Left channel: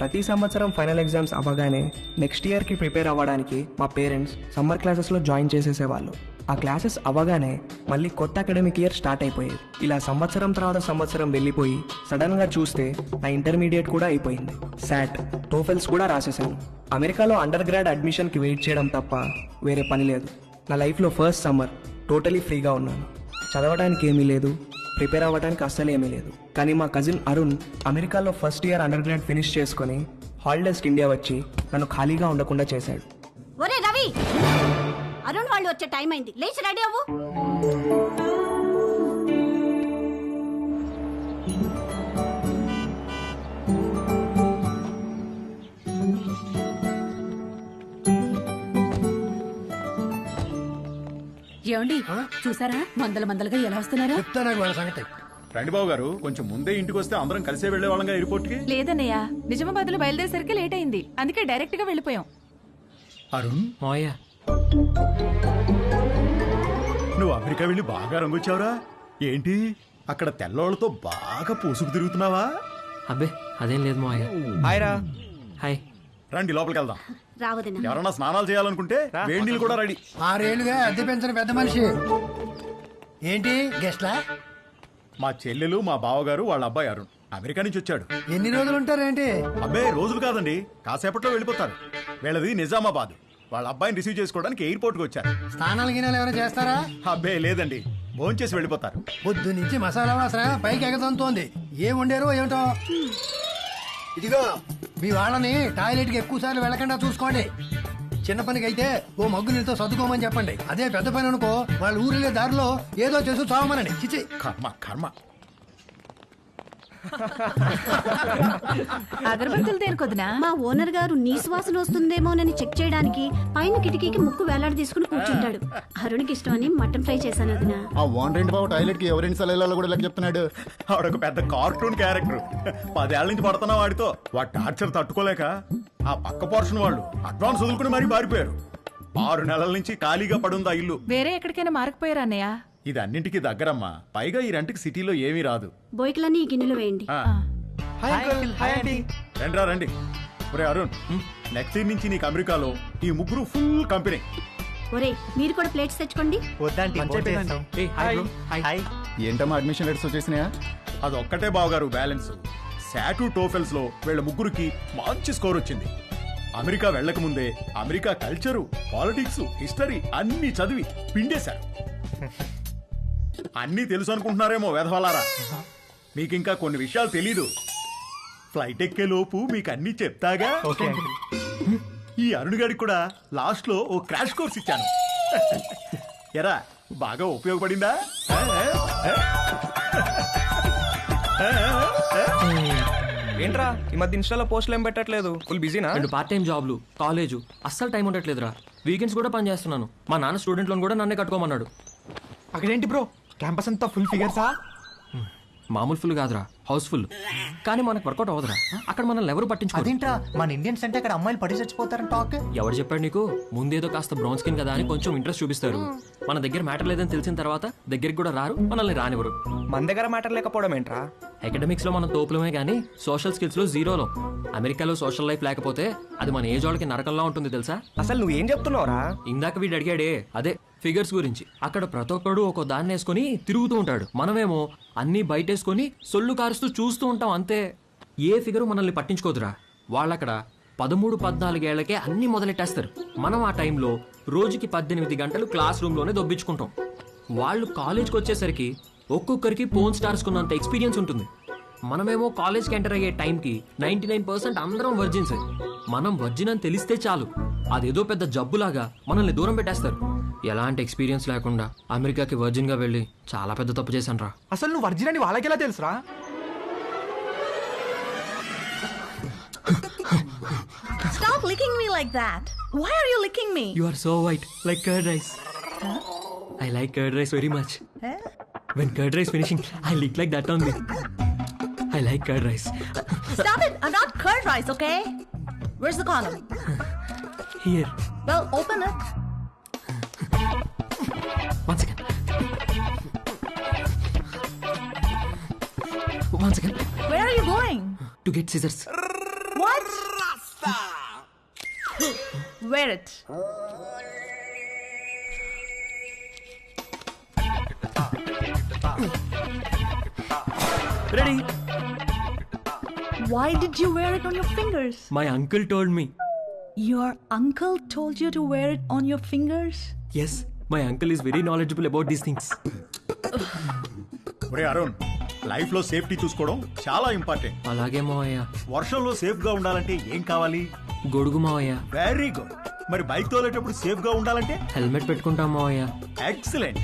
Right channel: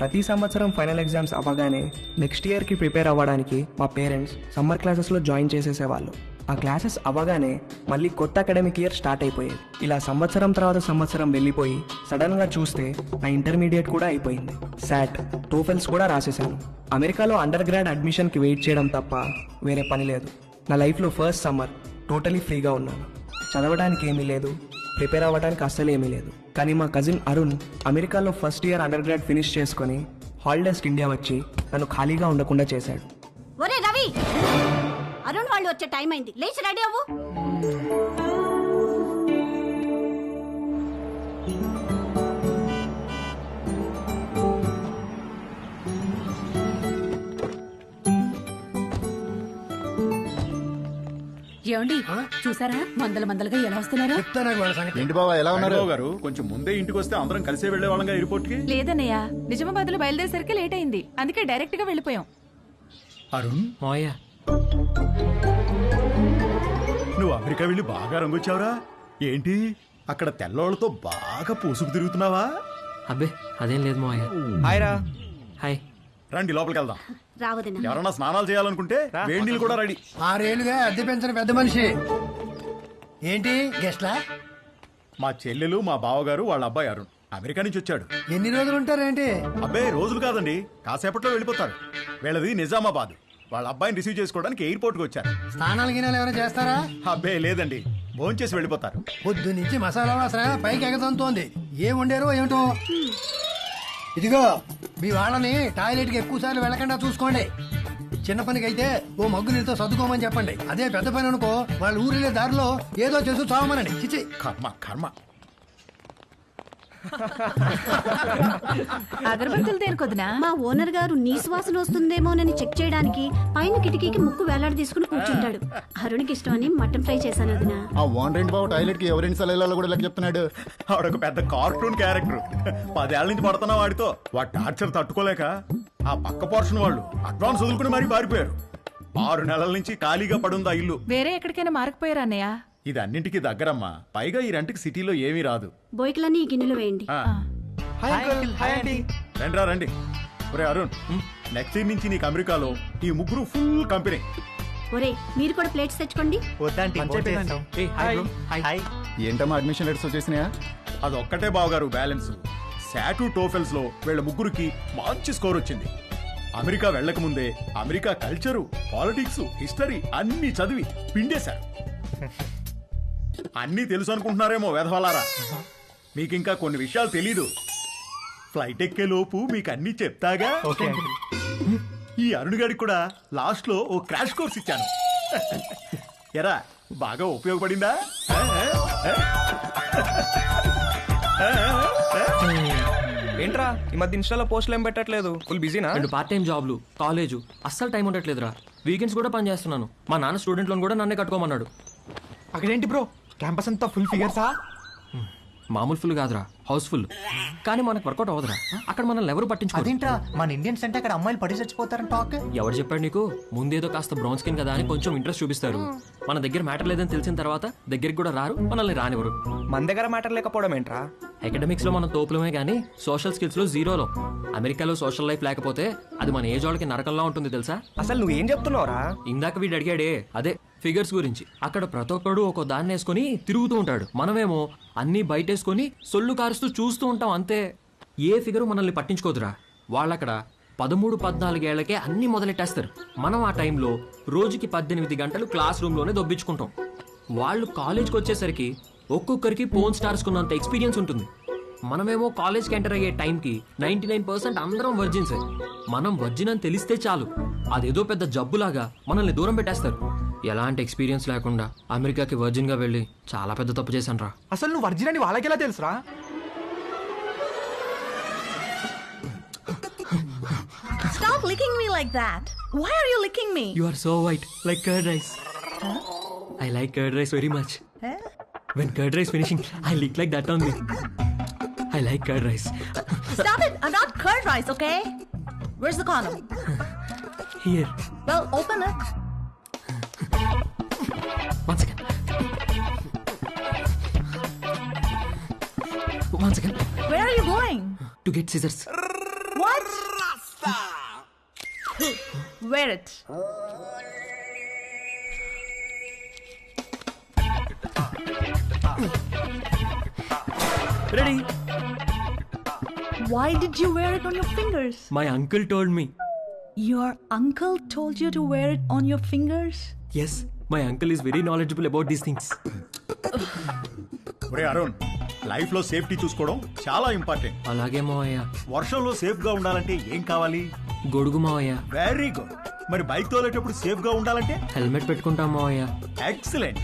ప్రతి సంవత్సరం final exams అవ్వగానే నెక్స్ట్ ఇయర్కి ప్రిపేర్ అవ్వడానికి మా పేరెంట్స్ సమ్మర్ క్లాసెస్లో జాయిన్ చేసేసేవాళ్ళు. ఆ క్లాసెస్ అవ్వగానే మళ్ళీ కొత్త అకాడమిక్ ఇయర్ స్టార్ట్ అయిపోయేది. ఇలా సంవత్సరం తర్వాత సంవత్సరం వెళ్ళిపోయి సడన్గా చూస్తే నా ఇంటర్మీడియట్ కూడా అయిపోయింది. శాట్, టోఫెల్స్ కూడా రాసేసాను. అమెరికాలో అండర్ గ్రాడ్ అడ్మిషన్కి వెయిట్ చేయడం తప్ప వేరే పని లేదు. నా లైఫ్లో ఫస్ట్ సమ్మర్ టోటలీ ఫ్రీగా ఉన్నాను. చదవడానికి ఏమీ లేదు, ప్రిపేర్ అవ్వడానికి అస్సలు ఏమీ లేదు. కానీ మా కజిన్ అరుణ్ అమెరికాలో first year under grad finish చేసుకుని హాలిడేస్కి ఇండియా వచ్చి నన్ను ఖాళీగా ఉండకుండా చేశాడు. ఒరే రవి, అరుణ్ వాళ్ళు వచ్చే టైం అయింది, లేచి రెడీ అవ్వు. ఏమండి చూసారా మందలుగా ఎలా వస్తున్నారో? చెప్తా నాకు వాళ్ళ సంగతి. ఏంటి బావ ఎలా ఉన్నారు? గారు కొంచెం ముందే ఇంటికి వస్తే అందరం కలిసే వెళ్లే వాళ్ళంగా ఎయిర్పోర్ట్ కి. లేదన్నయ్య, నిజామాబాద్ లో బయలుదేరేసరికి లేట్ అయింది, అందుకే డైరెక్ట్ గా వెళ్ళిపోయాం. అరుణ్, మోయ నువ్వు అమెరికా వెళ్ళి బాగా రంగొచ్చావురా. ఏంటి అక్కడ తెల్లోళ్ళతో బాగా పూసుకు తిరుగుతున్నావా? అబ్బే అదేం లేదు మోయ. హాయ్ రా. హాయ్. రండి లోపలికి వెళ్దాం. రావదిన ఎవరన్నా స్నానాలు చేయాలనుకుంటే వేడి నీళ్ళు కూడా రెడీ. 6 ఏళ్లుగా అద్దె పెంచిన పెద్ద మనిషి. ఏంటి గెస్ట్లా? మా చెల్లెలు, మా బావగారు, వాళ్ళ అబ్బాయి అరుణ్ అమెరికా నుంచి వచ్చాడు. ఎన్ని రోజులు ఉంటారేంటి? అబ్బాయి రోజులు కాదండి, కాసేపట్లో వెళ్ళిపోతారు. వీళ్ళది నిజామాబాద్. వాళ్ళ అబ్బాయిని రిసీవ్ చేసుకోవడానికి ఎయిర్పోర్ట్ కి వచ్చారు. స్నానాలు గినాలు ఏమైనా చేస్తారా? అబ్బే లేదండి, భోంచేసి వెళ్ళిపోతారు. పొద్దు నుంచి మసాలా వాసన పైకి ఎగదంతోంది. ఏం వండారో ఏమిటో. ఇదిగో మీ వాళ్ళని టాయిలెట్ కి ఎక్కువ సార్లు వెళ్ళకుండా చూసుకోండి. చిన్న పనికి అయితే ఓ మగ్గు నీళ్ళతో సర్దుకోమని చెప్పండి. అదే పెద్ద పని అనుకో, వాళ్ళ ఊరిలే దారిలో ఏదో చేసి చావమనండి. చిచి కర్మ కర్మ. అగరబత్తులు దేనికొద్దునా? మా ఓనర్ గారు నీ సువాసన వస్తుందేమోనని చెక్ చేయడానికి పైన కిటికీకి ముక్కు వేలాడి తీసుకుని కూర్చుంటాడు. అరుణ్కి ఇష్టమని మటన్ ఫ్రై చేశాను వదినా. ఆ ఓనర్ బాబు టాయిలెట్ కి ఎవరైనా సలహాలు కూడా లెక్క చెప్తున్నాడు. ఆవిడొక పెద్ద కార్టూన్ క్యారెక్టర్. 10 ఏళ్ల నుంచి పడుతున్నా వాడితో. వాడి టార్చర్ తట్టుకోలేక ఆ పక్క పోర్షన్ వాళ్ళు అడ్వాన్స్ వదులుకుని మరీ పారిపోయారు. 6 నెలల నుంచి ఖాళీగా పడుందా ఇల్లు. వేరే ఎక్కడికైనా మారకపోయారా అన్నయ్య? ఇది అన్నింటికి దగ్గరమ్మా. పైగా ఈ రెంట్కి సిటీలో ఏమీ రాదు. బోయికలన్నీ ఈ గిన్నెలు వేయండి. రండిరా రండి. ఒరే అరుణ్, నెక్స్ట్ ఇయర్ నుంచి నీకు అమెరికాలో ఈ ముగ్గురు ఫుల్ కంపెనీ. ఒరే మీరు కూడా ప్లేట్స్ తెచ్చుకోండి. ఏంటమ్మా అడ్మిషన్ లెటర్స్ వచ్చేసినాయా? అది ఒక్కటే బావగారు బ్యాలెన్స్. శాటు, టోఫెల్స్ లో వీళ్ళ ముగ్గురికి మంచి స్కోర్ వచ్చింది. అమెరికా వెళ్లక ముందే అమెరికా కల్చరు, పాలిటిక్స్, హిస్టరీ అన్ని చదివి పిండేశారు. అన్నీ తెలుసు అనుకుంటున్నారేమో వెధవలారా. మీకింకా కొన్ని విషయాలు తెలీదు. ఫ్లైట్ ఎక్కే లోపు మీకు అన్ని చెప్తాగా. ఈ అరుణ్ గారికి కూడా లాస్ట్ లో ఓ క్రాష్ కోర్స్ ఇచ్చాను. ఎరా బాగా ఉపయోగపడిందా? ఏంట్రా ఈ మధ్య ఇన్స్టాలో పోస్టులు ఏం పెట్టట్లేదు? ఫుల్ బిజీనా? 2 పార్ట్ టైం జాబ్లు, కాలేజు, అస్సలు టైం ఉండట్లేదురా. వీకెండ్స్ కూడా పని చేస్తున్నాను. మా నాన్న స్టూడెంట్ లోన్ కూడా నన్నే కట్టుకోమన్నాడు. అక్కడేంటి బ్రో, క్యాంపస్ అంతా ఫుల్ ఫిగర్సా? మామూలు ఫుల్ కాదురా, హౌస్ఫుల్. కానీ మనకు వర్కౌట్ అవ్వదురా. అక్కడ మనల్ని ఎవరు పట్టించుకోరు. అదేంట్రా, మన ఇండియన్స్ అంటే అక్కడ అమ్మాయిలు పడి చచ్చిపోతారని టాక్. ఎవరు చెప్పాడు నీకు? ముందేదో కాస్త బ్రౌన్ స్కిన్ కదా అని కొంచెం ఇంట్రెస్ట్ చూపిస్తారు. మన దగ్గర మ్యాటర్ లేదని తెలిసిన తర్వాత దగ్గరికి కూడా రారు, మనల్ని రానివ్వరు. మన దగ్గర మ్యాటర్ లేకపోవడం ఏంట్రా? అకాడమిక్స్ లో మనం తోపులమే గానీ సోషల్ స్కిల్స్ లో జీరోలో. అమెరికాలో సోషల్ లైఫ్ లేకపోతే అది మన ఏజ్ వాళ్ళకి నరకంలా ఉంటుంది తెలుసా? అసలు నువ్వేం చెప్తున్నావురా? ఇందాక వీడు అడిగాడే అదే ఫిగర్స్ గురించి. అక్కడ ప్రతి ఒక్కడు ఒక దాన్ని వేసుకుని తిరుగుతూ ఉంటాడు. మనమేమో అన్ని బయటేసుకుని సొల్లు కారుస్తూ చూస్తూ ఉంటాం అంతే. ఏ ఫిగరు మనల్ని పట్టించుకోదురా. వాళ్ళక్కడ 13-14 ఏళ్లకే అన్ని మొదలెట్టేస్తారు. మనం ఆ టైంలో రోజుకి 18 గంటలు క్లాస్ రూమ్ లోనే దొబ్బించుకుంటాం. వాళ్ళు కాలేజ్కి వచ్చేసరికి ఒక్కొక్కరికి పోన్ స్టార్స్ కున్నంత ఎక్స్పీరియన్స్ ఉంటుంది. మనమేమో కాలేజ్కి ఎంటర్ అయ్యే టైంకి 99% అందరం వర్జిన్సే. మనం వర్జిన్ అని తెలిస్తే చాలు, అదేదో పెద్ద జబ్బులాగా మనల్ని దూరం పెట్టేస్తారు. ఎలాంటి ఎక్స్పీరియన్స్ లేకుండా అమెరికాకి వర్జిన్ గా వెళ్ళి చాలా పెద్ద తప్పు చేశాను రా. అసలు నువ్వు వర్జిన్ అని వాళ్ళకి ఎలా తెలుసురా? Stop licking me like that. Why are you licking me? You are so white, like curd rice. Huh? I like curd rice very much. Huh? When curd rice finishing, I lick like that only. I like curd rice. Stop it! I'm not curd rice, okay? Where's the condom? Here. Well, open it. One second. One second. Where are you going? To get scissors. What? Wear it. Ready. Why did you wear it on your fingers? My uncle told me. Your uncle told you to wear it on your fingers? Yes, my uncle is very knowledgeable about these things. ఒరే Arun, life లో safety చూసుకోవడం చాలా important. అలాగే మావయ్య. వర్షంలో safe గా ఉండాలంటే ఏం కావాలి? గొడుగు మావయ్య. Very good. మరి బైక్ తోలేటప్పుడు సేఫ్ గా ఉండాలంటే? హెల్మెట్ పెట్టుకుంటాం మావయ్య. ఎక్సలెంట్.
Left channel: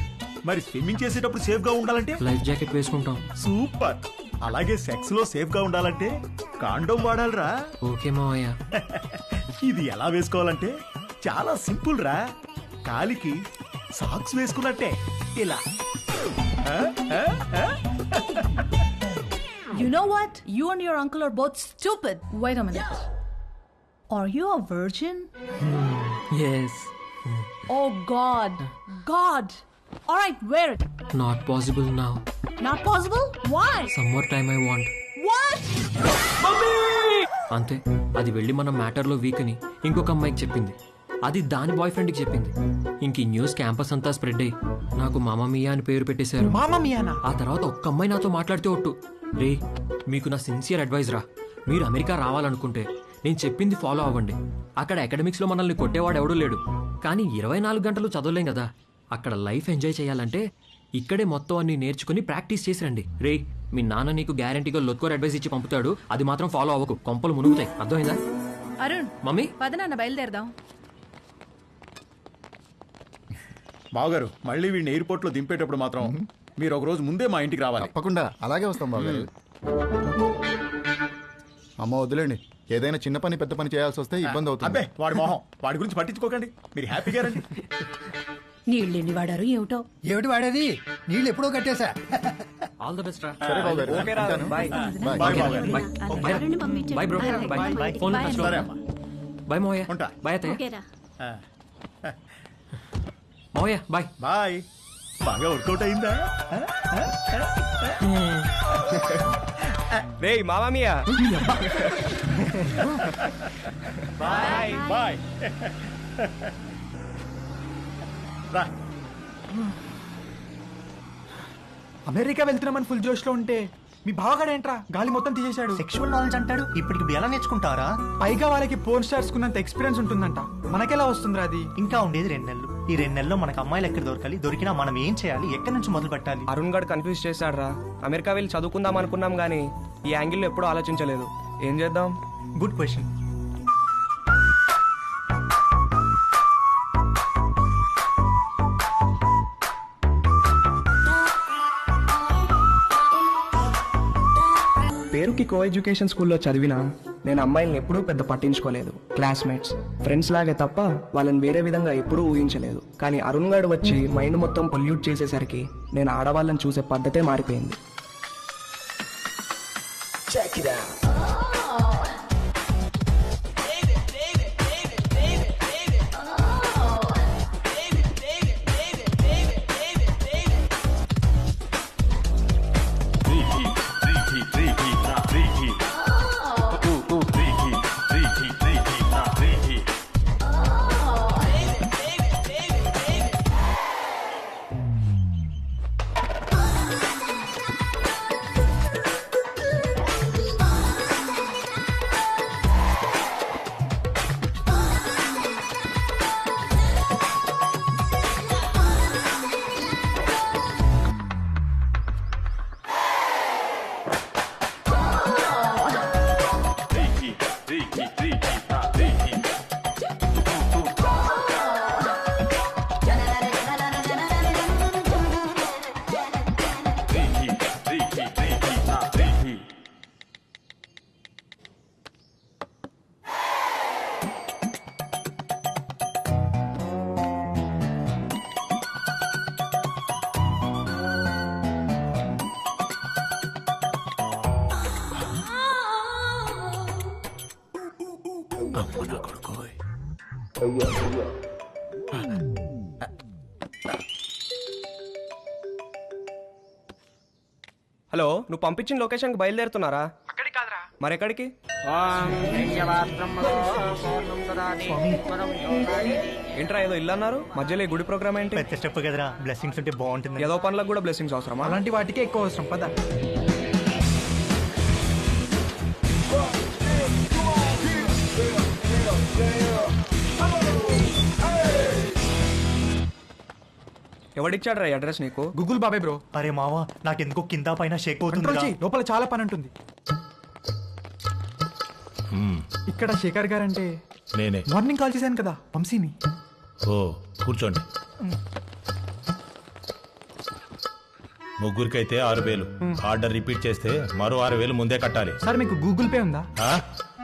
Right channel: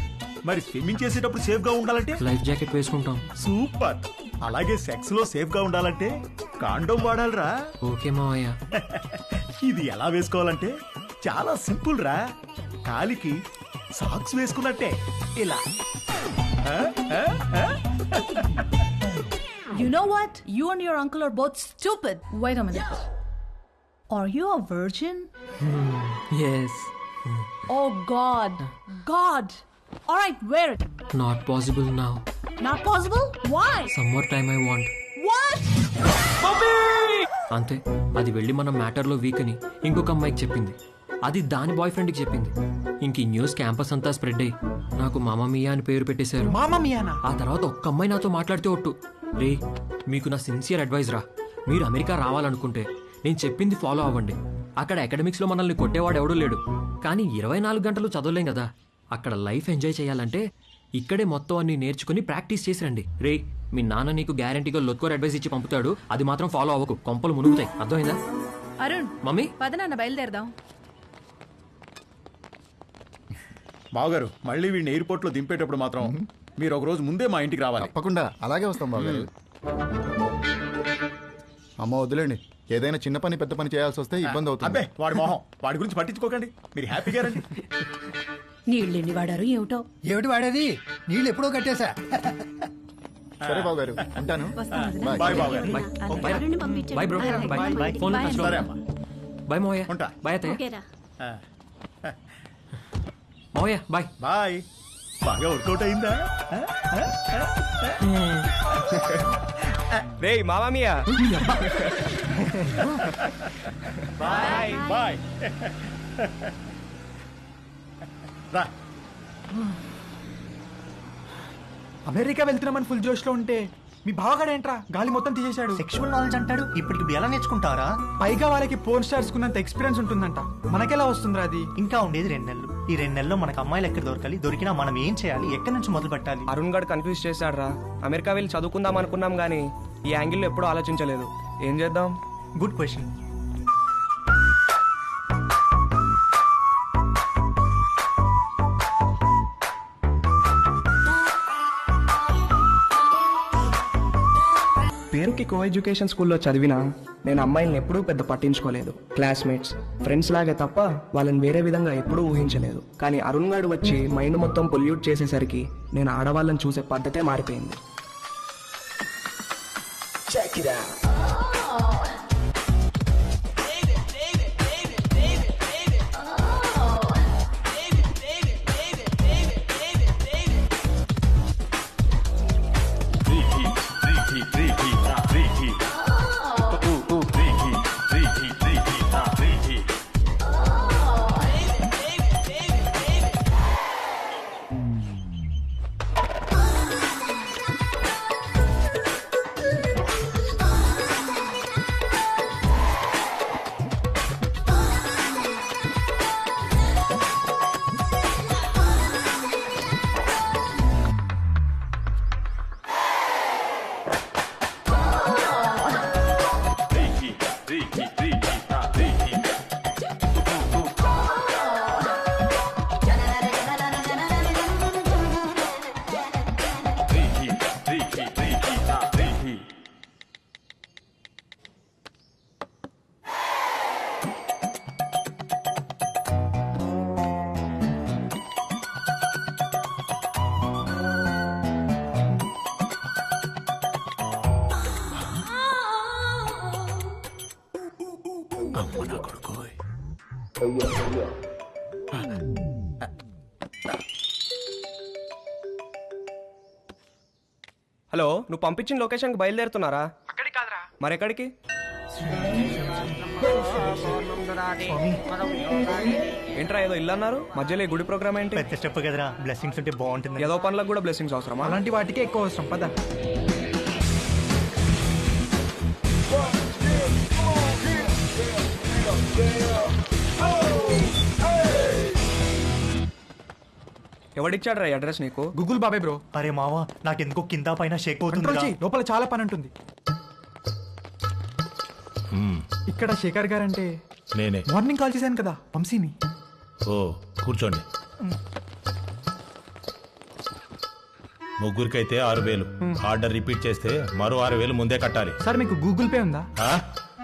మరి స్విమ్మింగ్ చేసేటప్పుడు సేఫ్ గా ఉండాలంటే? లైఫ్ జాకెట్ వేసుకుంటాం. సూపర్. అలాగే సెక్స్ లో సేఫ్ గా ఉండాలంటే కాండోమ్ వాడాలిరా. ఓకే మావయ్య. ఇది ఎలా వేసుకోవాలంటే చాలా సింపుల్ రా. కాలికి సాక్స్ వేసుకున్నట్టే ఇలా. You know what? You and your uncle are both stupid. Wait a minute. Are you a virgin? Yes. Oh God. God. All right, wear it. Not possible now. Not possible? Why? Some more time I want. What? అంతే. అది వెళ్ళి మన మ్యాటర్లో week అని ఇంకొక అమ్మాయికి చెప్పింది. అది దాని బాయ్ ఫ్రెండ్కి చెప్పింది. ఇంక ఈ న్యూస్ క్యాంపస్ అంతా స్ప్రెడ్ అయ్యి నాకు మామా మియా అని పేరు పెట్టేశారు. మామా మియానా? ఆ తర్వాత ఒక్క అమ్మాయి నాతో మాట్లాడితే ఒట్టు, రే మీకు నా సిన్సియర్ అడ్వైజ్ రా, మీరు అమెరికా రావాలనుకుంటే నేను చెప్పింది ఫాలో అవ్వండి. అక్కడ అకాడమిక్స్లో మనల్ని కొట్టేవాడు ఎవడూ లేడు, కానీ 24 గంటలు చదవలేం కదా. అక్కడ లైఫ్ ఎంజాయ్ చేయాలంటే ఇక్కడే మొత్తం అన్ని నేర్చుకుని ప్రాక్టీస్ చేసి రండి. రే మీ నాన్న నీకు గ్యారంటీగా లొత్కోర్ అడ్వైస్ ఇచ్చి పంపుతాడు, అది మాత్రం ఫాలో అవ్వకు, కొంపలు మునుగుతాయి. అర్థమైందా? అరుణ్, మమ్మీ పద నాన్న బయలుదేరదాం. బావగారు, మళ్ళీ వీడిని ఎయిర్పోర్ట్ లో దింపేటప్పుడు మాత్రం మీరు ఒక రోజు ముందే మా ఇంటికి రావాలి. తప్పకుండా అలాగే వస్తాం బాబు. అమ్మ వదిలేండి, ఏదైనా చిన్న పని పెద్ద పని చేయాల్సి వస్తే ఇబ్బంది అవుతుంది. అబ్బే వాడి మొహం, వాడి గురించి పట్టించుకోకండి, మీరు హ్యాపీగా రండి. నీళ్ళెన్ని వాడారు ఏమిటో. ఏమిటి వాడేది? నీళ్ళు ఎప్పుడో కట్టేశా. ఆల్ ద బెస్ట్ రా. సరే బాబు గారు, ఉంటాను. బాయ్ బావగారు. ఎవరిని పంపించండి. Bye bro. బాయ్. ఫోన్ లో టచ్ లో. సరే అమ్మా. బాయ్ మోయ. ఉంటా. బాయ్ అత్తయ్య. ఓకేరా. మోయ బాయ్. బాయ్. బాగా వర్కౌట్ అయిందా? రే మామా మియా. Bye bye. రా. అమెరికా వెళ్తున్నామని ఫుల్ జోష్ లో ఉంటే మీ బావగాడేంట్రా గాలి మొత్తం తీసేశాడు. సెక్షువల్ నాలెడ్జ్ అంటాడు. ఇప్పటికి ఎలా నేర్చుకుంటారా? పైగా వాళ్ళకి పోర్న్ స్టార్స్ కున్నంత ఎక్స్పీరియన్స్ ఉంటుందంట. మనకెలా వస్తుందిరా అది? ఇంకా ఉండేది 2 నెలలు. ఈ 2 నెలల్లో మనకు అమ్మాయిలు ఎక్కడ దొరకాలి, దొరికినా మనం ఏం చేయాలి, ఎక్కడి నుంచి మొదలు పెట్టాలి? అరుణ్ గడ్ కన్ఫ్యూజ్ చేశాడు రా. అమెరికా వెళ్ళి చదువుకుందాం అనుకున్నాం గానీ ఈ యాంగిల్లో ఎప్పుడూ ఆలోచించలేదు. ఏం చేద్దాం? Good question. పేరుకి కో ఎడ్యుకేషన్ స్కూల్లో చదివినా నేను అమ్మాయిల్ని ఎప్పుడూ పెద్ద పట్టించుకోలేదు. క్లాస్మేట్స్, ఫ్రెండ్స్ లాగే తప్ప వాళ్ళని వేరే విధంగా ఎప్పుడూ ఊహించలేదు. కానీ అరుణ్ గారు వచ్చి మైండ్ మొత్తం పొల్యూట్ చేసేసరికి నేను ఆడవాళ్ళని చూసే పద్ధతే మారిపోయింది. అమ్మ నా కొడుకు. హలో, నువ్వు పంపించిన లొకేషన్కి బయలుదేరుతున్నారా? అక్కడికి కాదురా, మరెక్కడికి? స్వామి ఏంట్రా ఏదో ఇల్లు అన్నారు మధ్యలో ఈ గుడి ప్రోగ్రామ్ ఏంటి? పెద్ద స్టెప్ కదరా, బ్లెస్సింగ్స్ ఉంటే బాగుంటుంది. ఏదో పనులకు కూడా బ్లెస్సింగ్స్ అవసరమా? అలాంటి వాటికే ఎక్కువ అవసరం పద. ఎవడిచ్చాడు రా అడ్రస్ నీకు? గూగుల్ బాబాయ్ బ్రో. అరే మావా, నాకెందుకో కింద పైన షేక్ కంట్రోల్ అవుతుంది. చెయ్యి, లోపల చాలా పని ఉంటుంది. ఇక్కడ శేఖర్ గారు అంటే నేనే. మార్నింగ్ కాల్ చేశాను కదా వంశీని. ఓ కూర్చోండి. ముగ్గురికైతే 6,000. ఆర్డర్ రిపీట్ చేస్తే మరో 6,000 ముందే కట్టాలి. సార్ మీకు గూగుల్ పే ఉందా? ఆ?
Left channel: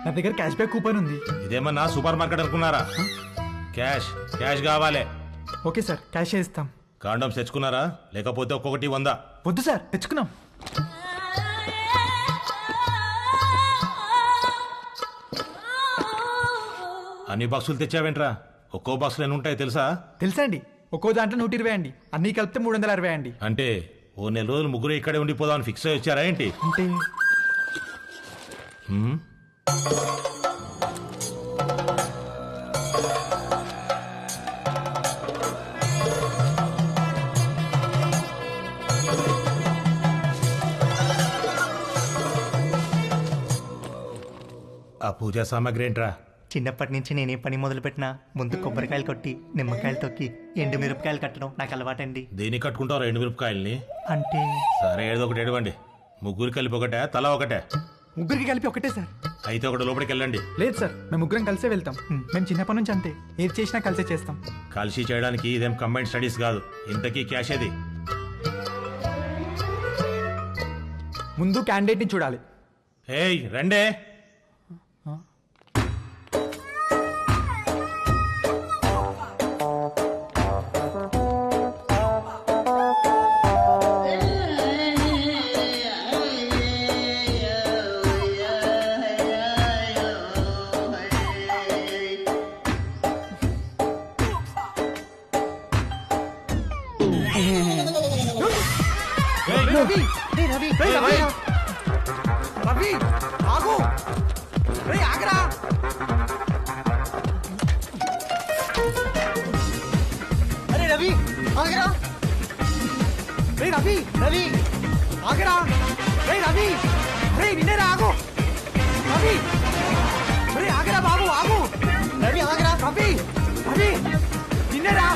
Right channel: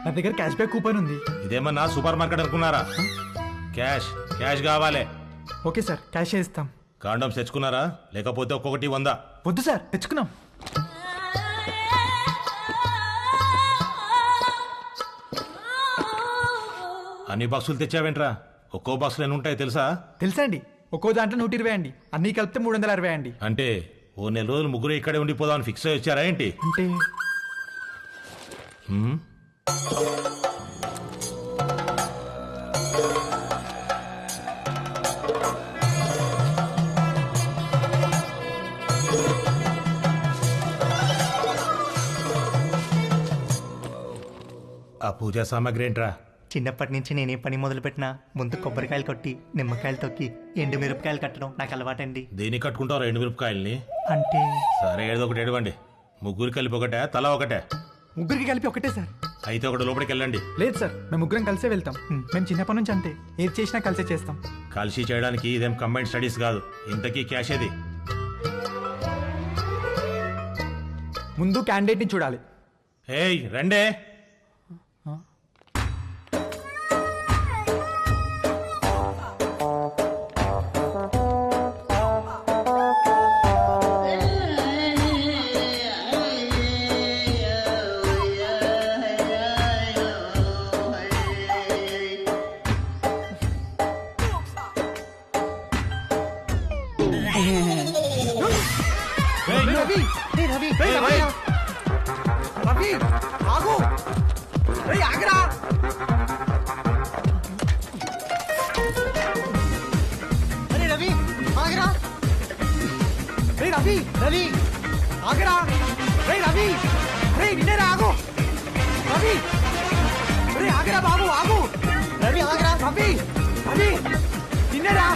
నా దగ్గర క్యాష్ బ్యాక్ కూపన్ ఉంది. ఇదేమన్నా సూపర్ మార్కెట్ అనుకున్నారా? క్యాష్ క్యాష్ కావాలి. ఓకే సార్, క్యాష్ ఇస్తాం. కాండమ్స్ తెచ్చుకున్నారా? లేకపోతే ఒక్కొక్కటి 100. వద్దు సార్, తెచ్చుకున్నాం. అన్ని బాక్సులు తెచ్చావేంట్రా? ఒక్కో బాక్సులు ఎన్ని ఉంటాయి తెలుసా? తెలుసా అండి, ఒక్కో దాంట్లో 120 అండి, అన్ని కలిపితే 360 అండి. అంటే ఓ నెల రోజులు ముగ్గురు ఇక్కడే ఉండిపోదామని ఫిక్స్ అయ్యి వచ్చారా ఏంటి? అంటే హ్మ్? ఆ పూజా సామాగ్రి ఏంట్రా? చిన్నప్పటి నుంచి నేనే పని మొదలు పెట్టినా ముందు కొబ్బరికాయలు కొట్టి నిమ్మకాయలు తొక్కి ఎండు మిరపకాయలు కట్టడం నాకు అలవాటండి. దేనికి కట్టుకుంటావు 2 మిరపకాయల్ని? అంటే సరే ఏదో ఒకటి ఎడవండి. ముగ్గురు కలిపి ఒకటే, తలా ఒకటే? ముగ్గురికి కలిపి ఒకటే సార్. అయితే ఒకటి లోపలికి వెళ్ళండి. లేదు సార్, మేము ముగ్గురం కలిసే వెళ్తాం. మేము చిన్నప్పటి నుంచి అంతే, ఏది చేసినా కలిసే చేస్తాం. కలిసి చేయడానికి ఇదేం కంబైన్డ్ స్టడీస్ కాదు. ఇంతకీ క్యాష్ ఏది? ముందు క్యాండిడేట్ ని చూడాలి. ఏయ్ రండే. రవి, రవి ఆగు, ఆగరా. అరే రవి ఆగరా. రవి రవి ఆగరా. రవి అరే నిన్నేరా, ఆగు. రవి ఆగరా బాబు, ఆగు. రవి ఆగరా. రవి రవి నిన్నేరా.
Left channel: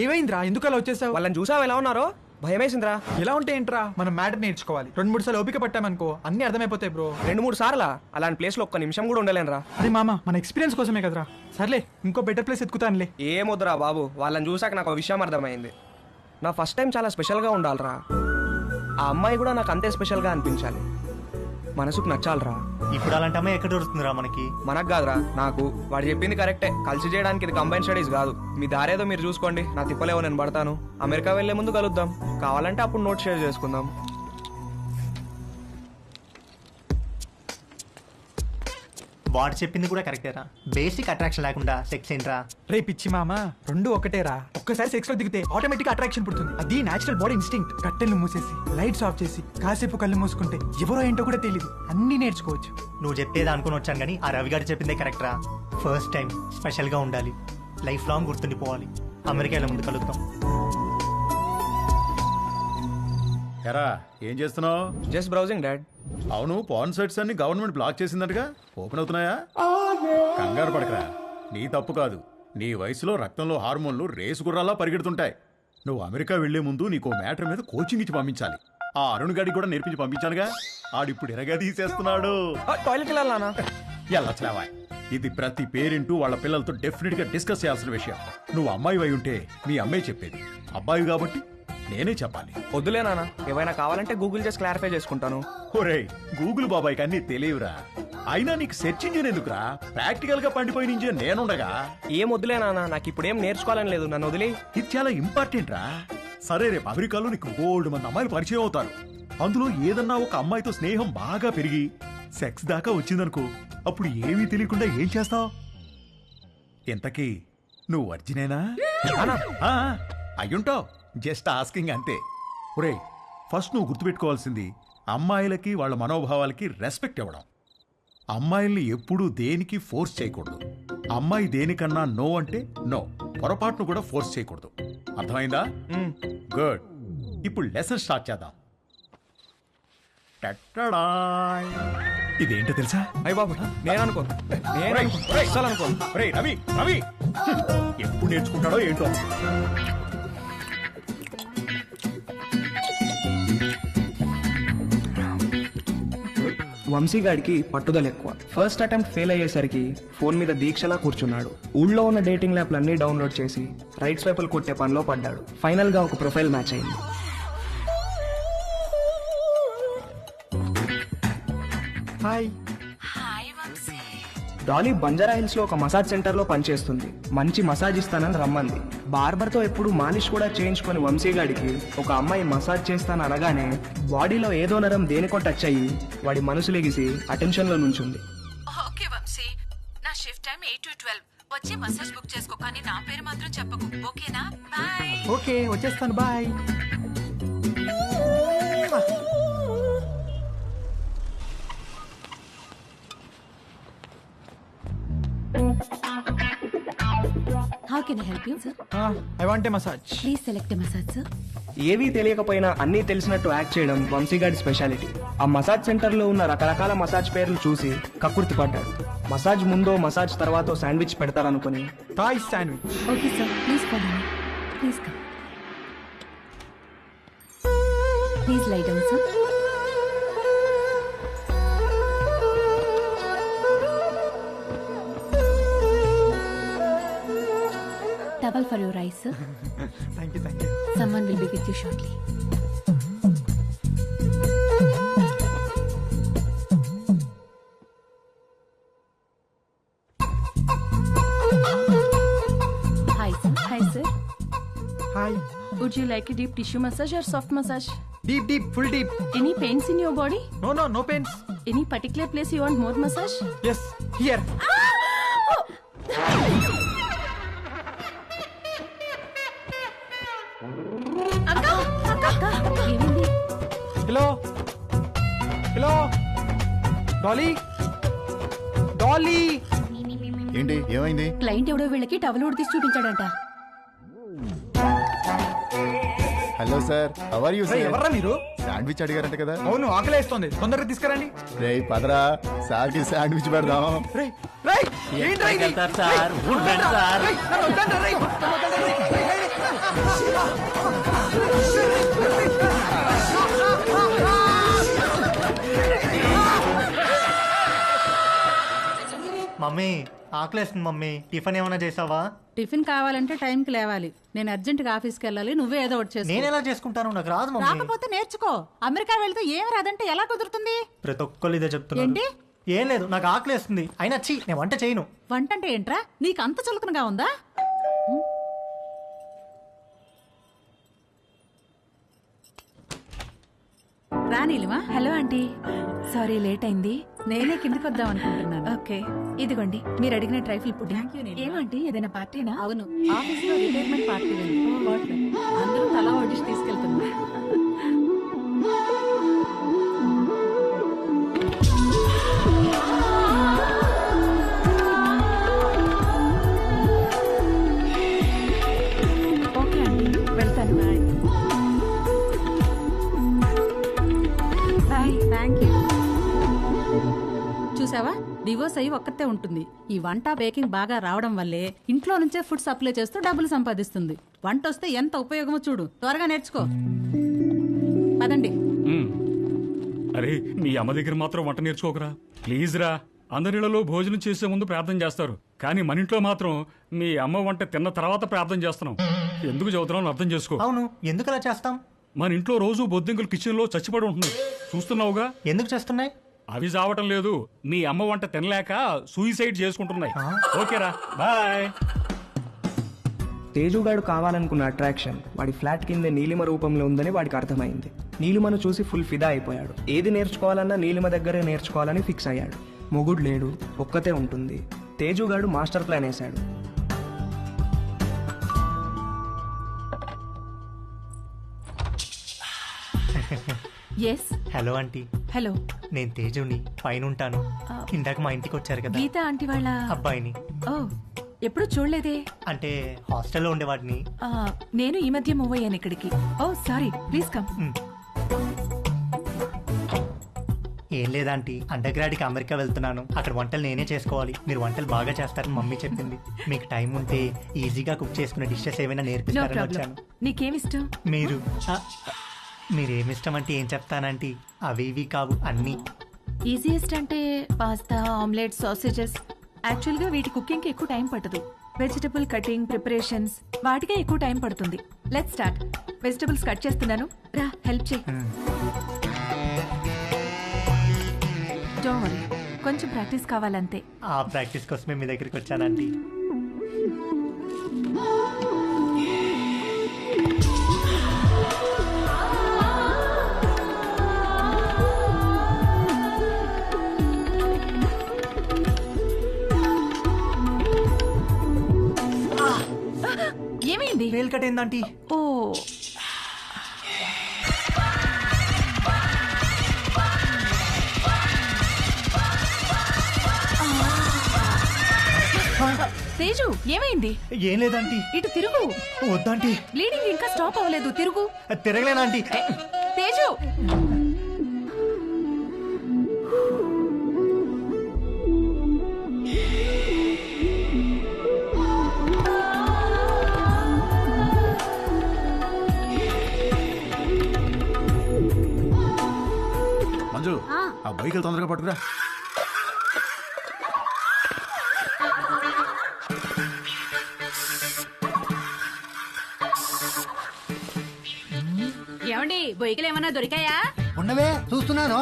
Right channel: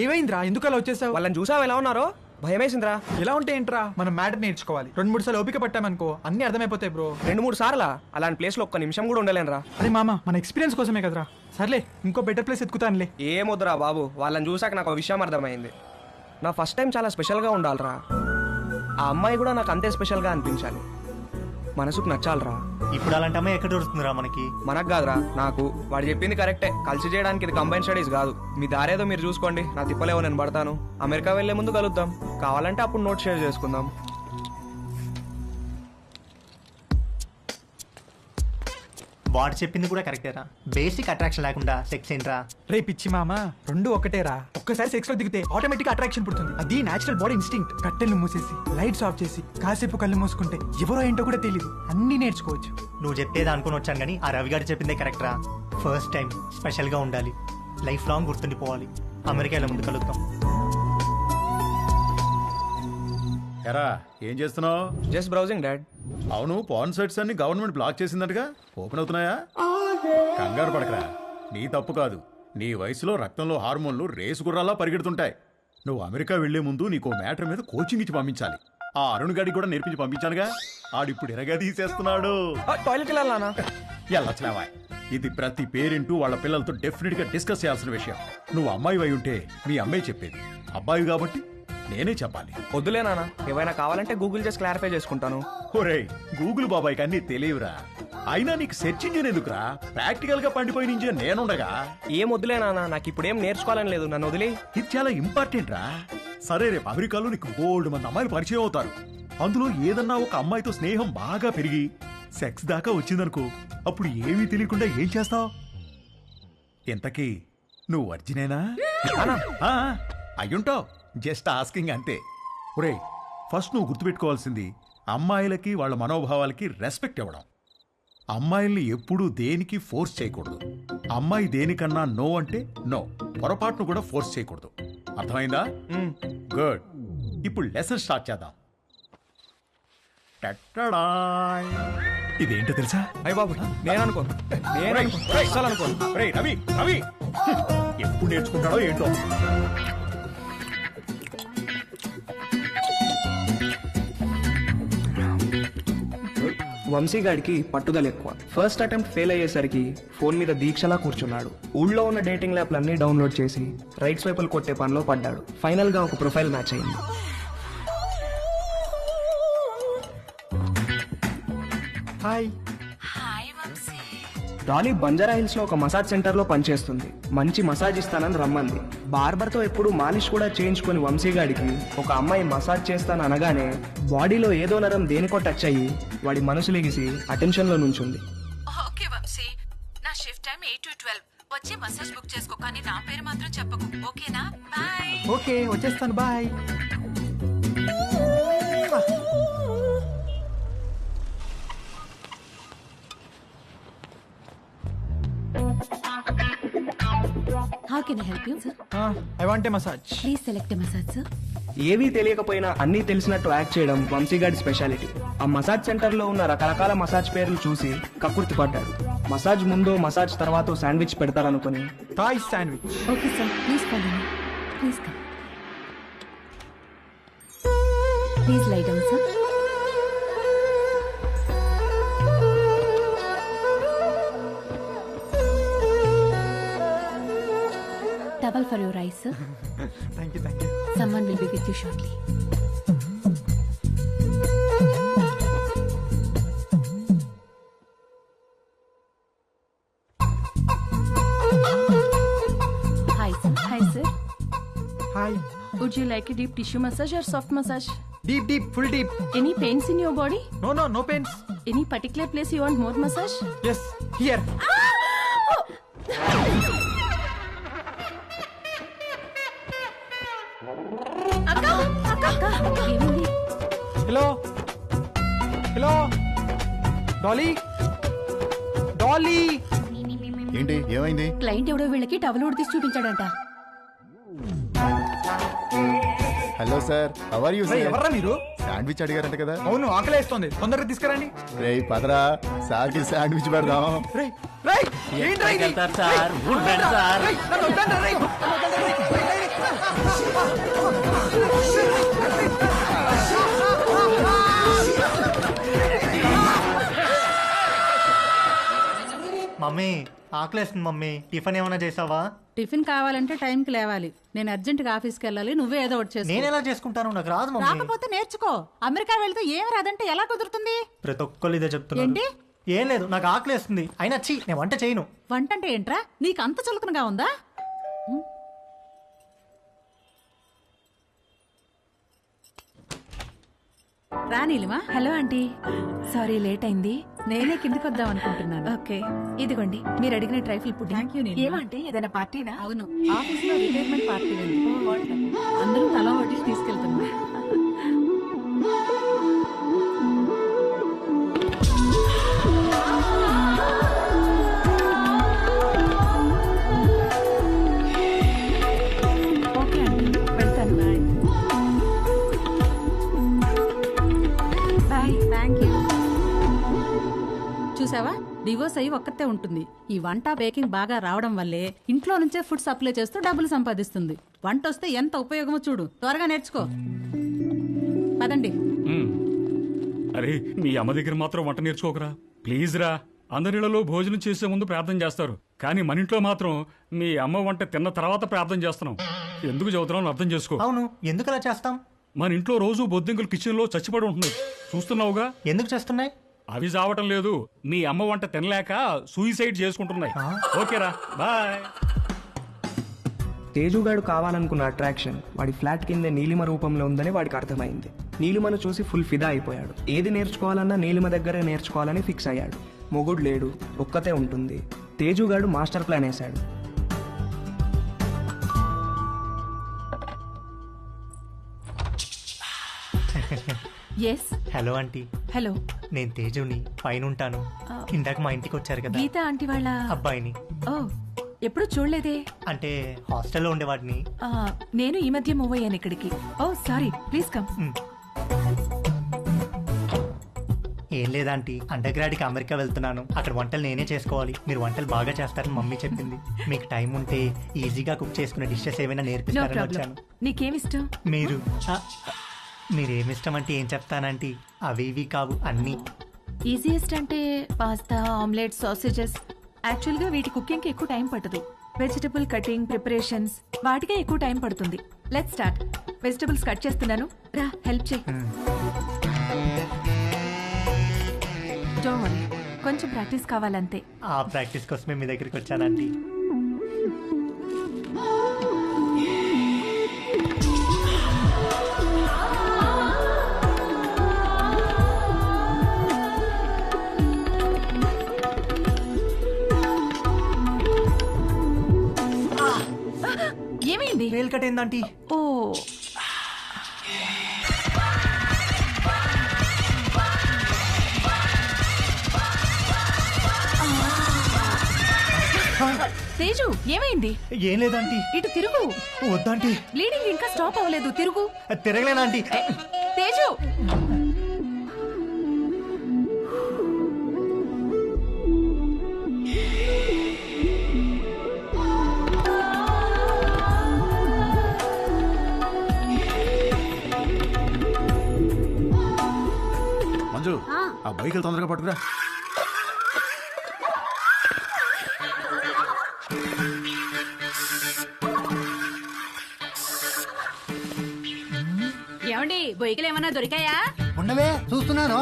ఏమైందిరా, ఎందుకు అలా వచ్చేసావు? వాళ్ళని చూసావు ఎలా ఉన్నారో? భయమేసిందిరా. ఎలా ఉంటే ఏంట్రా, మనం మ్యాటర్ నేర్చుకోవాలి. 2-3 సార్లు ఓపిక పట్టామనుకో అన్ని అర్థమైపోతాయి బ్రో. 2-3 సార్లా? అలాంటి ప్లేస్ లో ఒక్క నిమిషం కూడా ఉండలేనురా. అరే మామ, మన ఎక్స్పీరియన్స్ కోసమే కదరా. సర్లే, ఇంకో బెటర్ ప్లేస్ ఎత్తుకుతానులే. ఏమొద్దురా బాబు, వాళ్ళని చూసాక నాకు ఒక విషయం అర్థమైంది. నా ఫస్ట్ టైం చాలా స్పెషల్గా ఉండాలిరా. ఆ అమ్మాయి కూడా నాకు అంతే స్పెషల్గా అనిపించాలి. మనసుకు నచ్చాలిరా. ఇప్పుడు అలాంటి అమ్మాయి ఎక్కడ దొరుకుతుందిరా మనకి? మనకు కాదురా, నాకు. వాడు చెప్పింది కరెక్టే. కలిసి చేయడానికి ఇది కంబైన్ స్టడీస్ కాదు. మీ దారేదో మీరు చూసుకోండి, నా తిప్పలేవో నేను పడతాను. అమెరికా వెళ్లే ముందు కలుద్దాం, కావాలంటే అప్పుడు నోట్ షేర్ చేసుకుందాం. వాడు చెప్పింది కూడా కరెక్టేరా. బేసిక్ అట్రాక్షన్ లేకుండా సెక్స్ ఏంట్రా? రే పిచ్చి మామ, 2 ఒకటేరా. ఒక్కసారి సెక్స్ లో దిగితే ఆటోమేటిక్ అట్రాక్షన్ పుడుతుంది. అది నేచురల్ బాడీ ఇన్స్టింక్ట్. కట్టెలు మూసేసి లైట్స్ ఆఫ్ చేసి కాసేపు కళ్ళు మూసుకుంటే ఎవరో ఏంటో కూడా తెలియదు, అన్ని నేర్చుకోవచ్చు. నువ్వు చెప్పేది అనుకుని వచ్చాను కానీ ఆ రవి గారు చెప్పిందే కరెక్ట్ రా. ఫస్ట్ టైం స్పెషల్ గా ఉండాలి, లైఫ్ లాంగ్ గుర్తుండిపోవాలి. అమెరికాలో ముందు కలుద్దాం. ఎరా ఏం చేస్తున్నావు? Just browsing dad. అవును, పాన్ సైట్స్ అన్ని గవర్నమెంట్ బ్లాక్ చేసిందటగా, ఓపెన్ అవుతున్నాయా? కంగారు పడకరా, నీ తప్పు కాదు. నీ వయసులో రక్తంలో హార్మోన్లు రేసు గుర్రాలా పరిగెడుతుంటాయి. నువ్వు అమెరికా వెళ్లే ముందు నీకు మ్యాటర్ మీద కోచింగ్ ఇచ్చి పంపించాలి. ఆ అరుణ్ గాడికి కూడా నేర్పించి పంపించానుగా. ఆడిప్పుడు ఎరగా తీసేస్తున్నాడు. టాయిలెట్ వెళ్ళాలనా? ఎల్లచ్చావా, ఇది ప్రతి పేరెంటు వాళ్ళ పిల్లలతో డెఫినెట్ గా డిస్కస్ చేయాల్సిన విషయం. నువ్వు అమ్మాయి అయి ఉంటే మీ అమ్మాయి చెప్పేది, అబ్బాయి కాబట్టి నేనే చెప్పాలి. వద్దులే నాన్న, ఏవైనా కావాలంటే గూగుల్ చేసి క్లారిఫై చేసుకుంటాను. ఒరేయ్, గూగుల్ బాబాయ్కి అన్ని తెలియవురా. అయినా నీకు సెర్చ్ ఇంజిన్ ఎందుకురా? ప్రాక్టికల్ గా పండిపోయిన ఇంజిన్ నేనుండగా. ఏం వద్దులే నాన్న, నాకు ఇప్పుడు ఏం నేర్చుకోవాలని లేదు, నన్ను వదిలే. ఇది చాలా ఇంపార్టెంట్ రా. సరే, రేపు అమెరికాలో నీకు బోల్డ్ మంది అమ్మాయిలు పరిచయం అవుతారు. అందులో ఏదన్నా ఒక అమ్మాయితో స్నేహం బాగా పెరిగి సెక్స్ దాకా వచ్చిందనుకో, అప్పుడు ఏమీ తెలియకుండా ఏం చేస్తావు? ఇంతకీ నువ్వు వర్జినేనా? నానా అయ్యుంటావు, జస్ట్ ఆస్కింగ్ అంతే. ఒరేయ్, ఫస్ట్ నువ్వు గుర్తుపెట్టుకోవాల్సింది అమ్మాయిలకి వాళ్ళ మనోభావాలకి రెస్పెక్ట్ ఇవ్వడం. అమ్మాయిల్ని ఎప్పుడూ దేనికి ఫోర్స్ చేయకూడదు. అమ్మాయి దేనికన్నా నో అంటే నో, పొరపాటును కూడా ఫోర్స్ చేయకూడదు. అర్థమైందా? గుడ్. ఇప్పుడు లెసన్ స్టార్ట్ చేద్దాం. టట్టడాయ్. ఇదేంటో తెలుసా? అయ్య బాబు నేను అనుకోను, అస్సలు అనుకోను. రేయ్ రవి, రవి ఎప్పుడు నేర్చుకుంటాడో ఏంటో. వంశీగాడికి పట్టుదల ఎక్కువ. ఫస్ట్ అటెంప్ట్ ఫెయిల్ అయ్యేసరికి ఫోన్ మీద దీక్షలా కూర్చున్నాడు. ఊళ్ళో ఉన్న డేటింగ్ యాప్లన్నీ డౌన్లోడ్ చేసి రైట్ స్వైపులు కొట్టే పనిలో పడ్డాడు. ఫైనల్ గా ఒక ప్రొఫైల్ మ్యాచ్ అయింది. హాయ్. డాలీ బంజారా హిల్స్ లో ఒక మసాజ్ సెంటర్ లో పనిచేస్తుంది. మంచి మసాజ్ ఇస్తానని రమ్మంది. బార్బర్ తో ఎప్పుడు మాలిష్ కూడా చేయించుకుని వంశీగాడికి ఒక అమ్మాయి మసాజ్ చేస్తాను అనగానే బాడీలో ఏదో నరం దేనికో టచ్ అయ్యి వాడి మనసు లెగిసి అటెన్షన్ లో నుంచుంది. ఓకే వంశీ, నా షిఫ్ట్ టైం 8 to 12. వచ్చి మసాజ్ బుక్ చేసుకో, కానీ నా పేరు మాత్రం చెప్పకు, ఓకేనా? బాయ్. ఓకే వచ్చేస్తాను, bye. How can I help you sir? I want a massage. Please select a massage sir. ఏవీ తెలియకపోయినా అన్నీ తెలిసినట్టు యాక్ట్ చేయడం వంశీగాడి స్పెషాలిటీ. ఆ మసాజ్ సెంటర్ లో ఉన్న రకరకాల మసాజ్ పేర్లు చూసి కక్కుర్తి పడ్డాడు. మసాజ్ ముందో మసాజ్ తర్వాతో శాండ్విచ్ పెడతారనుకుని Thai sandwich. Okay sir, please follow me. Please come. Please lie down sir. Towel for your eyes, sir. Thank you, thank you. Someone will be with you shortly. Hi, sir. Hi, sir. Hi. Would you like a deep tissue massage or soft massage? Deep, deep, full deep. Any pains in your body? No, no, no pains. Any particular place you want more massage? Yes, here. ఏమైంది? Hello hello Dolly, Dolly. ఏంటి ఏమైంది? Client ఎవడో వీళ్ళకి towel ఉడి తీసి చూపించాడంట. Hello sir, how are you sir? ఎవర్రా మీరు? శాండ్విచ్ అడిగారంట కదా? అవును, ఆకలేస్తోంది, తొందరగా తీసుకురండి. రేయ్ పదరా, సార్ కి శాండ్విచ్ పెడదాం. రేయ్ రేయ్, ఏంట్రా ఇది? సార్ వద్దండ్రా, రేయ్ నన్ను వద్దండ్రా, రేయ్ నన్ను వద్దండ్రా, రేయ్ రేయ్ రేయ్. మమ్మీ ఆకలేస్తుంది మమ్మీ, టిఫిన్ ఏమైనా చేసావా? టిఫిన్ కావాలంటే టైంకి లేవాలి. నేను అర్జెంట్గా ఆఫీస్కి వెళ్ళాలి, నువ్వే ఏదో ఒకటి చేసుకో. నేను ఎలా చేసుకుంటాను? నాకు రాదు మమ్మీ. రాకపోతే నేర్చుకో. అమెరికా వెళ్తే ఏం రాదంటే ఎలా కుదురుతుంది? ప్రతి ఒక్కళ్ళు ఇదే చెప్తున్నారు. ఏంటి? ఏం లేదు, నాకు ఆకలేస్తుంది. అయినా చీ, నేను వంట చేయను. వంట అంటే ఏంట్రా? నీకు అంత చులకనగా ఉందా? రానీలిమా. హలో ఆంటీ, సారీ లేట్ అయింది. నేనే కిందికి వద్దాం అనుకుంటున్నాను. ఓకే, ఇదిగోండి మీరు అడిగిన ట్రైఫుల్ పుడ్డింగ్. ఏమంటే ఏదైనా పార్టీనా? అవును, ఆఫీస్ లో రిటైర్మెంట్ పార్టీ ఉంది. అందరం తలా వడ్డిసి తీసుకెళ్తున్నా. ఓకే ఆంటీ, వెళ్తాను. బాయ్. Thank you. చూసావా, డివోర్స్ అయ్యి ఒక్కతే ఉంటుంది. ఈ వంట బేకింగ్ బాగా రావడం వల్లే ఇంట్లో నుంచే ఫుడ్ సప్లై చేస్తూ డబ్బులు సంపాదిస్తుంది. వంట వస్తే ఎంత ఉపయోగమో చూడు. త్వరగా నేర్చుకో. పదండి. అరే, మీ అమ్మ దగ్గర మాత్రం వంట నేర్చుకోకరా ప్లీజ్ రా. అందరిలో భోజనం చేసే ముందు ప్రార్థన చేస్తారు, కానీ మన ఇంట్లో మాత్రం మీ అమ్మ వంట తిన్న తర్వాత ప్రార్థన చేస్తున్నాం. ఎందుకు చదువుతున్నాం అర్థం చేసుకో. అవును, ఎందుకు అలా చేస్తాం? మన ఇంట్లో రోజు బొద్దింకలు కిచెన్ లో చచ్చిపడి ఉంటున్నాయి, చూస్తున్నావుగా. ఎందుకు చేస్తున్నాయి? అవి చావటం లేదు, మీ అమ్మ వంట తినలేక సూయిసైడ్ చేసుకుంటున్నాయి. ఓకేరా, బాయ్. తేజుగాడు కావాలనుకున్న అట్రాక్షన్ వాడి ఫ్లాట్ కిందే నీలిమ రూపంలో ఉందని వాడికి అర్థమైంది. నీలిమను చూసి ఫుల్ ఫిదా అయిపోయాడు. ఏది నేర్చుకోవాలన్నా నీలిమ దగ్గరే నేర్చుకోవాలని ఫిక్స్ అయ్యాడు. మొగుడు లేడు, ఒక్కతే ఉంటుంది. తేజుగాడు మాస్టర్ ప్లాన్ వేశాడు. ఎస్ హలో ఆంటీ, హలో, నేను తేజుని, పైన ఉంటాను. ఇందాక మా ఇంటికి వచ్చారు కదా గీత ఆంటీ వాళ్ళ అబ్బాయిని. ఓ, ఎప్పుడు చూడలేదే. అంటే హాస్టల్లో ఉండేవాడిని. ఆ, నేను ఈ మధ్య మూవ్ అయ్యాను ఇక్కడికి. ఓ సారీ, ప్లీజ్ కమ్. ఏం లేదాంటీ, అండర్ గ్రాడ్కి అమెరికా వెళ్తున్నాను. అక్కడ వంటలు నేనే చేసుకోవాలి. మీరు వంటలు బాగా చేస్తారని మమ్మీ చెప్పింది. మీకు టైం ఉంటే ఈజీగా కుక్ చేసుకునే డిషెస్ ఏమైనా నో నేర్పిస్తారని ప్రాబ్లం. వచ్చాను. నీకేమిష్టం? మీరు మీరేమిష్టం అంటే ఏం చెప్తానంటీ, అవి ఇవి కావు అన్నీ. ఈజియెస్ట్ అంటే పాస్తా, ఆమ్లెట్, సాసేజెస్. యాక్చువల్గా వీటి కుకింగ్కి ఎక్కువ టైం పట్టదు. వెజిటబుల్ కటింగ్, ప్రిపరేషన్స్ వాటికే ఎక్కువ టైం పడుతుంది. Let start. వెజిటబుల్స్ కట్ చేస్తున్నాను, రా హెల్ప్ చేయి. డోంట్ వరీ, కొంచెం ప్రాక్టీస్ కావాలంతే. ఆ ప్రాక్టీస్ కోసమే మీ దగ్గరికి వచ్చానంటీ. ఏమైంది? వేలు కట్టేందంటీ. ఓ, తేజు ఏమైంది? ఏం లేదంటీ. ఇటు తిరుగు. వద్దంటీ. బ్లీడింగ్ ఇంకా స్టాప్ అవ్వలేదు, తిరుగు. తిరగలేనంటీ. తేజు, మంజు, ఆ. ఆ బైకులు తొందరగా పట్టుకురా. ఏమండి బొయ్యకలు ఏమన్నా దొరికాయా? ఉండవే చూస్తున్నాను.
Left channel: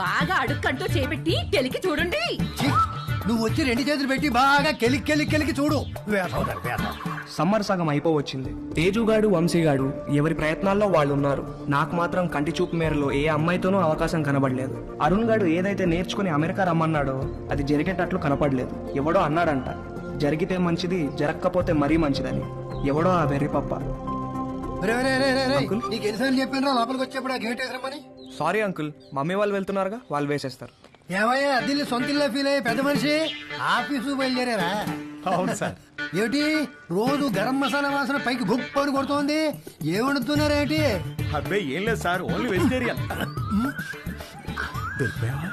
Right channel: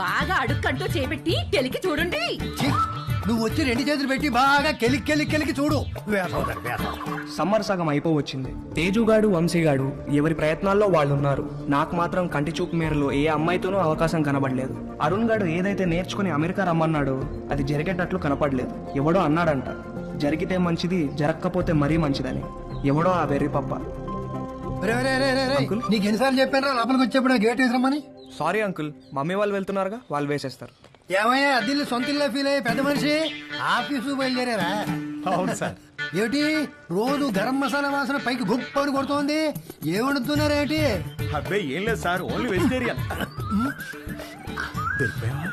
బాగా అడుక్కంటూ చేపెట్టి కెలికి చూడండి. ఛీ, నువ్వు వచ్చి 2 చేతులు పెట్టి బాగా కెలికి చూడు. వేసవుతారు వేసవు. సమ్మర్ సగం అయిపోవచ్చింది. తేజుగాడు, వంశీగాడు ఎవరి ప్రయత్నాల్లో వాళ్ళు ఉన్నారు. నాకు మాత్రం కంటి చూపు మేరలో ఏ అమ్మాయితోనూ అవకాశం కనబడలేదు. అరుణ్ గాడు ఏదైతే నేర్చుకుని అమెరికా రమ్మన్నాడో అది జరిగేటట్లు కనపడలేదు. ఎవడో అన్నాడంట, జరిగితే మంచిది, జరగకపోతే మరీ మంచిదని. ఎవడో ఆ వెర్రి పప్ప. నీకు ఎన్నిసార్లు చెప్పాను లోపలికి వచ్చేప్పుడు గేట్ వేసామని. సారీ అంకుల్, మమ్మీ వాళ్ళు వెళ్తున్నారుగా, వాళ్ళు వేసేస్తారు. ఏమయ్యా దీన్ని సొంత ఇల్లు ఫీల్ అయ్యే పెద్ద మనిషి ఆఫీసు బయలుదేరారా? అవును సార్. ఏమిటి రోజు గరం మసాలా వాసన పైకి గుప్పని కొడుతోంది? ఏమడుతున్నారేంటి? అబ్బే ఏం లేదు సార్, ఓన్లీ వెజిటేరియన్. దొరికిపోయావా?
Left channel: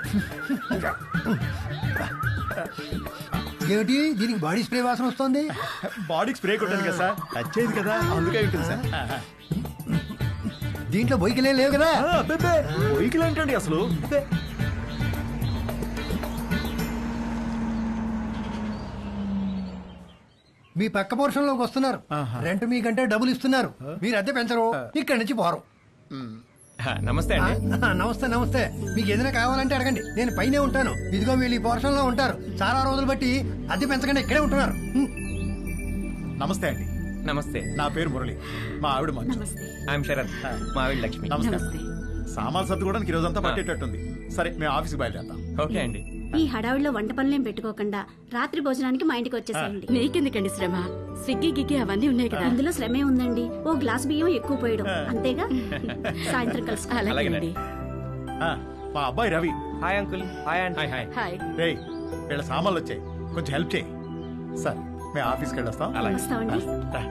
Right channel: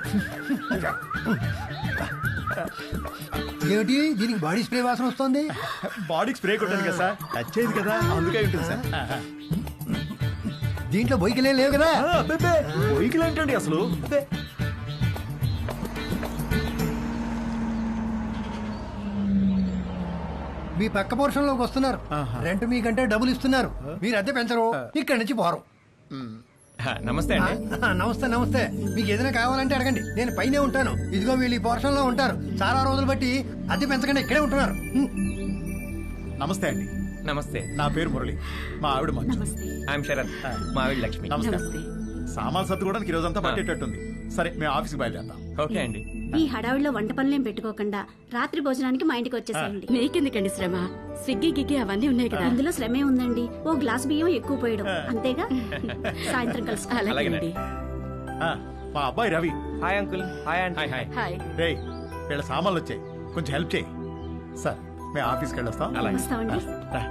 ఏమిటి దీనికి బాడీ స్ప్రే వాసన వస్తుంది? బాడీకి స్ప్రే కొట్టాను కదా సార్, టచ్ అయింది కదా, అందుకే ఉంటుంది సార్. దీంట్లో బొయ్యికలేం లేవు కదా? బొయ్యికలు ఏంటండి అసలు? మీ పక్క పోర్షన్ లోకి వస్తున్నారు. రెంట్ మీకంటే డబ్బులు ఇస్తున్నారు. మీరు అద్దె పెంచరు, ఇక్కడి నుంచి పోరు. నమస్తే అండి. నమస్తే నమస్తే. మీకు ఏదైనా కావాలంటే అడగండి, నేను పైనే ఉంటాను. ఇదిగో వీళ్ళు ఈ పోర్షన్ లో ఉంటారు. చాలా రోజులు బట్టి అద్దె పెంచకుండా ఇక్కడే ఉంటున్నారు. నమస్తే అండి. నమస్తే. నా పేరు మురళి, మా ఆవిడ మంచు. ఐఎమ్ శరత్, మా ఆవిడ లక్ష్మి. నమస్తే. సామాన్ సర్దుకోవడానికి ఈ రోజంతా పట్టేటట్టుంది. సరే మేము ఆఫీస్కి బయలుదేరుతాం. ఓకే అండి. ఈ హడావిడిలో వంట పనులేం పెట్టుకోకుండా రాత్రి భోజనానికి మా ఇంటికి వచ్చేసేయండి. నీకెందుకండి శ్రమ? స్విగ్గీ గిగ్గి అవన్నీ ఉన్నాయి కదా. అందులో శ్రమే ఉందండి. ఓ గ్లాస్ బియ్యం ఎక్కువ పోయడం అంతేగా. సాయంత్రం కలుసుకో. అలాగేనండి. మా అబ్బాయి Ravi. Hi uncle. Hi aunty. Hi. Hi. రేయ్ వీళ్ళ సామాన్లు వచ్చాయి, కొంచెం హెల్ప్ చేయి. సార్ మేము ఆఫీస్కి వెళ్ళొస్తాం. వస్తామండి. రా.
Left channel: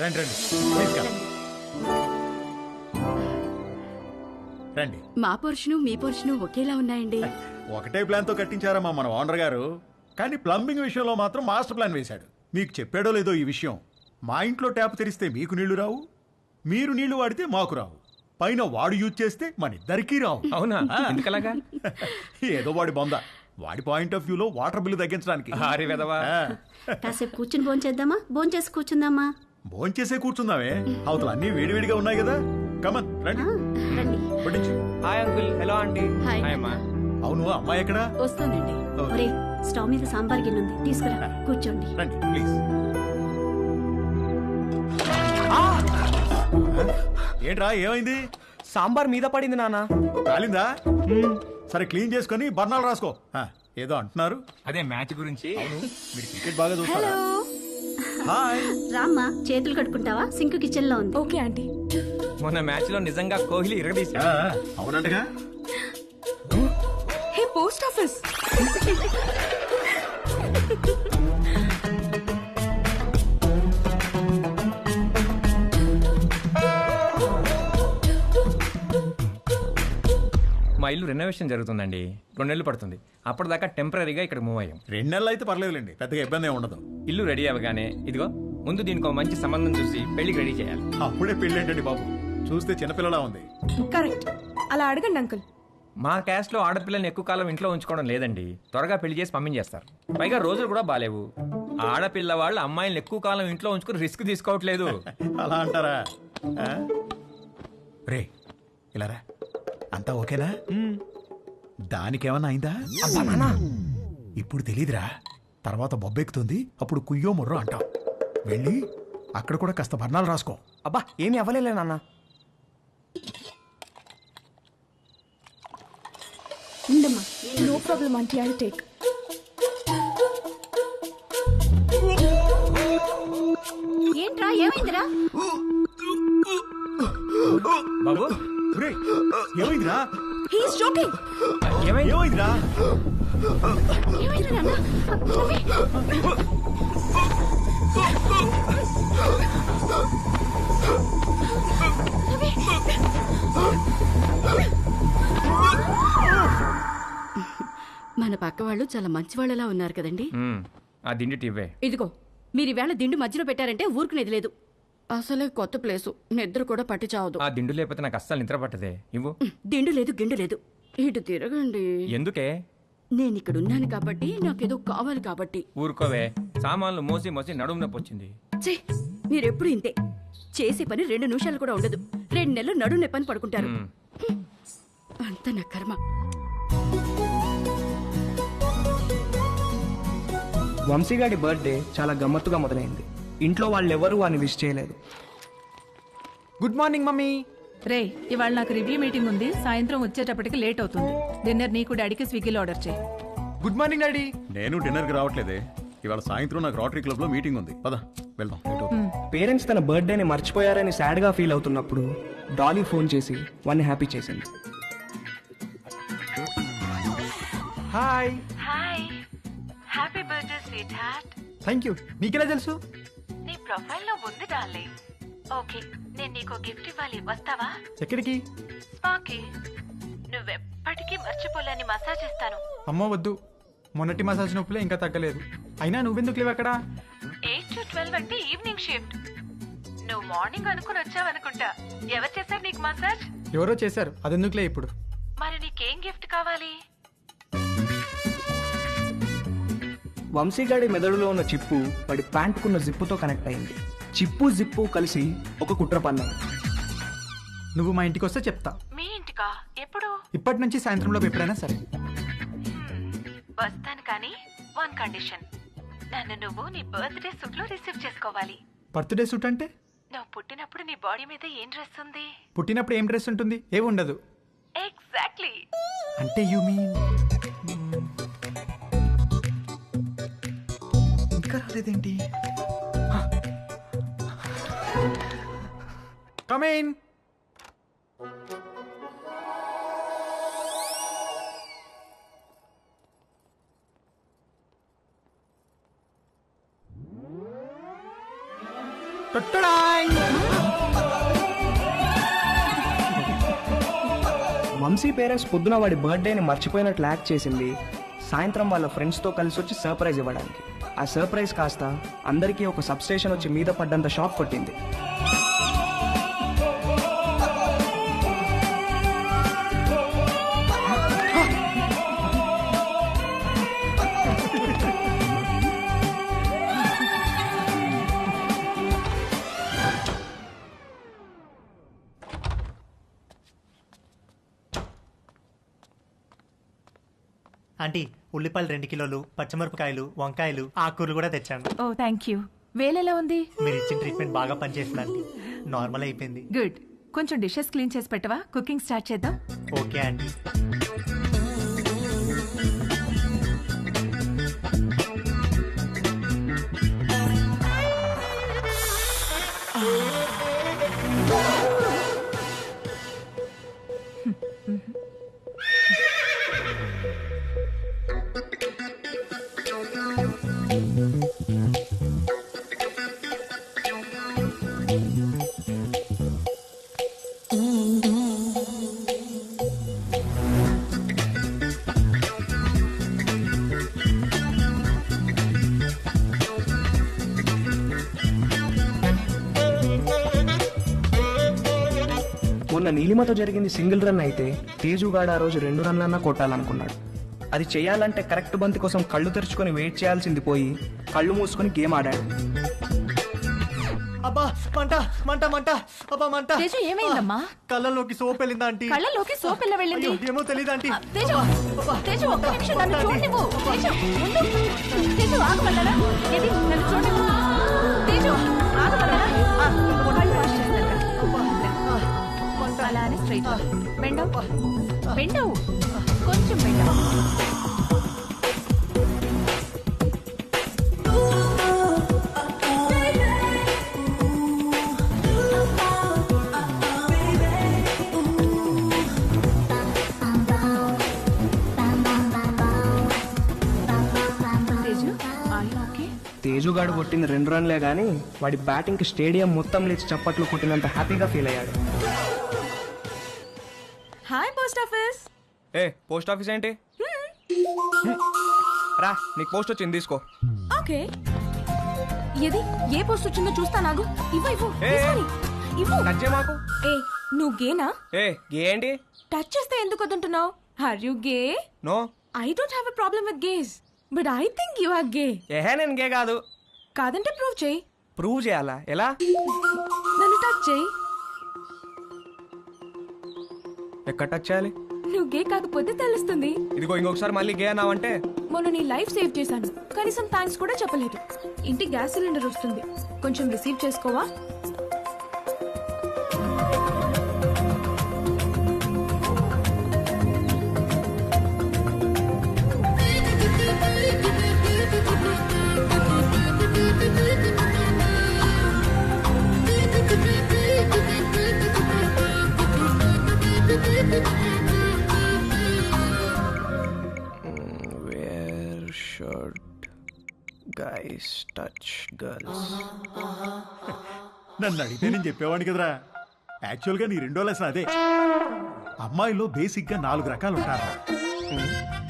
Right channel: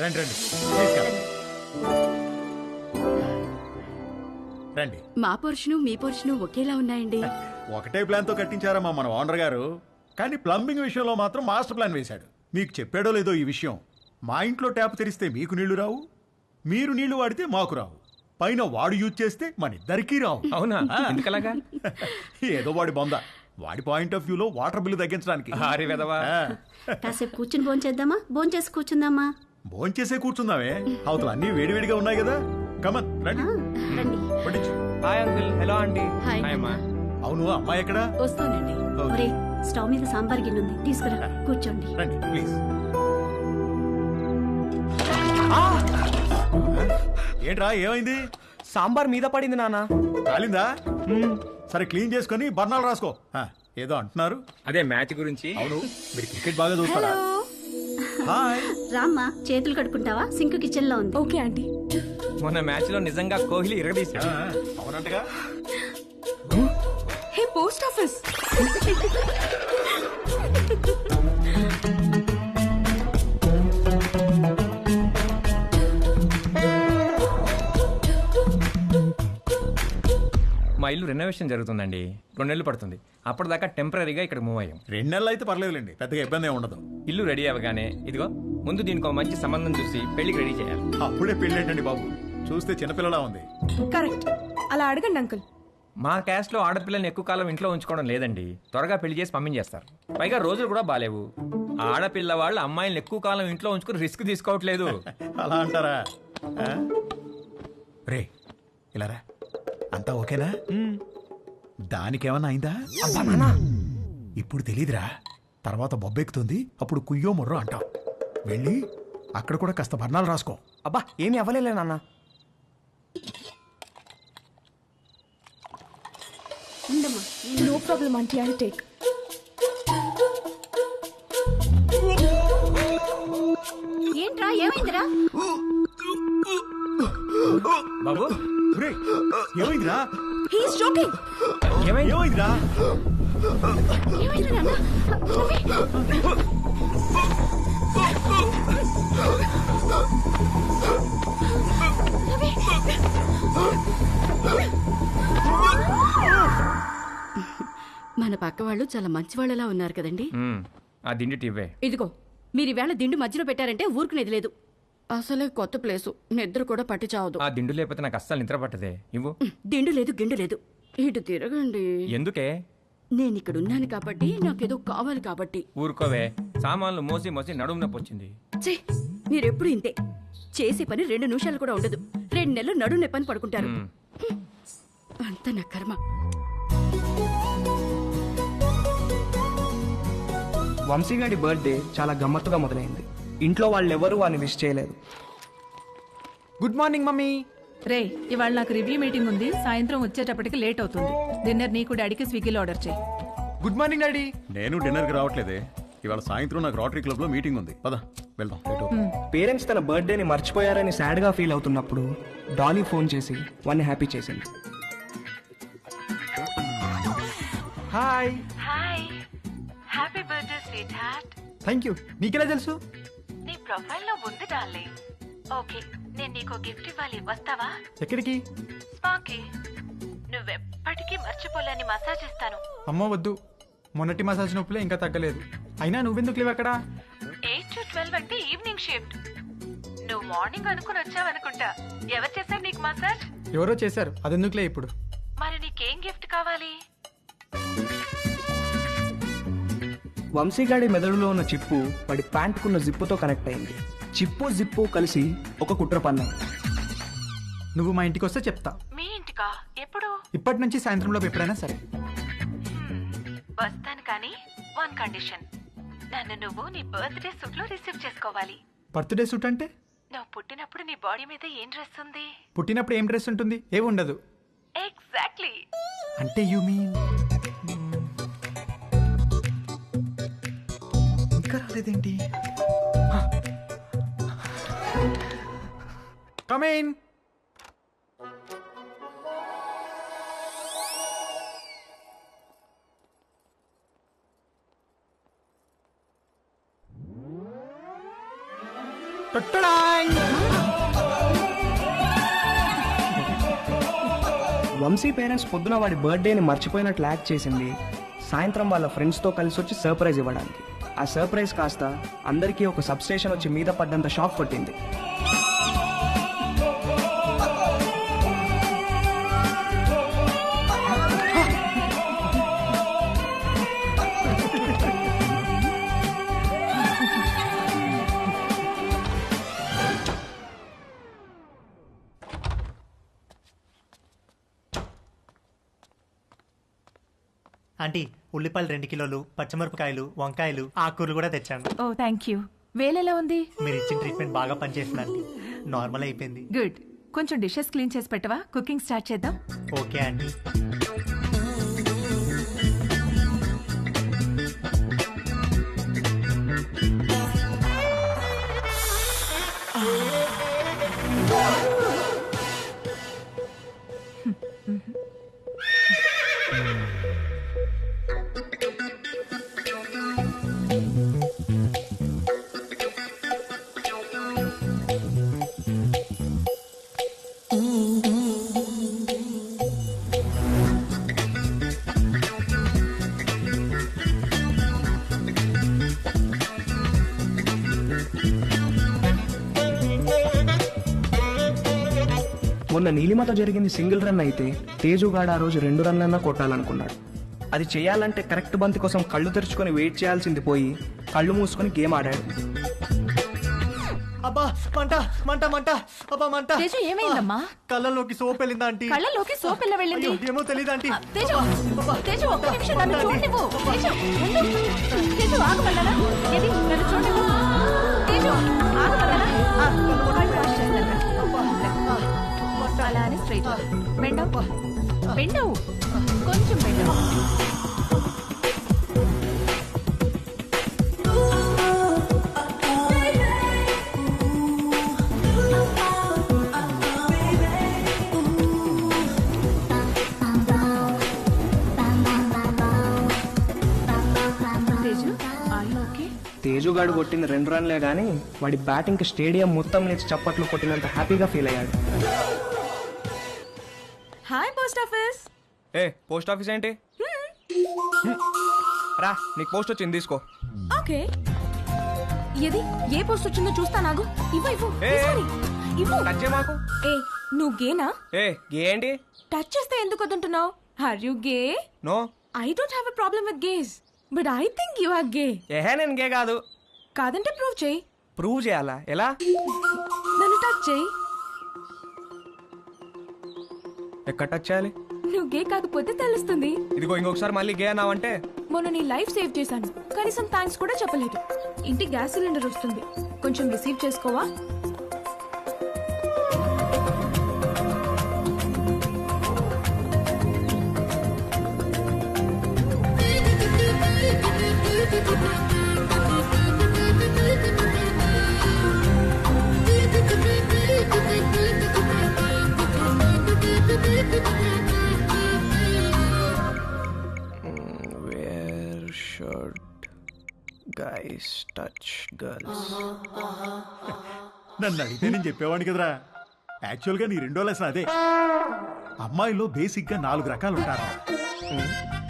రండి రండి ప్లీజ్ కమ్. రండి. మా పోర్షను మీ పోర్షను ఒకేలా ఉన్నాయండి. ఒకటే ప్లాన్ తో కట్టించారమ్మా మన ఓనర్ గారు, కానీ ప్లంబింగ్ విషయంలో మాత్రం మాస్టర్ ప్లాన్ వేశాడు. మీకు చెప్పాడో లేదో ఈ విషయం, మా ఇంట్లో ట్యాప్ తెరిస్తే మీకు నీళ్లు రావు, మీరు నీళ్లు వాడితే మాకు రావు, పైన వాడు యూజ్ చేస్తే మన ఇద్దరికీ రావు. అవునా? ఎందుకలాగా? ఏదో వాడి బొంద. వాడి పాయింట్ ఆఫ్ వ్యూలో వాటర్ బిల్లు తగ్గించడానికి. కాసేపు కూర్చుని భోంచేద్దామా? భోంచేసి కూర్చుందామా? భోంచేసే కూర్చుందామే, అవతల అన్ని వేడివేడిగా ఉన్నాయి కదా. కమన్ రండి రండి. పట్టించు. Hi uncle, hello aunty. Hi అమ్మా. అవును అమ్మాయి ఎక్కడా? వస్తానండి. ఓకే. ఒరే స్టవ్ మీద సాంబార్ గిన్నె ఉంది, తీసుకురా. కూర్చోండి. రండి ప్లీజ్. ఏంట్రా ఏమైంది? సాంబార్ మీద పడింది నాన్న. కాలిందా? సరే క్లీన్ చేసుకొని బర్ణాలు రాసుకో. ఏదో అంటున్నారు. అదే మ్యాచ్ గురించి. అవును, మీరు క్రికెట్ బాగా చూస్తారా? హాయ్. రామ్మా, చేతులు కడుక్కుంటావా? సింక్ కిచెన్ లో ఉంది. Okay aunty. మొన్న మ్యాచ్ లో నిజంగా కోహ్లీ ఇరగదీశాడు. అవునంటగా. Hey post office. మా ఇల్లు రెనోవేషన్ జరుగుతుందండి, 2 నెలలు పడుతుంది. అప్పటిదాకా టెంపరీగా ఇక్కడ మూవ్ అయ్యాం. 2 నెలలు అయితే పర్లేదులేండి, పెద్దగా ఇబ్బంది ఏమి ఉండదు. ఇల్లు రెడీ అవ్వగానే ఇదిగో ముందు దీనికి ఒక మంచి సంబంధం చూసి పెళ్లికి రెడీ చేయాలి. అప్పుడే పెళ్ళేంటండి బాబు, చూస్తే చిన్నపిల్లలా ఉంది. కరెక్ట్, అలా అడగండి అంకుల్. మా క్యాస్ట్ లో ఆడపిల్లని ఎక్కువ కాలం ఇంట్లో ఉంచుకోవడం లేదండి, త్వరగా పెళ్లి చేసి పంపించేస్తారు. పైగా రోజులు కూడా బాలేవు. ఆడపిల్ల వాళ్ళు అమ్మాయిలను ఎక్కువ కాలం ఇంట్లో ఉంచుకుని రిస్క్ తీసుకోవట్లేదు. అలా అంటారా? రే ఇలా రా, అంతా ఓకేనా? దానికేమన్నా అయిందా? అబ్బా నాన్న, ఇప్పుడు తెలీదురా, తర్వాత బొబ్బెక్కుతుంది, అప్పుడు కుయ్యో ముర్రో అంటాం. వెళ్ళి అక్కడ కూడా కాస్త బర్ణాలు రాసుకో. అబ్బా ఏమి అవ్వలేలే నాన్న. ఉండమ్మా. No problem aunty, I take. ఏంట్రా, ఏమైందిరా? బాబు రే ఏమైందిరా? He's joking. ఏమైందిరా? ఏమైంది నాన్న? రవి! మన పక్క వాళ్ళు చాలా మంచి వాళ్ళలా ఉన్నారు కదండి. ఆ దిండి టివ్వే. ఇదిగో మీరు ఈవేళ దిండు మధ్యలో పెట్టారంటే ఊరుకునేది లేదు. అసలే కొత్త ప్లేసు, నిద్ర కూడా పట్టి చావదు. ఆ దిండు లేకపోతే నాకు అస్సలు నిద్ర పట్టదే. ఇవ్వు. దిండు లేదు గిండు లేదు, ఇటు తిరగండి. ఎందుకే? నేను ఇక్కడ ఉన్నాను కాబట్టి, నాకేదో కావాలి కాబట్టి. ఊరుకోవే, సామాన్లు మోసి మోసి నడుము నొప్పి వచ్చింది. ఛీ, మీరెప్పుడు ఇంతే. చేసే పని 2 నిమిషాలు కూడా ఉండదు. 2 నెలలు నడుము నొప్పని పడుకుంటారు. అంత నా కర్మ. వంశీగాడి బర్త్డే చాలా గమ్మత్తుగా మొదలైంది. ఇంట్లో వాళ్ళెవరూ వాడిని విష్ చేయలేదు. Good morning mummy. రే, ఇవాళ నాకు రివ్యూ మీటింగ్ ఉంది, సాయంత్రం వచ్చేటప్పటికి లేట్ అవుతుంది. డిన్నర్ నీకు డాడీకి స్విగ్గీలో ఆర్డర్ చేయి. Good morning daddy. నేను డిన్నర్కి రావట్లేదే, ఇవాళ సాయంత్రం నాకు రోటరీ క్లబ్ లో మీటింగ్ ఉంది. పద వెళ్దాం. లేట్ అవుతుంది. పేరెంట్స్ తన బర్త్డేని మర్చిపోయారని సాడ్గా ఫీల్ అవుతున్నప్పుడు డాలీ ఫోన్ చేసి వాడిని హ్యాపీ చేసింది. Hi. Hi, happy birthday sweet heart. Thank you. నీకెలా తెలుసు? నీ ప్రొఫైల్ లో ఉంది డార్లింగ్. ఓకే, నేను నీకు గిఫ్ట్ ఇవ్వాలి, వస్తావా? ఎక్కడికి? స్పాకి. నువ్వెప్పటికీ మర్చిపోలేని మసాజ్ ఇస్తాను. అమ్మో వద్దు, మొన్నటి మసాజ్ నొప్పులే ఇంకా తగ్గలేదు. అయినా నువ్వెందుకు లేవు అక్కడ? 8 to 12 అంటే ఈవినింగ్ షిఫ్ట్. నువ్వు మార్నింగ్ అనుకుని వచ్చావనుకుంటా. ఎవరు చేశారు నీకు మసాజ్? ఎవరో చేశారు, అదెందుకులే ఇప్పుడు. మరి నీకేం గిఫ్ట్ కావాలి? వంశీగాడి మెదడులో ఉన్న చిప్పు వాడి ప్యాంటుకున్న జిప్పుతో కనెక్ట్ అయింది. చిప్పు జిప్పు కలిసి ఒక కుట్ర పన్నాయి. నువ్వు మా ఇంటికి వస్తే చెప్తా. మీ ఇంటికా? ఎప్పుడు? ఇప్పటి నుంచి సాయంత్రంలోపు ఎప్పుడైనా సరే. వస్తాను, కానీ 1 కండిషన్. నన్ను నువ్వు నీ బర్త్డే సూట్ లో రిసీవ్ చేసుకోవాలి. బర్త్డే సూట్ అంటే? నువ్వు పుట్టినప్పుడు నీ బాడీ మీద ఏం డ్రెస్ ఉంది? పుట్టినప్పుడు ఏం డ్రెస్ ఉంటుంది? ఏమి ఉండదు. ఎగ్జాక్ట్లీ. అంటే యు మీన్ ఇంకా రాలేదేంటి? Come in. వంశీ పేరెంట్స్ పొద్దున వాడి బర్త్డేని మర్చిపోయినట్లు యాక్ట్ చేసింది సాయంత్రం వాళ్ళ ఫ్రెండ్స్తో కలిసి వచ్చి సర్ప్రైజ్ ఇవ్వడానికి. ఆ సర్ప్రైజ్ కాస్త అందరికీ ఒక సబ్స్టేషన్ వచ్చి మీద పడ్డంత షాక్ కొట్టింది. ఆంటీ ఉల్లిపాయలు 2 కిలోలు, పచ్చిమిరపకాయలు, వంకాయలు, ఆకుకూరలు కూడా తెచ్చాను. ఓ థ్యాంక్ యూ. వేలెలా ఉంది? మీరు ఇచ్చిన ట్రీట్మెంట్ బాగా పనిచేస్తుంది ఆంటీ. నార్మల్ అయిపోయింది. గుడ్. కొంచెం డిషెస్ క్లీన్ చేసి పెట్టవా? కుకింగ్ స్టార్ట్ చేద్దాం. Okay aunty. మొన్న నీలిమతో జరిగింది సింగిల్ రన్ అయితే తేజుగాడు ఆ రోజు 2 రన్లన్నా కొట్టాలనుకున్నాడు. అది చేయాలంటే కరెక్ట్ బంతి కోసం కళ్ళు తెరుచుకొని వెయిట్ చేయాల్సింది పోయి కళ్ళు మూసుకొని గేమ్ ఆడాడు. అబ్బా మంట మంట మంట అబ్బా మంట. తేజు ఏమైందమ్మా? కళ్ళలోకి సోప్ వెళ్ళిందా ఆంటీ? కళ్ళలోకి సోప్ ఎలా వెళ్ళింది? అయ్యో, ఏమో తెలియదు ఆంటీ. తేజు తేజు ఒక్క నిమిషం నన్ను చూడనివ్వు. తేజు ఉండు. తేజు ఆగమన్నానా? ఏది నన్ను చూడనివ్వు. తేజు ఆగమన్నానా? ఆగు. కళ్ళు వాష్ చేస్తాను రా. ముందుకురా. అలానే స్ట్రైట్ బెండవ్ బెండవ్ కొంచెం bend over. Teju are you okay? తేజుగాడు కొట్టిన 2 రన్లే గానీ వాడి బ్యాటింగ్కి స్టేడియం మొత్తం లేచి చప్పట్లు కొట్టినంత హ్యాపీగా ఫీల్ అయ్యాడు. Hi post office. ఏ పోస్ట్ ఆఫీస్ ఏంటి? రా నీకు పోస్ట్ వచ్చింది తీసుకో. ఓకే. ఏది ఏ పోస్ట్ వచ్చిందో చూస్తా. నాగు ఇవ్వు ఇవ్వు ఏ, తీసుకొని ఇవ్వు. టచ్ చేయ మాకు. ఏ నువ్వు గేనా? ఏ గే ఏంటి? టచ్ చేస్తే ఎందుకు వద్దంటున్నావు? Are you gay? No. I don't have a problem with gays but I think you are gay. ఏహే నేను గే కాదు. కాదంటే ప్రూవ్ చేయి. ప్రూవ్ చేయాలా? ఎలా? నన్ను టచ్ చేయి. ఎక్కడ టచ్ చేయాలి? నువ్వు గే కాకపోతే తెలుస్తుంది. ఇదిగో ఇంకొకసారి మళ్ళీ గే అన్నావంటే. మొన్న నీ లైఫ్ సేవ్ చేశాను, కనీసం థ్యాంక్స్ కూడా చెప్పలేదు. ఇంటికి గ్యాస్ సిలిండర్ వస్తుంది, కొంచెం receive చేసుకోవా? Where should guys touch girls? నన్ను అడిగితే నేను చెప్పేవాడిని కదరా. యాక్చువల్గా నీ 2వ లెసన్ అదే. అమ్మాయిలో బేసిక్గా 4 రకాలు ఉంటారా.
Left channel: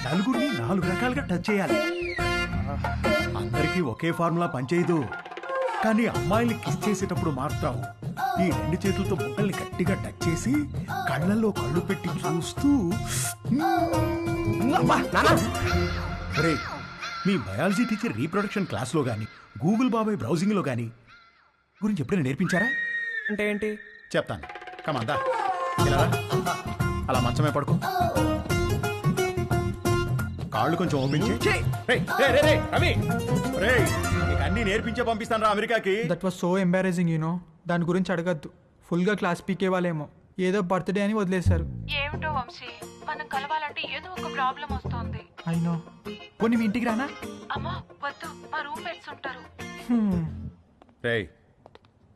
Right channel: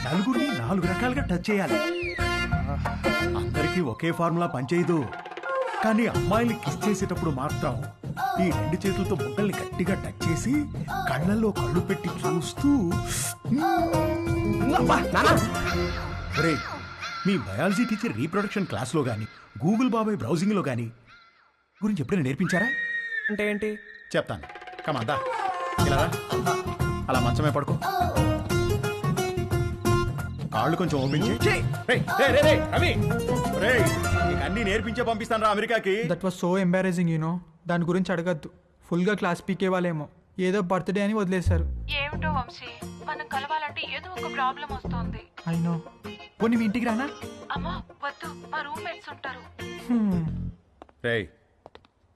నలుగురిని 4 రకాలుగా టచ్ చేయాలి. అందరికీ ఒకే ఫార్ములా పనిచేయదు. కానీ అమ్మాయిల్ని కిస్ చేసేటప్పుడు మాత్రం ఈ 2 చేతులతో బొగ్గల్ని గట్టిగా టచ్ చేసి కళ్ళల్లో కళ్ళు పెట్టి చూస్తూ ఒరే, మీ బయాలజీ టీచర్ రీప్రొడక్షన్ క్లాస్లో గాని గూగుల్ బాబాయ్ బ్రౌజింగ్లో గాని గురించి ఎప్పుడైనా నేర్పించారా? అంటే ఏంటి చెప్తాను. కమాందా ఇలా రా. అలా మంచమే పడుకో. కాళ్ళు కొంచెం ఓపెన్ చేయి. రవి రేయ్, నీకు అన్ని నేర్పించే పంపిస్తాను రా అమెరికాకి. That was so embarrassing you know. దాని గురించి అడగద్దు. ఫుల్గా క్లాస్ పీకే వాళ్ళేమో ఏదో బర్త్డే అని వదిలేశారు. ఏమిటో వంశీ, మనం కలవాలంటే ఏదో ఒక ప్రాబ్లం వస్తోంది. అయినో. పోనీ మీ ఇంటికి రానా? అమ్మా వద్దు, మా రూమ్మేట్స్ ఉంటారు. రేయ్,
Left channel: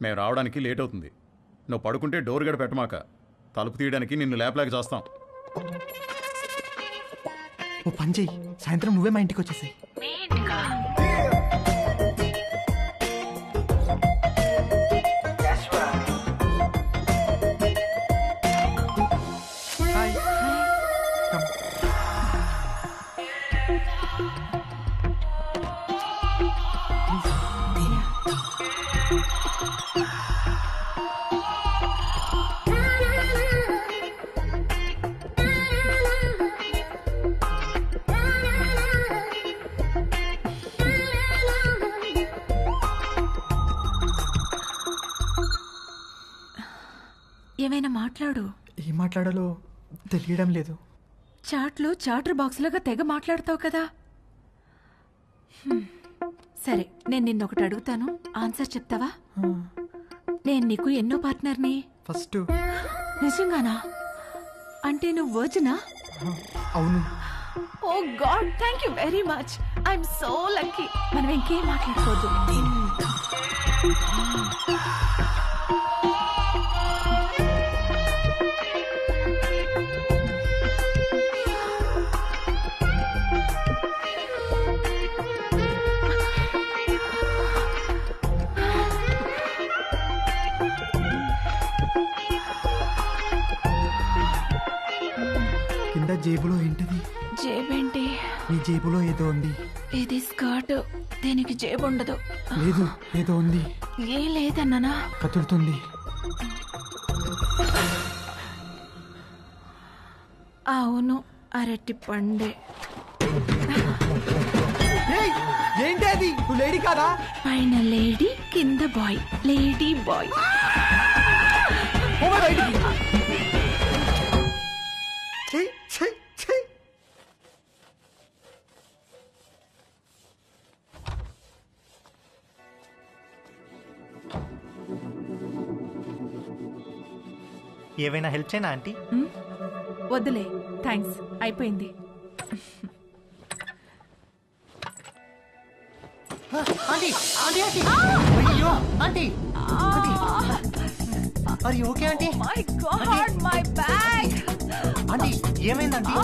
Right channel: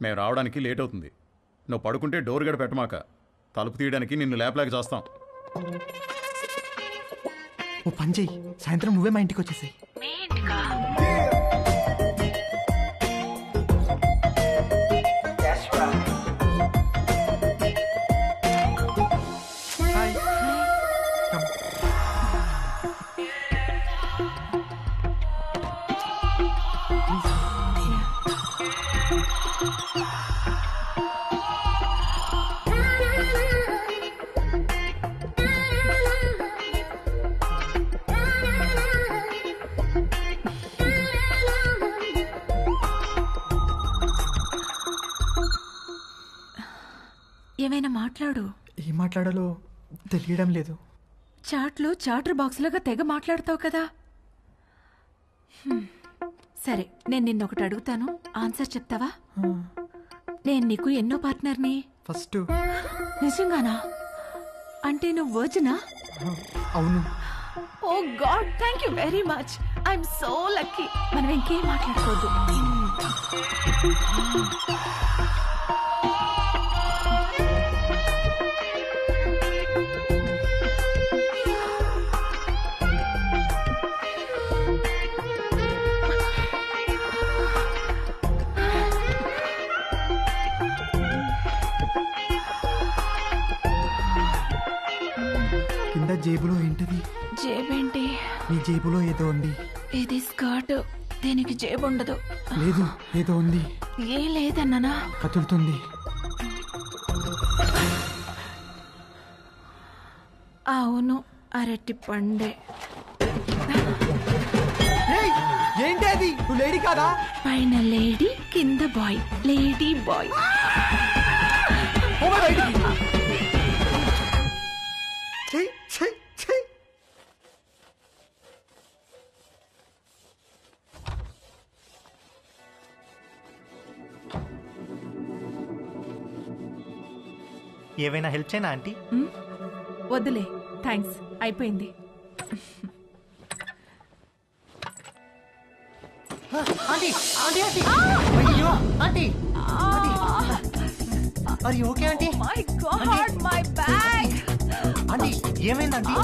మేము రావడానికి లేట్ అవుతుంది. నువ్వు పడుకుంటే డోర్ గడ పెట్టమాక. తలుపు తీయడానికి నిన్ను లేపలేక చేస్తాం. ఓ పని చెయ్యి, సాయంత్రం నువ్వే మా ఇంటికి వచ్చేసాయి. మీ ఇంటికా? Hi hi. Come. Please. Yeah. ఏమైనా మాట్లాడు. ఏం మాట్లాడాలో తెలియడం లేదు. చాట్లో చాటర్ బాక్స్ లాగా తెగ మాట్లాడతావు కదా. సరే, నేను నిన్నొకటి అడుగుతాను, ఆన్సర్ చెప్తావా? నేను నీకు ఎన్నో పార్ట్నర్ని? ఫస్ట్. నిజంగానా? అంటే నువ్వు వర్జినా? అవును. Oh God, thank you very much. I'm so lucky. మనం ఇంకేం మాట్లాడుకోవద్దు. కింద జేబులో ఏంటిది? జేబేంటి? నీ జేబులో ఏదో ఉంది. ఇది స్కర్ట్, దీనికి జేబు ఉండదు. లేదు, ఏదో ఉంది. ఏ లేదన్నానా? కదులుతుంది. అవును, అరటి పండే. ఏంటి అది? నువ్వు లేడీ కాదా? పైన లేడీ, కింద బాయ్. Lady bye. బయటికి. చెయ్ చెయ్ చెయ్. ఏవైనా హెల్ప్ చేయనా ఆంటీ? వద్దులే, థ్యాంక్స్, అయిపోయింది. ఆంటీ ఆంటీ ఆంటీ అయ్యో ఆంటీ ఆంటీ అరే okay aunty? My God, my bag. Aunty ఏమైంది ఆంటీ?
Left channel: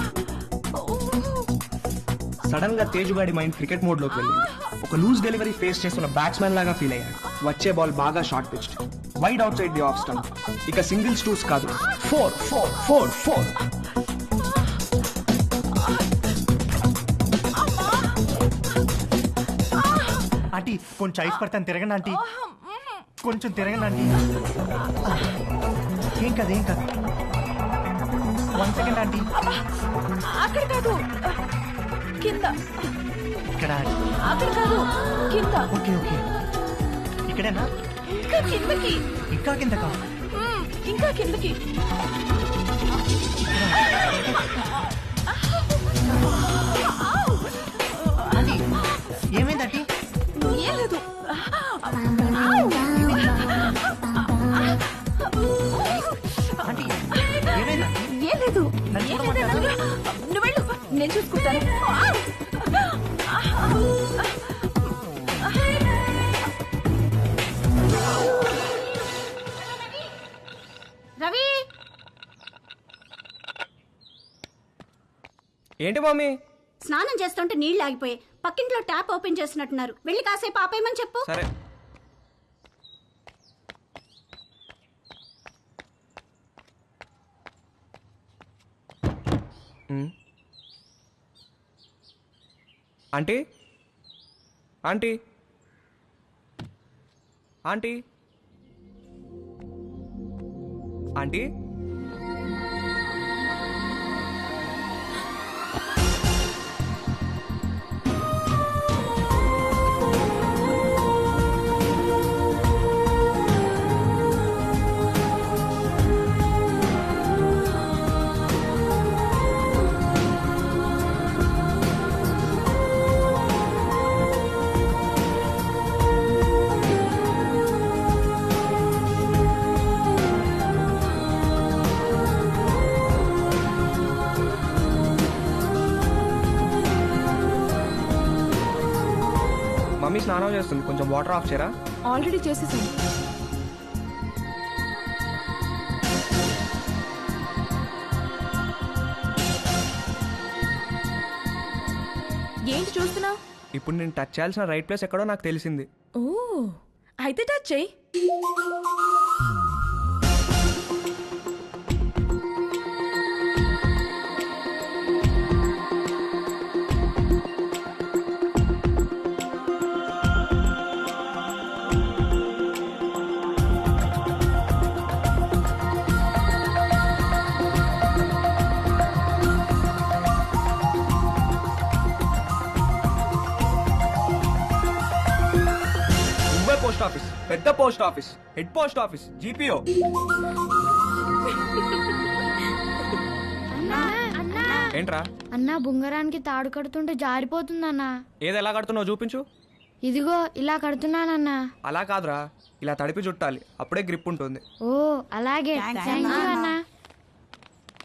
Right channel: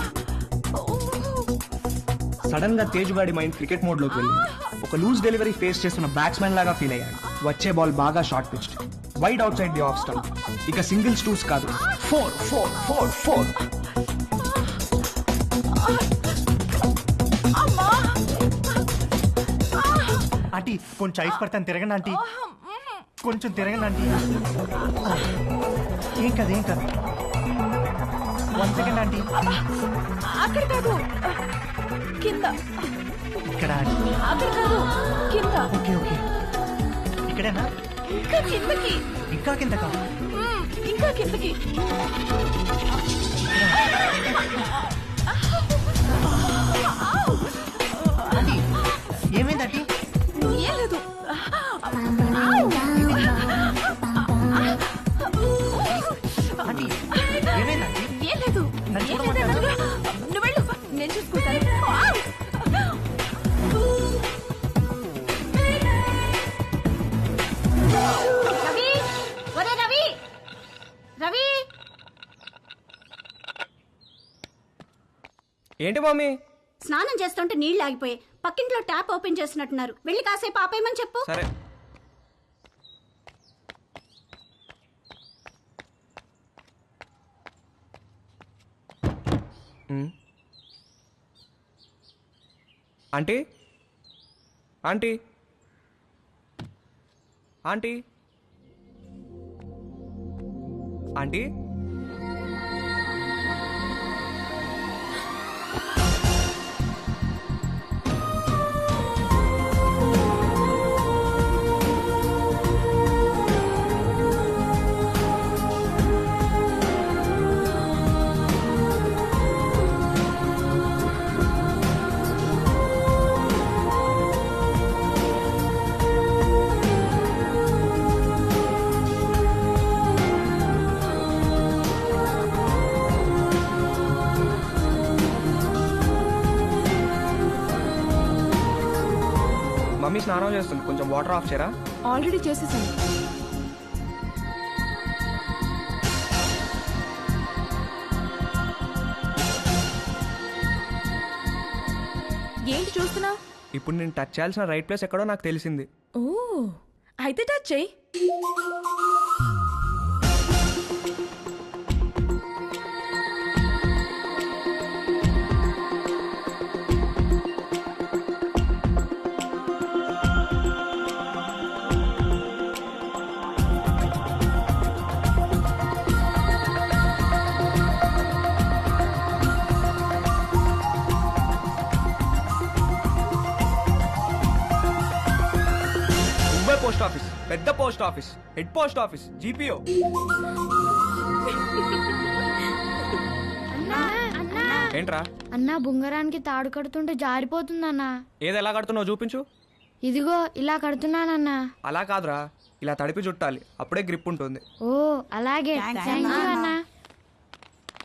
సడన్ గా తేజ్ గాడి మైండ్ క్రికెట్ మోడ్ లోకి వెళ్ళింది. ఒక లూజ్ డెలివరీ ఫేస్ చేస్తున్న బ్యాట్స్మెన్ లాగా ఫీల్ అయ్యాడు. వచ్చే బాల్ బాగా short pitched, wide out side the off stump. ఇక సింగిల్స్ టూస్ కాదు, 4 4 4 4. ఆంటీ కొంచెం ఐస్ పడతాను, తిరగండి ఆంటీ, కొంచెం తిరగండి ఆంటీ. ఏం కాదు ఏం కాదు. 1 సెకండ్ ఆంటీ. అక్కడ కాదు, కింద. ఇక్కడ. అక్కడ కాదు, కింద. ఓకే ఓకే, ఇక్కడేనా? ఇంకా కిందకి. ఇంకా కిందకా? ఇంకా కిందకి. ఇక్కడ. ఆంటీ ఏమైంది ఆంటీ? ఏం లేదు. ఆంటీ ఏమైంది ఆంటీ? ఏం లేదు. నన్ను చూడమంటారా? నువ్వు వెళ్ళు, నేను చూసుకుంటాను. రవి, ఒరే రవి, రవి. ఏంటి మమ్మీ? స్నానం చేస్తుంటే నీళ్లు ఆగిపోయి పక్కింట్లో ట్యాప్ ఓపెన్ చేసినట్టున్నారు. వెళ్ళి కాసేపు ఆపేయమని చెప్పు. సరే. Aunty aunty aunty aunty mummy స్నానం చేస్తుంది, కొంచెం వాటర్ ఆఫ్ చేయరా? ఆల్రెడీ చేసేసాను. ఏంటి చూస్తున్నా? ఇప్పుడు నేను టచ్ చేయాల్సిన రైట్ ప్లేస్ ఎక్కడో నాకు తెలిసింది. ఓ, అయితే టచ్ చెయ్యి. నువ్వే పోస్ట్ ఆఫీస్, పెద్ద post office, head post office, GPO. ఏంట్రా అన్నా బుంగరానికి తాడు కడుతుంటే జారిపోతుందన్నా. ఏది ఎలా కడుతున్నావు చూపించు. ఇదిగో ఇలా కడుతున్నానన్నా. అలా కాదురా, ఇలా తడిపి చుట్టాలి, అప్పుడే గ్రిప్ ఉంటుంది. ఓ అలాగే, థ్యాంక్ యూ అన్నా.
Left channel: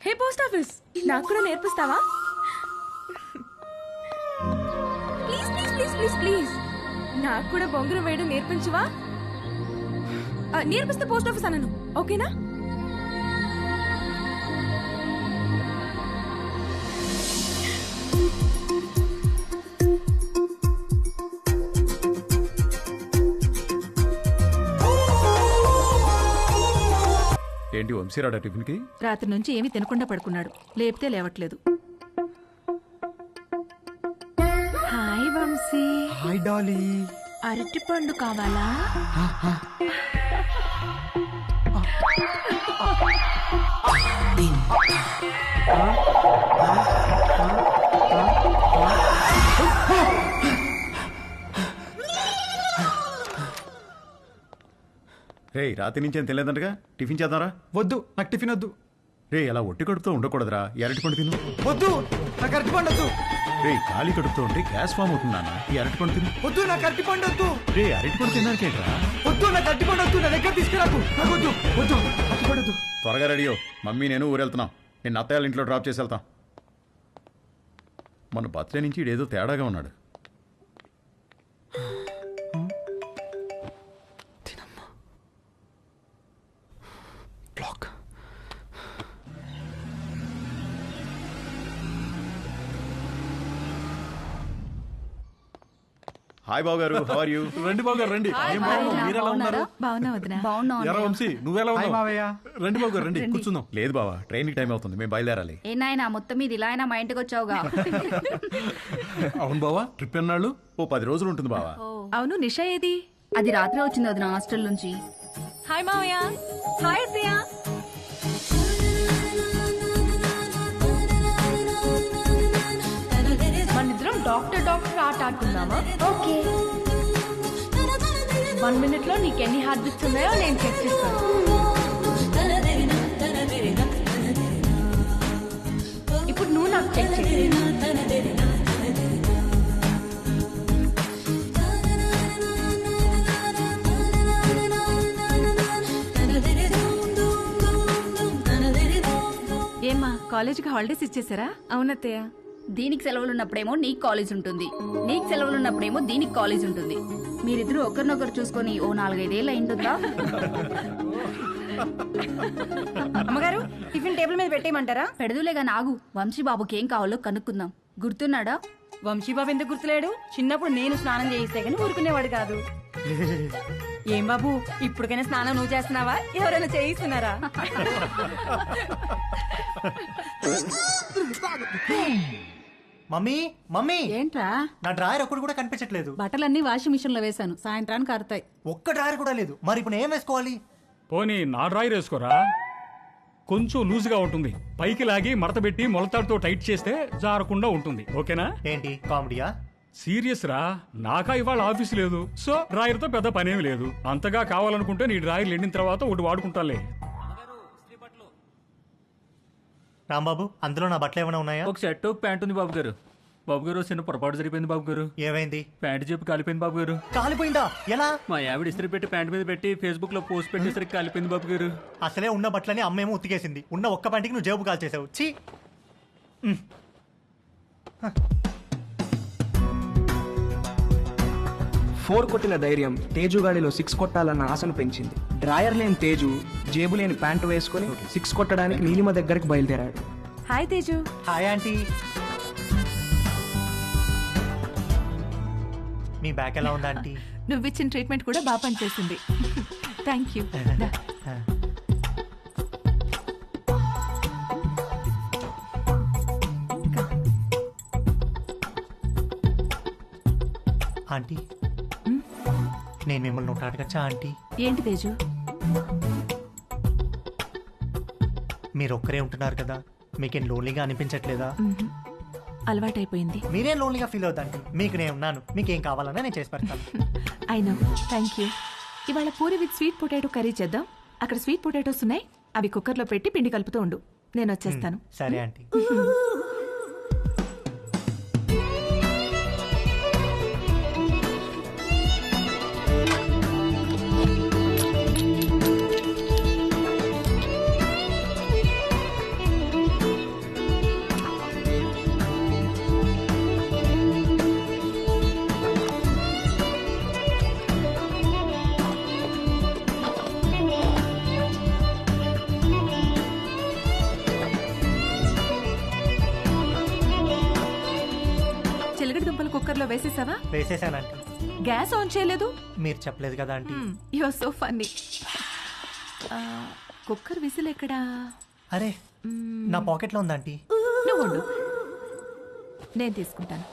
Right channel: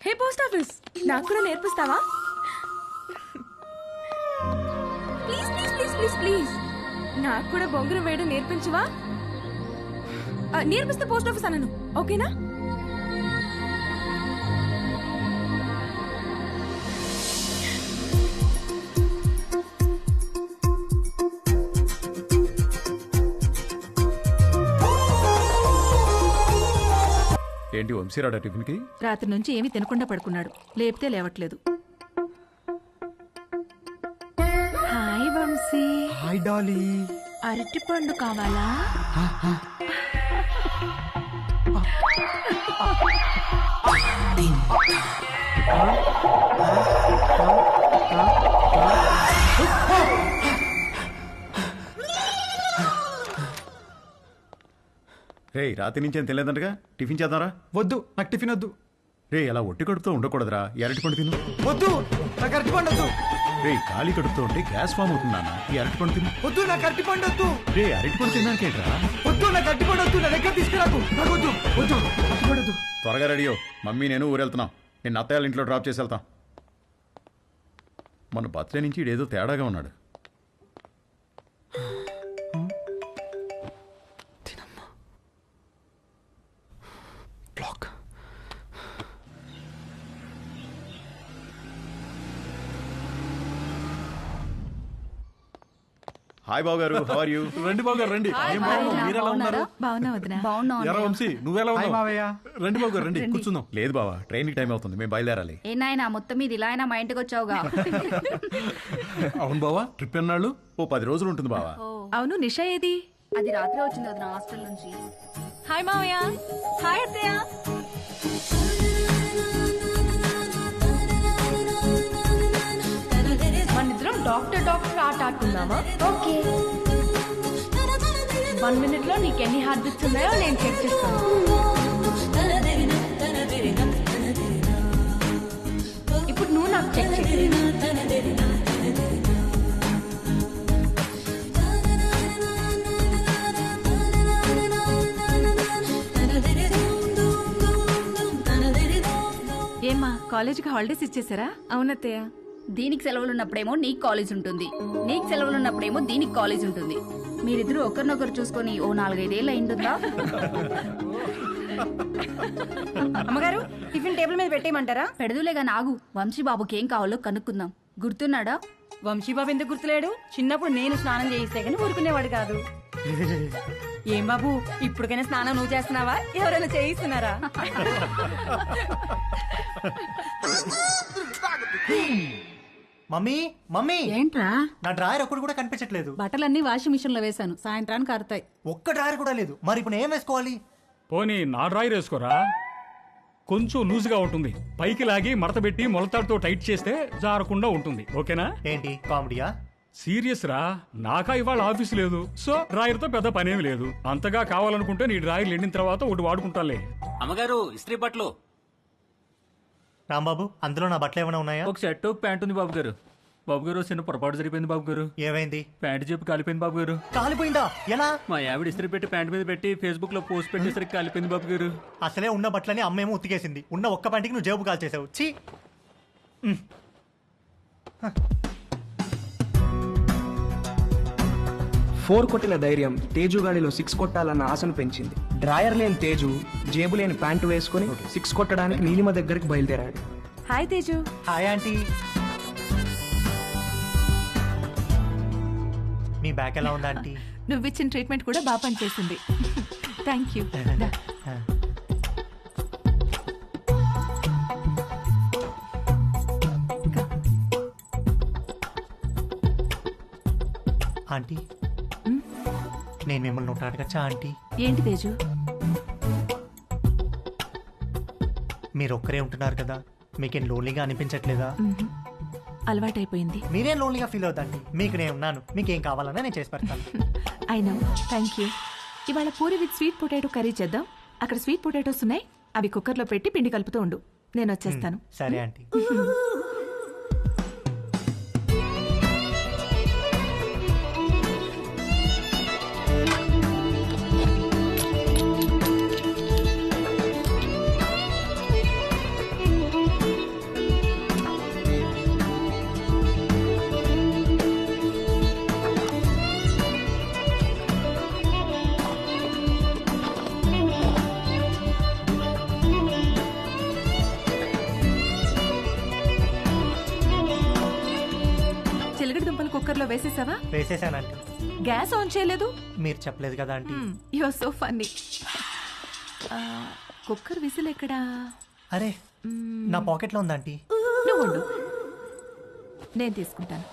హే పోస్ట్ ఆఫీస్, నాకు కూడా నేర్పిస్తావా? Please please please please please నాకు కూడా బొంగరం వేయడం నేర్పించవా? నేర్పిస్తే పోస్ట్ ఆఫీస్ అన్నాను, ఓకేనా? ఏంటి వంశీరాడా టిఫిన్కి? రాత్రి నుంచి ఏమీ తినకుండా పడుకున్నాడు, లేపితే లేవట్లేదు. హాయ్ వంశీ. Hi Dolly. అరటి పండు కావాలా? రే రాత్రి నుంచి ఏం తెలియదంటగా, టిఫిన్ చేద్దాంరా. వద్దు, నాకు టిఫిన్ వద్దు. రే అలా ఒట్టి కడుపుతో ఉండకూడదురా, ఈ అరటిపండు తిను. వద్దు, నాకు అరటిపండు వద్దు. రే ఖాళీ కడుపుతో ఉంటే గ్యాస్ ఫామ్ అవుతుంది నాన్న, ఈ అరటిపండు తిను. వద్దు, నాకు అరటిపండు వద్దు. రే అరటిపండు తిన్నాకేంట్రా? వద్దు, నాకు అరటిపండు వద్దు, నా దగ్గర తీసుకురాకు. నాకు వద్దు, వద్దు, అరటిపండు వద్దు. త్వరగా రెడీ అయ్యో, మమ్మీ నేను ఊరెళ్తున్నాం. నేను అత్తయ్య ఇంట్లో డ్రాప్ చేసి వెళ్తాం. మన బర్త్డే నుంచి ఇడేదో తేడాగా ఉన్నాడు. బ్లాక్. హాయ్ బాబు గారు, హౌ ఆర్ యు? రండి బాబు గారు రండి. ఏం బాబు మీరు ఎలా ఉన్నారు? బాగున్నా వదినా? ఎరా వంశీ నువ్వెలా హాయ్ ఉన్నావు? మావయ్య. రండి బాబు గారు రండి, కూర్చుందాం. లేదు బావా, ట్రైన్ కి టైం అవుతుంది, మేము బయలుదేరాలి. ఏ నాయనా మొత్తం మీద ఇలా అయినా మా ఇంటికి వచ్చావుగా. అవును బావా, ట్రిప్ ఎన్నాళ్ళు? ఓ 10 రోజులు ఉంటుంది బావా. అవును, నిషా ఏది? అది రాత్రి వచ్చింది వదిన హాస్టల్ నుంచి. హాయ్ మావయ్య. హాయ్ అత్తయ్య. మనిద్దరం డాక్టర్ ఆట ఆడుకుందామా? ఓకే. 1 minute లో నీకు ఎన్ని హార్ట్ బీట్స్ ఉన్నాయో నేను చెక్ చేస్తాను. ఇప్పుడు నువ్వు నాకు చెక్ చేయి. ఏమ్మా, కాలేజీకి హాలిడేస్ ఇచ్చేసారా? అవునత్తయ్య. దీనికి సెలవులు ఉన్నప్పుడేమో నీకు కాలేజ్ ఉంటుంది, నీకు సెలవులు ఉన్నప్పుడేమో దీనికి కాలేజ్ ఉంటుంది. మీరిద్దరూ ఒకరినొకరు చూసుకొని ఓ 4-5 ఏళ్ళు అయింటుందా? అమ్మగారు, టిఫిన్ టేబుల్ మీద పెట్టేయమంటారా? పెడదులేగా నాగు, వంశీబాబుకి ఏం కావాలో కనుక్కుందాం. గుర్తున్నాడా? వంశీబాబు ఎందుకు గుర్తులేడు? చిన్నప్పుడు నేను స్నానం చేయిస్తే గానీ ఊరుకునేవాడు కాదు. ఏం బాబు, ఇప్పటికైనా స్నానం నువ్వు చేస్తున్నావా, ఎవరైనా చేయిస్తున్నారా? మమ్మీ మమ్మీ, ఏంట్రా? నా డ్రాయర్ ఒక్కడు కూడా కనిపించట్లేదు. బట్టలన్నీ వాషింగ్ మిషన్ లో వేశాను, సాయంత్రానికి ఆరుతాయి. ఒక్క డ్రాయర్ కూడా లేదు. మరి ఇప్పుడు ఏం వేసుకోవాలి? పోనీ నా డ్రాయర్ వేసుకోరా, కొంచెం లూజ్గా ఉంటుంది. పైకి లాగి మడత పెట్టి మొలతాడుతో టైట్ చేస్తే జారకుండా ఉంటుంది. ఓకేనా? ఏంటి కామెడీయా? సీరియస్ రా, నాకా ఇవాళ ఆఫీస్ లేదు, సో డ్రాయర్ తో పెద్ద పనేమి లేదు. అంతగా కావాలనుకుంటే నీ డ్రాయర్ ఎండిన తర్వాత ఒకటి వాడుకుంటాలే. అమ్మగారు, ఇస్త్రీ బట్టలు. రాంబాబు, అందులో నా బట్టలు ఏమైనా ఉన్నాయా? ఒక షర్ట్ ప్యాంట్ ఉంది బాబు గారు. బాబు గారు, చిన్న పొరపాటు జరిగిపోయింది బాబు గారు. ఏమైంది? ప్యాంట్ చెప్పి కాలిపోయింది బాబు గారు. కాలిపోయిందా? ఎలా? మా ఆవిడ ఇస్త్రీ పెట్టి ప్యాంట్ మీద పెట్టి ఫేస్బుక్ లో పోస్ట్ పెట్టేసరికి కాలిపోయింది బాబు గారు. అసలే ఉన్న బట్టలని అమ్మేమో ఉతికేసింది, ఉన్న ఒక్క పంటికి నువ్వు జేబు కాల్చేసావు. ఛీ! 4 కొట్టిన ధైర్యం తేజుగాడిలో 6 కొట్టాలన్న ఆశను పెంచింది. డ్రాయర్ లేని తేజు జేబు లేని ప్యాంటు వేసుకుని 6 కొట్టడానికి నీలిమ దగ్గరికి బయలుదేరాడు. హాయ్ తేజు. Hi aunty. మీ బ్యాక్ ఎలా ఉందా ఆంటీ? నువ్విచ్చిన ట్రీట్మెంట్ కూడా బాగా పనిచేసింది. Thank you. ఆంటీ, నేను మిమ్మల్ని ఒకటి అడగచ్చా ఆంటీ? ఏంటి తేజు? మీరు ఒక్కరే ఉంటున్నారు కదా, మీకేం లోన్లీగా అనిపించట్లేదా? అలవాటైపోయింది. మీరేం లోన్లీగా ఫీల్ అవుతాంటీ, మీకు నేను ఉన్నాను. మీకేం కావాలన్నా నేను చేసి పెడతాను. I know, thank you. ఇవాళ puri with sweet potato curry చేద్దాం. అక్కడ స్వీట్ పొటాటోస్ ఉన్నాయి, అవి కుక్కర్లో పెట్టి పిండి కలుపుతూ ఉండు, నేను వచ్చేస్తాను. సరే ఆంటీ. చిలకడ దుంపలు కుక్కర్లో వేసేసావా? వేసేసానంటీ. గ్యాస్ ఆన్ చేయలేదు? మీరు చెప్పలేదు కదా aunty. You are so funny. Cooker whistle ఎక్కడా? అరే నా పాకెట్లో ఉందంటీ. నువ్వు ఉండు, నేను తీసుకుంటాను.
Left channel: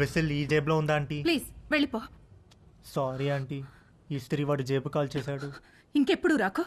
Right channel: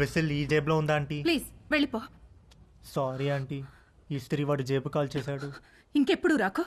విసిల్ ఈ జేబులో ఉందా ఆంటీ? ప్లీజ్ వెళ్ళిపో. సారీ ఆంటీ, ఇస్త్రీ వాడు జేబు కాల్ చేశాడు. ఇంకెప్పుడు రాకో.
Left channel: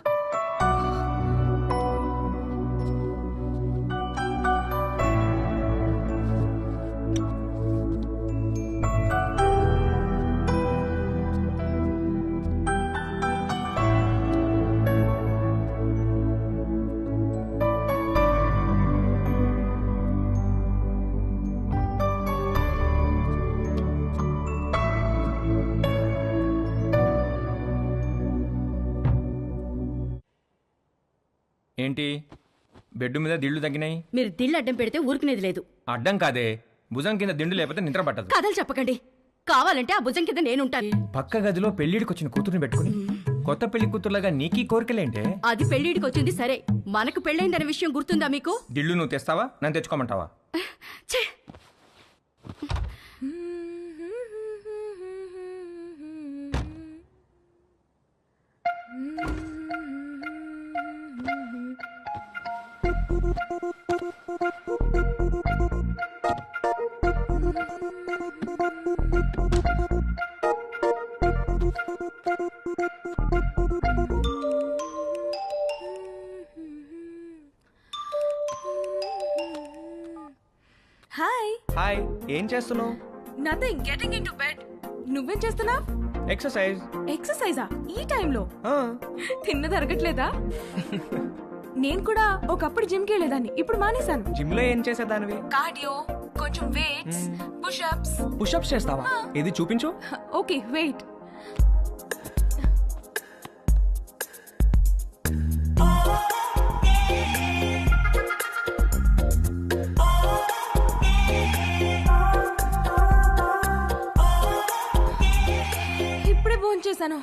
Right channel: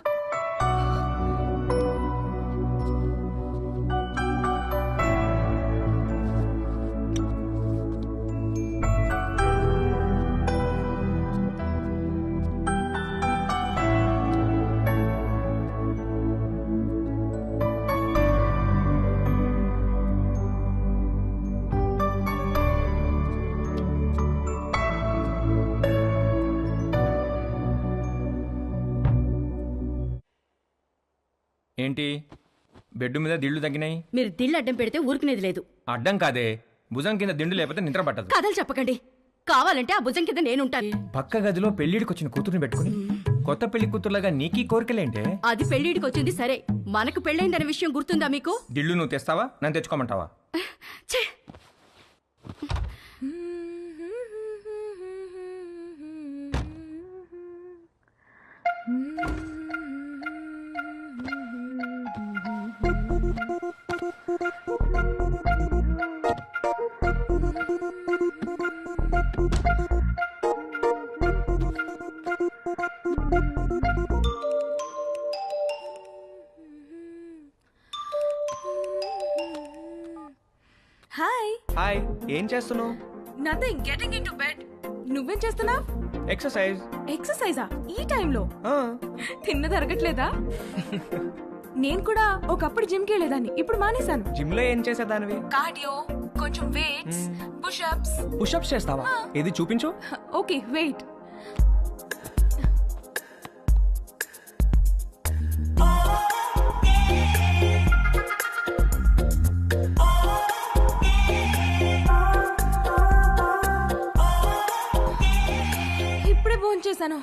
ఏంటి బెడ్ మీద దిళ్ళు తగ్గినాయి? మీరు దిళ్ళు అడ్డం పెడితే ఊరుకునేది లేదు. అడ్డం కాదే, భుజం కింద దిండు లేకపోతే నిద్ర పట్టదు. కథలు చెప్పకండి, కావాలంటే ఆ భుజం కింద నేనుంటాను. పక్క గదిలో పెళ్లిడికి వచ్చిన కూతురుని పెట్టుకుని కొత్త పెళ్లి కూతురులాగా నీకీ కోరికలేంటే? అది పెళ్లిడికి వచ్చింది సరే, మనకు పెళ్ళైందనే విషయం గుర్తుందా మీకు? దిళ్ళు నువ్వు తెస్తావా, నన్ను తెచ్చుకోమంటావా? ఛే! హాయ్. హాయ్, ఏం చేస్తున్నావు? Nothing, getting into bed. నువ్వేం చేస్తున్నావ్? ఎక్సర్సైజ్. ఎక్సర్సైజా ఈ టైంలో? తిన్నది అరగట్లేదా? నేను కూడా ఒకప్పుడు జిమ్ కి వెళ్ళేదాన్ని, ఇప్పుడు మానేశాను. జిమ్ లో ఏం చేసేదానివి? కార్డియో, కొంచెం వెయిట్స్, పుషప్స్. పుషప్స్ చేస్తావా? ఏది చూపించు. Okay wait. ఇప్పుడే భోంచేశాను,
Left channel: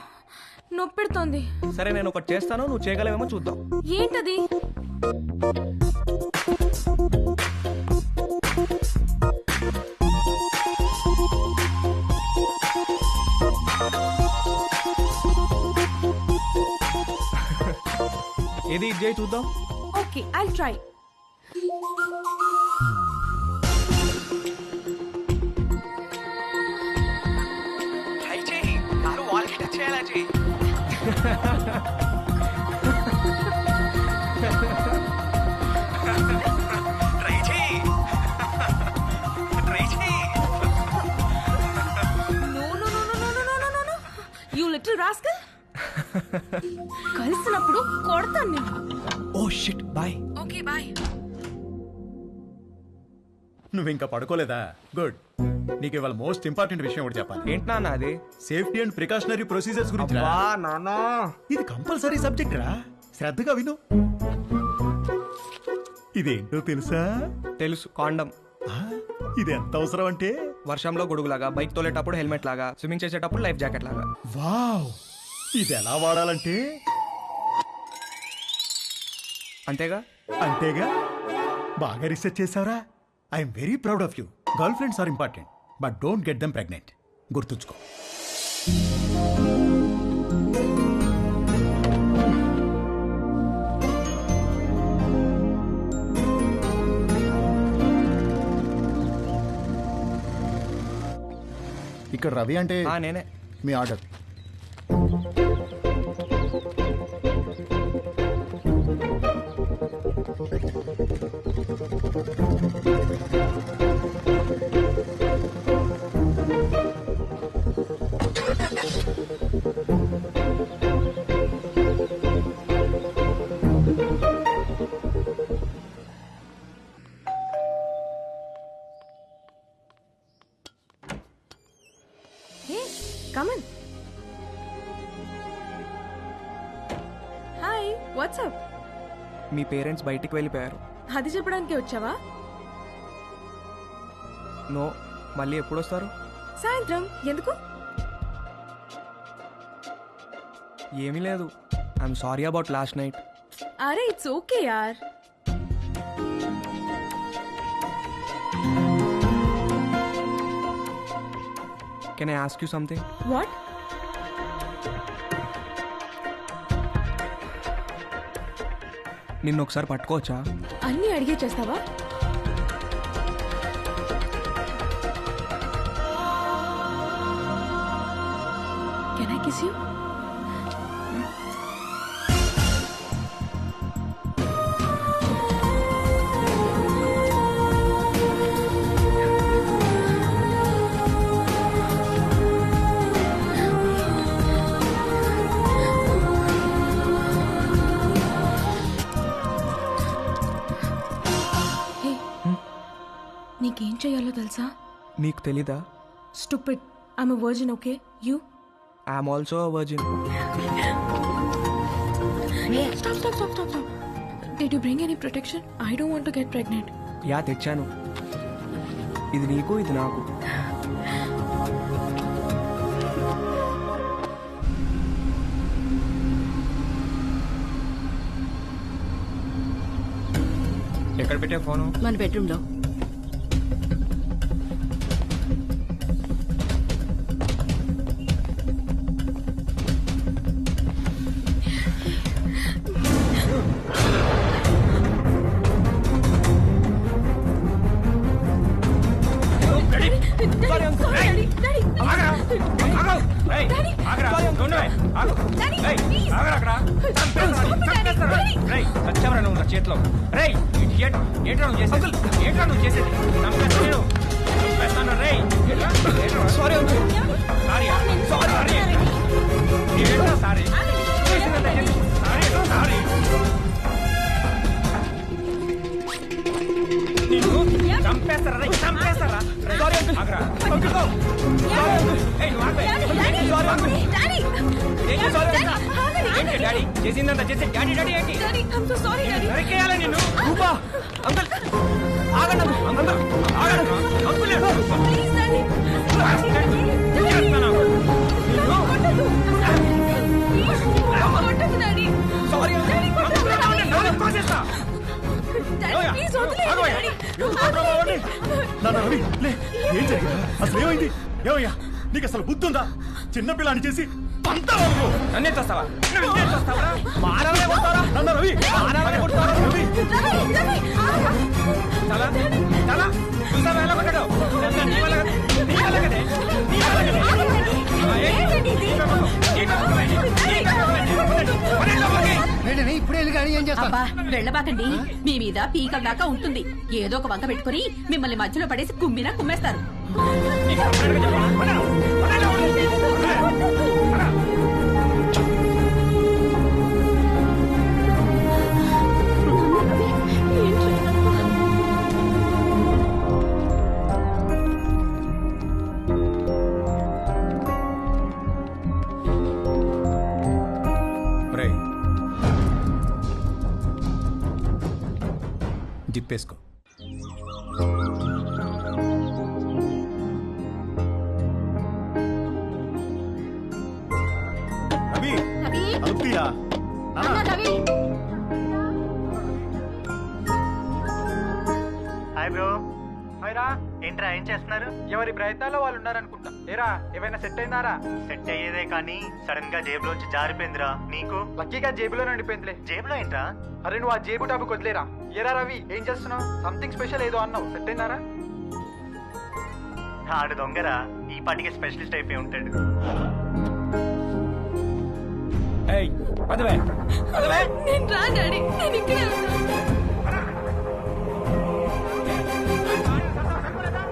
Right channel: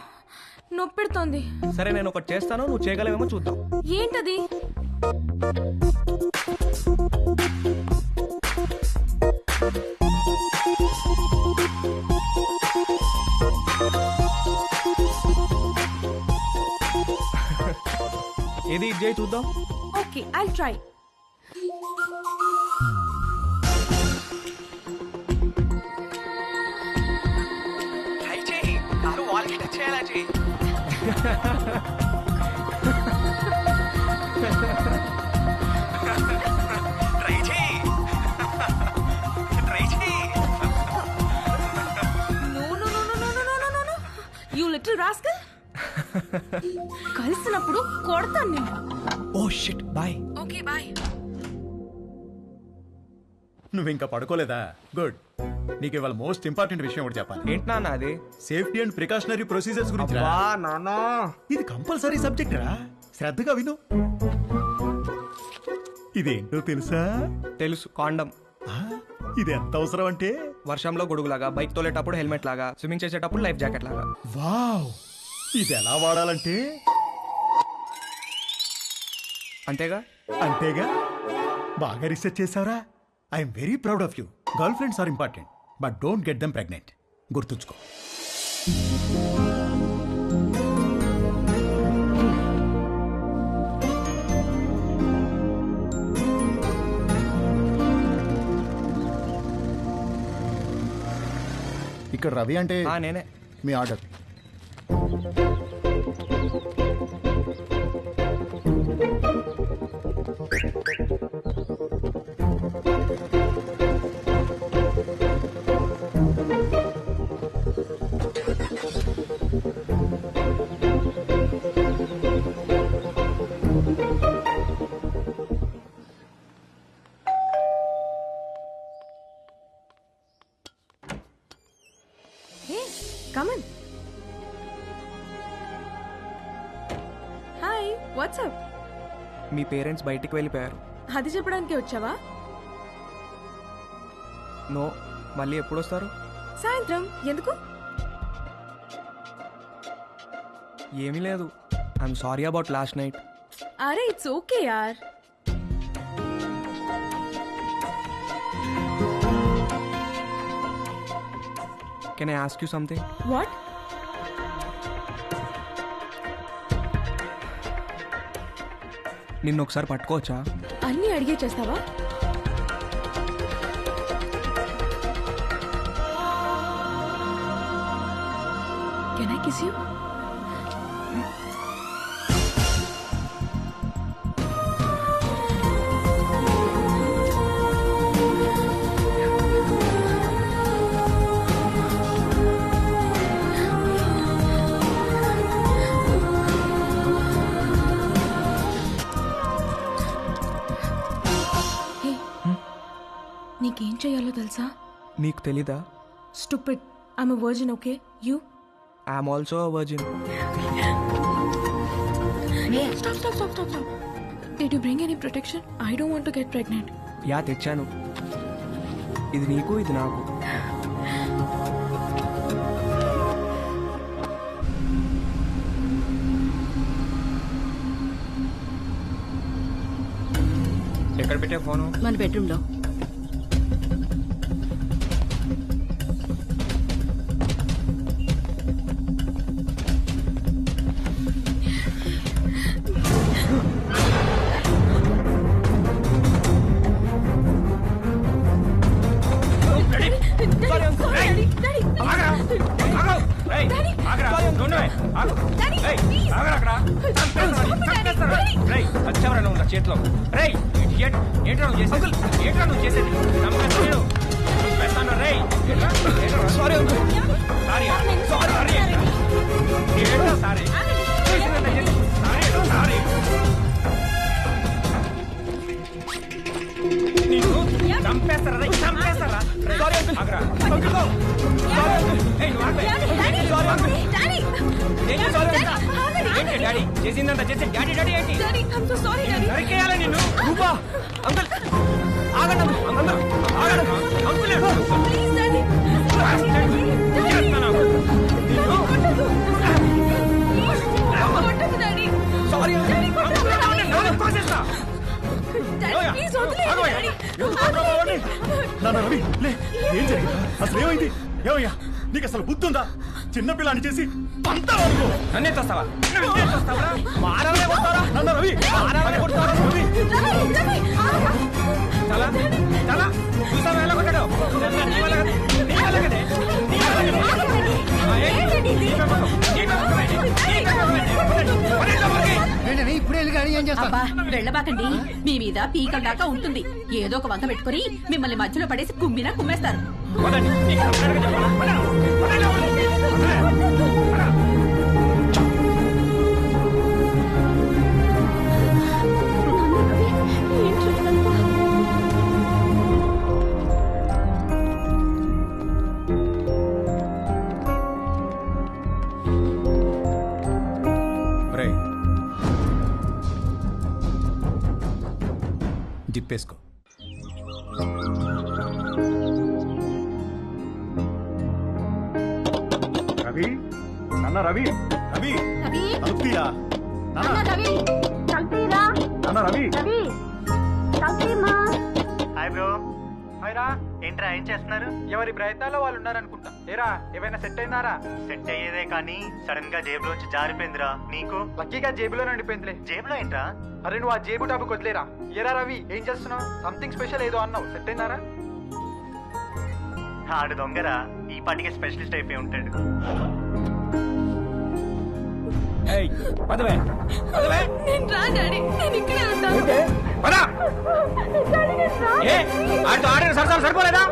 నొప్పెడుతోంది. సరే నేను ఒకటి చేస్తాను, నువ్వు చేయగలవేమో చూద్దాం. ఏంటది? ఏది ఇది చేయి చూద్దాం. Okay I'll try. ట్రై చేయి, కారు వాల్కి టచ్ చేయాలా చేయి. ట్రై చేయి, ట్రై చేయి. No no no no no no no no no, you little rascal. కలిసినప్పుడు కొడతాను నేను. Oh shit, bye. Okay bye. నువ్వు ఇంకా పడుకోలేదా? గుడ్. నీకు ఇవాళ మోస్ట్ ఇంపార్టెంట్ విషయం ఒకటి చెప్పాలి. ఏంటి నాన్న అది? సేఫ్టీ అండ్ ప్రికాషనరీ ప్రొసీజర్స్ గురించి. నాన్న, ఇది కంపల్సరీ సబ్జెక్ట్ రా, శ్రద్ధగా విను. ఇదేంటో తెలుసా? తెలుసు, కాండం. ఇది ఎంత అవసరం అంటే, వర్షంలో గొడుగులాగా, బైక్ తోలేటప్పుడు హెల్మెట్ లాగా, స్విమ్మింగ్ చేసేటప్పుడు లైఫ్ జాకెట్ లాగా. వావ్, ఇది ఎలా వాడాలంటే అంతేగా? అంతేగా. బాగా రీసెర్చ్ చేసావురా. I'm very proud of you. Girl friends are important, but don't get them pregnant. గుర్తుంచుకో. ఇక్కడ రవి అంటే నేనే. మీ order. Hey come on. Hi what's up. మీ పేరెంట్స్ బయటికి వెళ్ళిపోయారు. అది చెప్పడానికి వచ్చావా? నో, మళ్ళీ ఎప్పుడు వస్తారు? సాయంత్రం. ఎందుకు? ఏమీ లేదు. I'm sorry about last night. అరే ఇట్స్ ఓకే యార్. Can I ask you something? What? నిన్ను ఒకసారి పట్టుకోవచ్చా? అన్నీ అడిగే చేస్తావా? Can I kiss you? Hey, నీకేం చెయ్యాలో తెలుసా? నీకు తెలీదా? Stupid. I'm a virgin. Okay, you? I'm also a virgin. Stop. Did you bring any protection? I don't want to get pregnant. Yeah, తెచ్చాను. ఇది నీకు, ఇది నాకు. ఎక్కడ పెట్టే ఫోను? మన బెడ్రూమ్ లో. వచ్చావరా నువ్వు నా చేతిలో? రేయ్ ఏంట్రా నువ్వు చేసేది? చంపేస్తాను రే. Sorry uncle. సారీ ఏంట్రా సారీ? సారీ నిన్ను చంపేస్తారా? చంపేస్తారా? Sorry uncle. ఆగరా అంకుల్. Sorry uncle. నువ్వు ఆగవే. Sorry uncle. ఏంటి డాడీ చేసిందంతా చేసి డాడీ ఏంటి? Sorry, నరికేయాలా నిన్ను? రూపా అంకుల్ ఆగండి అంకుల్. Uncle Please, Daddy. కొట్టదు డాడీ. సారీ నాన్న రవి లే, ఏం జరిగిందా? అసలు ఏమైంది? ఏమయ్యా నీకు అసలు బుద్ధి ఉందా? చిన్నపిల్లని చేసి పంతావా నువ్వు? నన్నే చూస్తావా? మానవనే కొడతారా? నాన్న రవి, మానవనే కొడతారా? రవి చాలా చూసావా ఎలా కొట్టాడు? ఇదంతా నీ వల్ల కదే. ఇప్పుడే వెళ్ళి గానీ ఏం చేస్తా? అబ్బా వెళ్ళబాకండి. మీ మీద పీకల దాకా ఉంటుంది. ఏదో ఒక వంక పెట్టుకుని మిమ్మల్ని మధ్యలో పడేసి కుమ్మినా కుమ్మేస్తారు. నాన్న రవి, ఏంట్రా ఇదంతా? జిప్పేసుకో. రవి నాన్న రవి రవి రవి, తలుపుతీయా? నాన్న రవి, తలుపుతీరా. నాన్న రవి. రవి, తలుపుతీమా. Hi bro. హాయ్ రా. ఏంట్రా ఏం చేస్తున్నారు? ఎవరి ప్రయత్నాల్లో వాళ్ళు ఉన్నారనుకుంటా. ఏరా ఏమైనా సెట్ అయిందారా? సెట్ అయ్యేదే కానీ సడన్ గా జేబులోంచి జారిపోయిందిరా. నీకు? లక్కీగా జేబులో నడిపోయిందిలే. జేబులో ఏంట్రా? అరే నువ్వు ఆ జేబు టాపిక్ వదిలేరా. ఏరా రవి ఏం చేస్తున్నావు? సంథింగ్ స్పెషల్ ఏదో అన్నావు. సెట్ అయిందారా? ఆడు దొంగరా, ఈ పాటికి స్పెషలిస్ట్ అయిపోయి ఉంటాడు. నేను రా డాడీ, నేను ఇక్కడే ఉంటాను. సరిపోలేదా?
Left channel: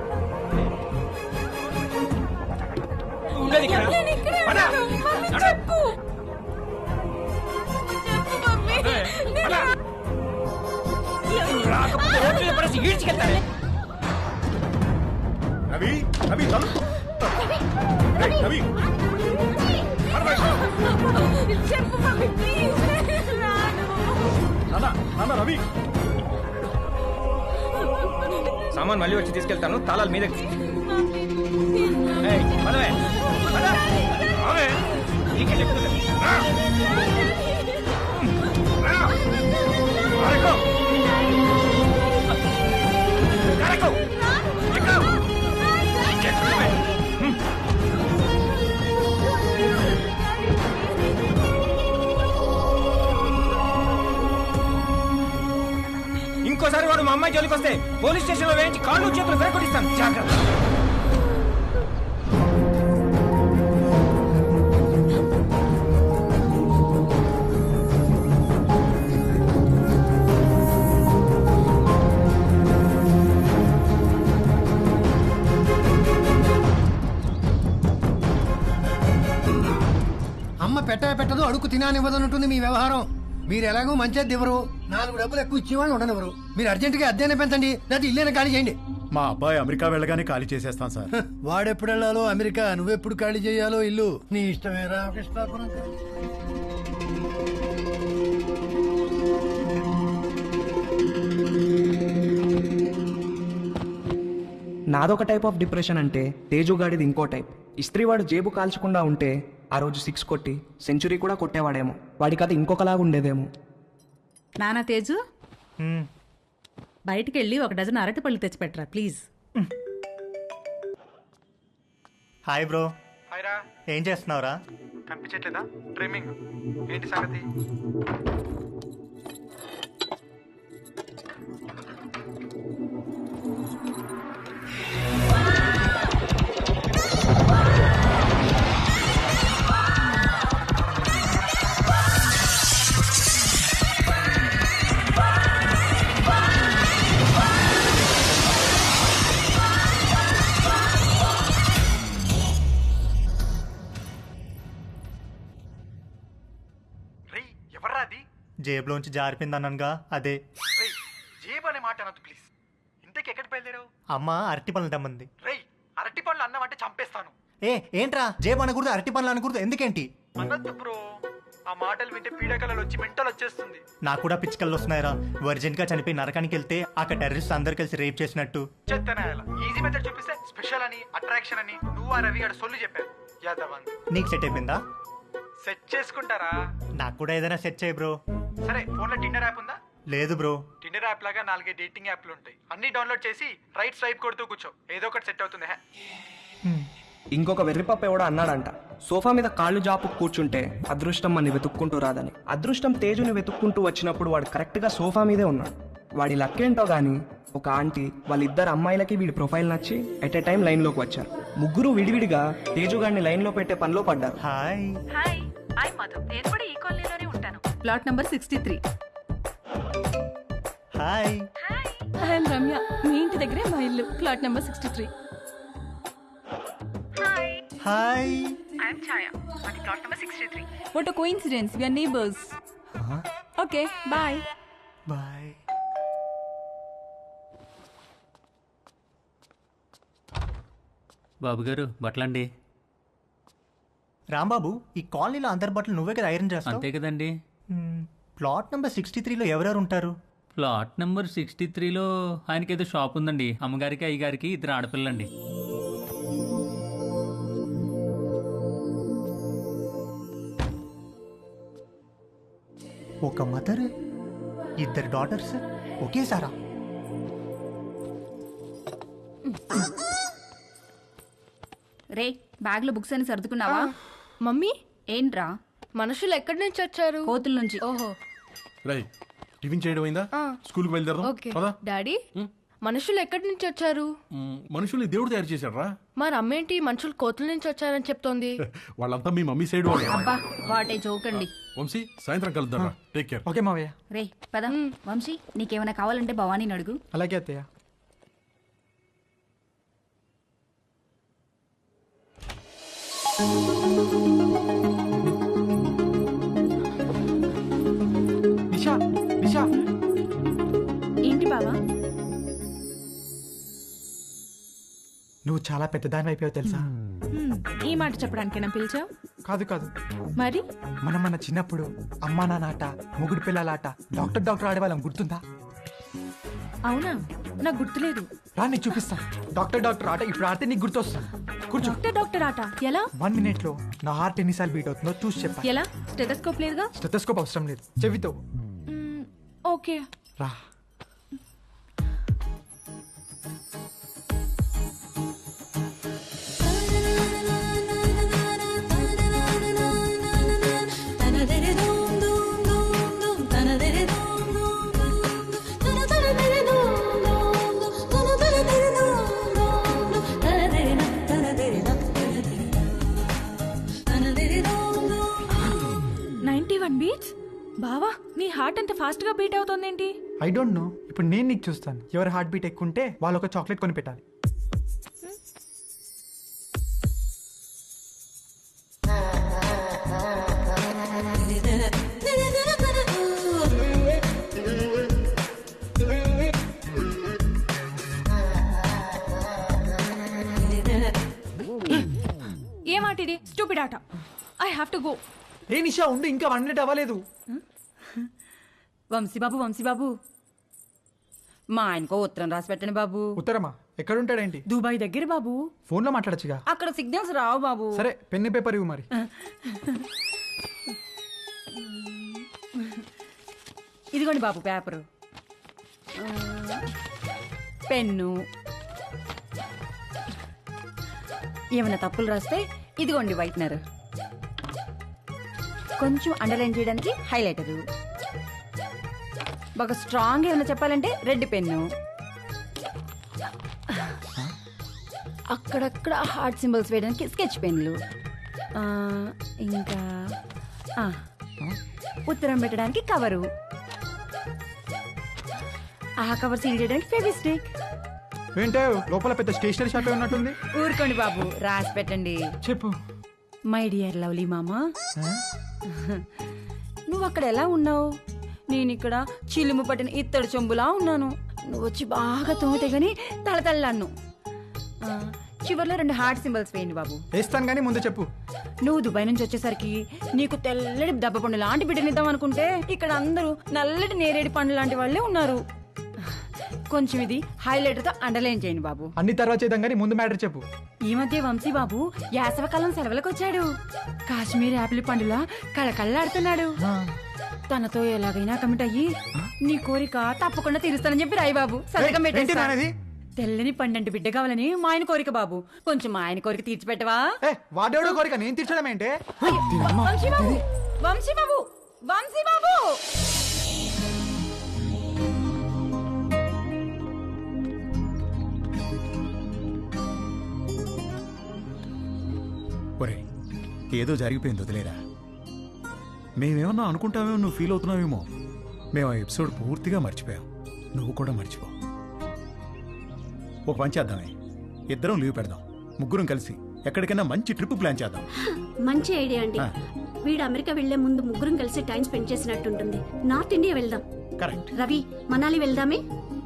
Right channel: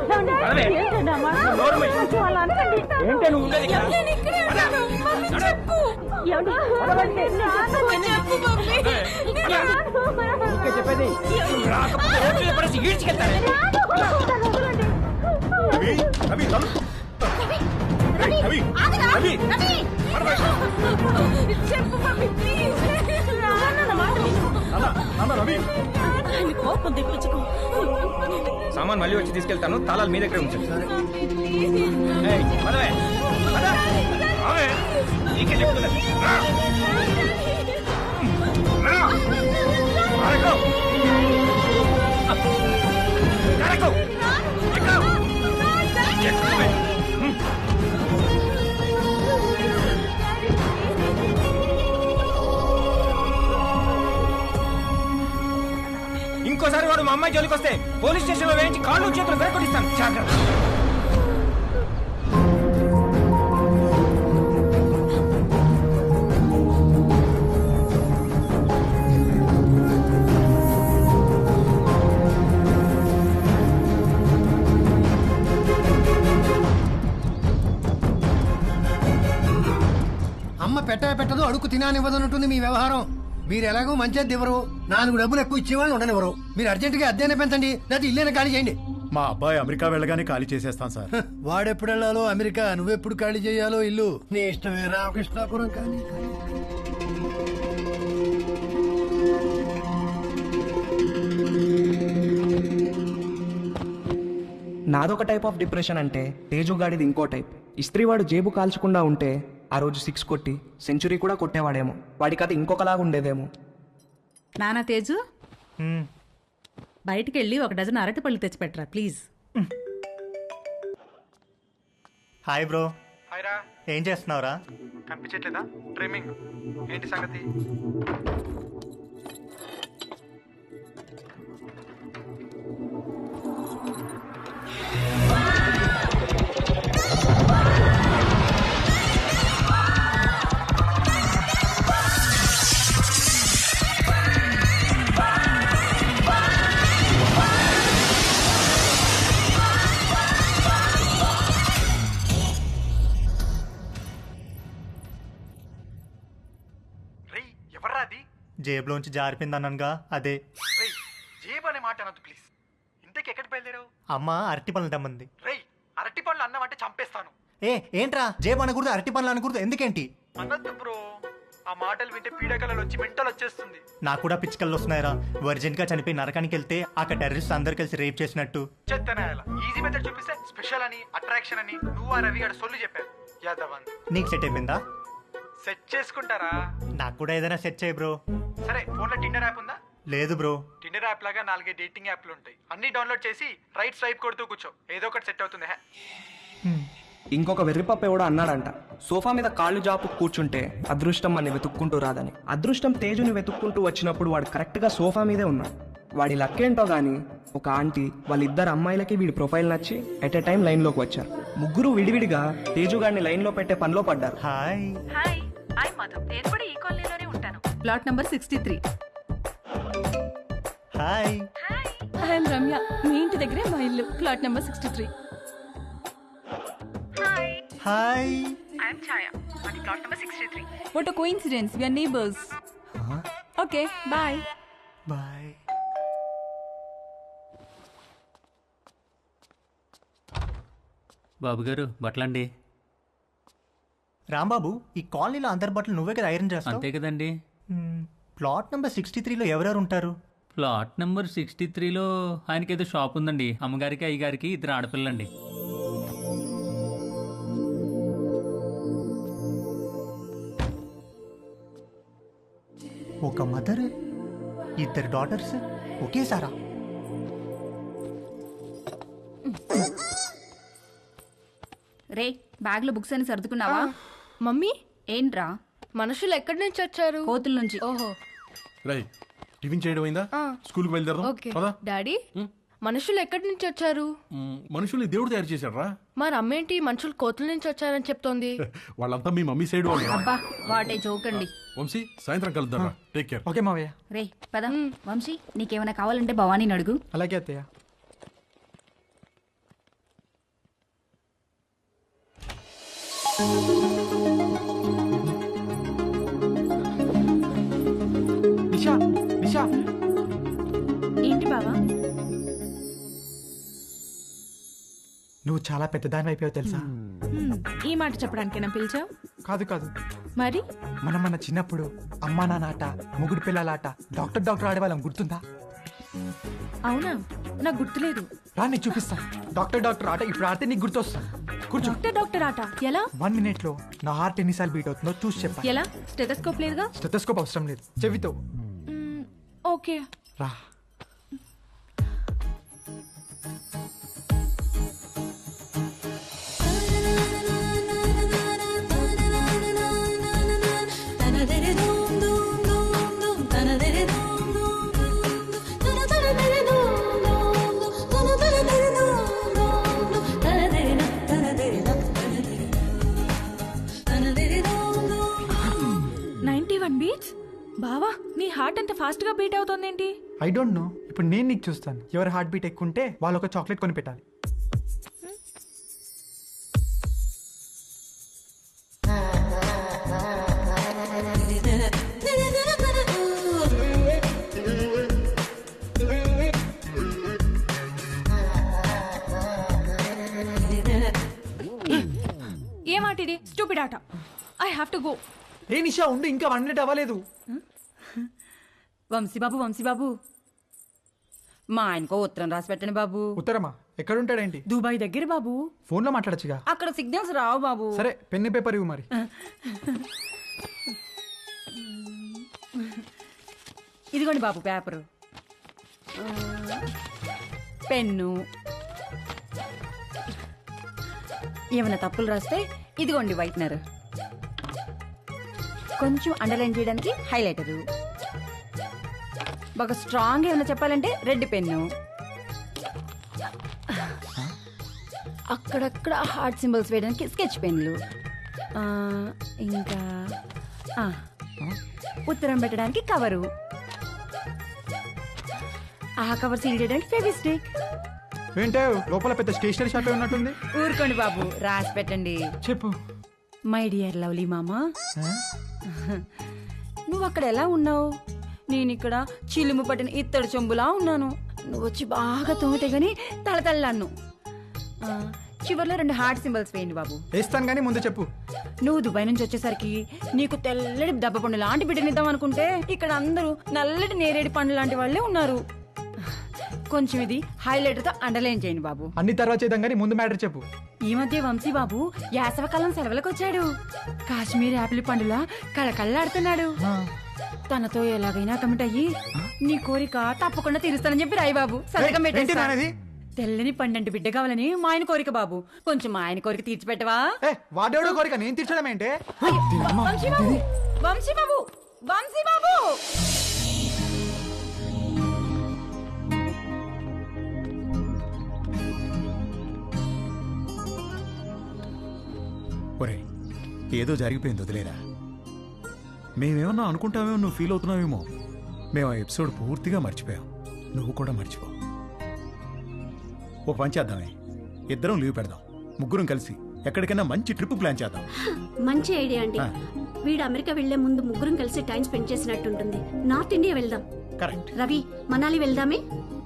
ఏంటే నువ్వు ఉండేది ఇక్కడ? నేను ఇక్కడే ఉంటాను. మమ్మీ చెప్పు. చెప్పు మమ్మీ. చెప్పేది రాకపోతే రోడ్డు మీద పడేసి ఈడ్చుకెళ్తానే. రవి రవి తలు రవి రవి రవి చెప్పు మమ్మీ ప్లీజ్. నాన్న రవి సామాన్ మళ్ళీ వచ్చి తీసుకెళ్తాను, తాళాలు మీ దగ్గర ఉంచండి. పదవే పద. ఇంకోసారి వాడు మా అమ్మాయి జోలికి వస్తే పోలీస్ స్టేషన్ లో వేయించి కాళ్ళు చేతులు విరగొట్టిస్తాను, జాగ్రత్త. అమ్మ పెట్టదు అడుగు తినానివ్వదన్నట్టుంది మీ వ్యవహారం. మీరు ఎలాగో మంచిది ఇవ్వరు, 4 డబ్బులు ఎక్కువ ఇచ్చేవాళ్ళు ఉండనివ్వరు. మీరు అర్జెంటుగా అద్దెనే పెంచండి, లేదా ఇల్లేనే ఖాళీ చేయండి. మా అబ్బాయి అమెరికా వెళ్ళగానే ఖాళీ చేసేస్తాం సార్. వాడెప్పుడు వెళ్ళాలో అమెరికా, నువ్వెప్పుడు ఖాళీ చేయాలో ఇల్లు నీ ఇష్టమే. రామకృష్ణాపురం ఖాళీ. నాదొక టైప్ ఆఫ్ డిప్రెషన్ అంటే తేజుగాడిది ఇంకో టైప్. ఇస్త్రీవాడు జేబు కాల్చకుండా ఉంటే ఆ రోజు 6 కొట్టి సెంచరీ కూడా కొట్టేవాడేమో. వాడి కథ ఇంకొకలాగా ఉండేదేమో. నానా తేజు, బయటికి వెళ్ళి 1 డజన్ అరటిపళ్ళు తెచ్చిపెట్టరా ప్లీజ్. Hi bro. హాయ్ రా. ఏం చేస్తున్నావురా? కనిపించట్లేదా? ట్రిమ్మింగ్. ఏంటి సంగతి? జేబులోంచి జారిపోయిందనగా అదే. జేబు అనే మాట అనొద్దు ప్లీజ్. ఇంతకి ఎక్కడికి బయలుదేరావు? అమ్మ అరటి పనులు తెమ్మంది. అరటి పనులు అన్నమంటే చంపేస్తాను. ఏంట్రా జేబు అనకూడదు, అరటి పనులు అనకూడదు, ఎందుకేంటి? అనొద్దు బ్రో, ఆ మాటలు వింటే పీడకలలు వచ్చి మెంటల్ వచ్చేస్తుంది. నాకు కూడా పిచ్చికల్లు వస్తున్నాయిరా. వర్జిన్ గా చనిపోయి నరకానికి వెళ్తే అక్కడ టెర్రరిస్ట్ అందరు కలిసి రేప్ చేసినట్టు. చెత్తనాయాల ఈజీ మెథడ్ చూపిస్తే స్పెషల్ అని, అట్రాక్షన్ అని నువ్వు ఆ రవి గారు సొల్లు చెప్పారు. యాదవ్ నీకు సెట్ అయిపోయిందా? సెట్ చేసుకుంటారా? నాకు కూడా ఏదైనా సెట్ చేయి బ్రో. సరే, ఫోన్ లో టిండర్ యాప్ ఉందా? లేదు బ్రో. టిండర్ యాప్ లాగా 4 డేటింగ్ యాప్లు ఉంటాయి. అన్ని డౌన్లోడ్ చేసి రైట్ స్వైప్ కొడుతూ కూర్చో, ఏదో ఒకటి సెట్ అవుతుంది. ఇంకొక వెర్రిపప్ప ఎవడో అన్నాడంట, సోఫా మీద కాళ్ళు జాపు కూర్చుంటే అదృష్టం అని వెతుక్కుంటూ రాదని. అదృష్టం తేజుని వెతుక్కుంటూ వచ్చినప్పుడు వాడు కరెక్ట్గా సోఫా మీదే ఉన్నాడు. వాడి లక్కేంటో గానీ ఒక ఆంటీ వాళ్ళిద్దరు అమ్మాయిలకి వీడి ప్రొఫైల్ నచ్చి ఎట్ ఎ టైం లైన్లోకి వచ్చారు. ముగ్గురు విడివిడిగా తేజుగాడిని లైన్లో పెట్టే పనిలో పడ్డారు. హాయ్ ఐ మధు, నేను కూడా ఈ కాలనీలోనే ఉంటాను. Plot number 63. Hi I'm Ramya, మీ ఇంటి దగ్గరే మా ఇల్లు, plot number 63. Hi I'm Chhaya, మాది plot number 63. What a coincidence, we are neighbours. Okay bye. Bye. బాబు గారు బట్టలండి. రాంబాబు, ఈ కాలనీలో అందరి బట్టలు నువ్వే కదా ఐరన్ చేస్తావు? అంతే కదండి. ప్లాట్ నెంబర్ 63లో ఎవరెవరు ఉంటారు? ప్లాట్ నెంబర్ 63లో ఆయనకి ఏదో షాప్ ఉందండి. అమ్మగారికి అయ్యగారికి 2 ఆడపిల్లండి. ఒక మదర్, 2 డాటర్స్ ఒకేసారా? రే, బ్యాగ్ లో బుక్స్ అని సర్దుకున్నావా? మమ్మీ ఏంట్రా? మనుషులు ఎక్కడి నుంచి వచ్చారు? కోతుల నుంచి. ఓహో. రై టిఫిన్ చేయడం అయిందా? స్కూల్కి బయలుదేరదాం. ఓకే పదా. డాడీ మనుషులు ఎక్కడి నుంచి వచ్చారు? మనుషుల్ని దేవుడు తయారు చేశాడు రా. మరి అమ్మేంటి మనుషులు కోతుల నుంచి వచ్చారని చెప్తోంది? వాళ్ళంతా మీ మమ్మీ సైడ్ వాళ్ళు రా. అబ్బా వాటే చూకండి. వంశీ సాయంత్రం కలుద్దాం రా. Take care. ఓకే మావయ్య. రే పద. వంశీ నీకేమైనా కావాలంటే భవానీని అడుగు. అలాగే అత్తయ్య. నిషా నిషా ఏంటి బావా? నువ్వు చాలా పెద్దదాని అయిపోయావు తెలుసా? ఈ మాట చెప్పడానికేనా పిలిచావు? కాదు కాదు, మరి మనం మన చిన్నప్పుడు అమ్మా నాన్న ఆట, మొగుడు పిల్లలాట, డాక్టర్ ఆడేవాళ్ళం, గుర్తుందా? అవునా, నాకు గుర్తులేదు. రా నీకు చూపిస్తా. డాక్టర్ ఆట ఇప్పుడు ఆడితే నీకు గుర్తొస్తా. కూర్చో. డాక్టర్ ఆట ఎలా? 1 minute లో నా హార్ట్ ఎన్నిసార్లు బీట్ అవుతుందో చూసి చెప్పాలి. ఎలా? స్టెథోస్కోప్ లేదుగా? స్టెథోస్కోప్ అవసరం లేదు, చెవితో. ఓకే రా. బీట్స్. బావా నీ హార్ట్ అంత ఫాస్ట్ గా బీట్ అవుతోందేంటి? I don't know. ఇప్పుడు నేను నీకు చూస్తాను. ఎవరి హార్ట్ బీట్ ఎక్కువ ఉంటే వాళ్ళు ఒక చాక్లెట్ కొని పెట్టాలి. ఏ మాట ఇది? స్టూపిడ్ ఆట. I have to go. ఏ నిషా ఉండు, ఇంకా 1 minute అవ్వలేదు. వంశీబాబు మా ఆయనకో ఉత్తరం రాసి పెట్టండి బాబు. ఉత్తరమా? ఎక్కడుంటాడేంటి? దుబాయ్ దగ్గర బాబు. ఫోన్ లో మాట్లాడచ్చుగా. అక్కడ సిగ్నల్స్ రావు బాబు. సరే పెన్ను పేపర్ ఇవ్వు మరి. ఇదిగోండి బాబు పేపరు, పెన్ను. ఏమైనా తప్పులు రాస్తే ఇదిగోండి వైట్నర్, కొంచెం అండర్లైన్ చేయడానికి హైలైటరు, బాగా స్ట్రాంగ్ ఏమైనా చెప్పాలంటే రెడ్ పెన్ను, అక్కడక్కడ హార్ట్ సింబల్స్ వేయడానికి స్కెచ్ పెన్లు, ఇంకా ఉత్తరం పెట్టడానికి కవరు, ఆ కవర్ సీల్ చేయడానికి ఫెవిస్టిక్. ఏంటో లోపల పెద్ద స్టేషనరీ షాప్ ఉన్నట్టుంది. ఊరుకోండి బాబు, రాసి పెట్టండి. చెప్పు. మై డియర్ లవ్లీ మామా, నువ్వు అక్కడ ఎలా ఉన్నావు? నేను ఇక్కడ చిలుము పట్టిన ఇత్తడి చెంబులా ఉన్నాను. నువ్వు వచ్చి బాగా తోమితే గాని తలతల్లాను. చివర్లో 2 హార్ట్ సింబల్స్ వేయండి బాబు. వేస్తాను కానీ ముందు చెప్పు. నువ్వు దుబాయ్ నుంచి వచ్చేసరికి నీకు తెల్లటి దెబ్బ పండు లాంటి బిడ్డనిద్దాం అనుకుంటే ఇక్కడ అందరూ నల్లటి నేరేడు పండు లాంటి వాళ్ళే ఉన్నారు. కొంచెం ఇది హైలైటర్ తో అండర్లైన్ చేయండి బాబు. అన్ని తర్వాత చేద్దాం కానీ ముందు మ్యాటర్ చెప్పు. ఈ మధ్య వంశీ బాబు యాసవకాలం సెలవులకు వచ్చాడు. కాశ్మీర్ యాపిల్ పండులా కళకళ్ళాడుతున్నాడు. తనతో ఎలాగైనా కమిట్ అయ్యి నీ కోరిక తప్పకుండా తీరుస్తానని చెప్పి రాయి బాబు. సంతకం పెట్టేస్తా. తెల్లని పండంటి బిడ్డ కావాలని మా ఆయన కోరిక బాబు. కొంచెం మా ఆయన కోరిక తీర్చిపెట్టవా? వాడేవాడో కోరిక నేను తీర్చడం ఏంటే? వంశీ బాబు, వంశీ బాబు, వంశీ బాబు. ఒరే ఏదో జరిగిపోయింది, వదిలేరా. మేమేమన్నా అనుకుంటామేమో, నువ్వు ఫీల్ అవుతున్నావేమో. మేము ఆ ఎపిసోడ్ పూర్తిగా మర్చిపోయాం. నువ్వు కూడా మర్చిపో. ఒక పని చేద్దామే, ఇద్దరం లీవ్ పెడదాం, ముగ్గురం కలిసి ఎక్కడికైనా మంచి ట్రిప్ ప్లాన్ చేద్దాం. మంచి ఐడియా అండి. వీడు అమెరికా వెళ్లే ముందు ముగ్గురం కలిసి టైం స్పెండ్ చేసినట్టుంటుంది. నార్త్ ఇండియా వెళ్దాం. కరెక్ట్. రవి, మనాలి వెళ్దామే.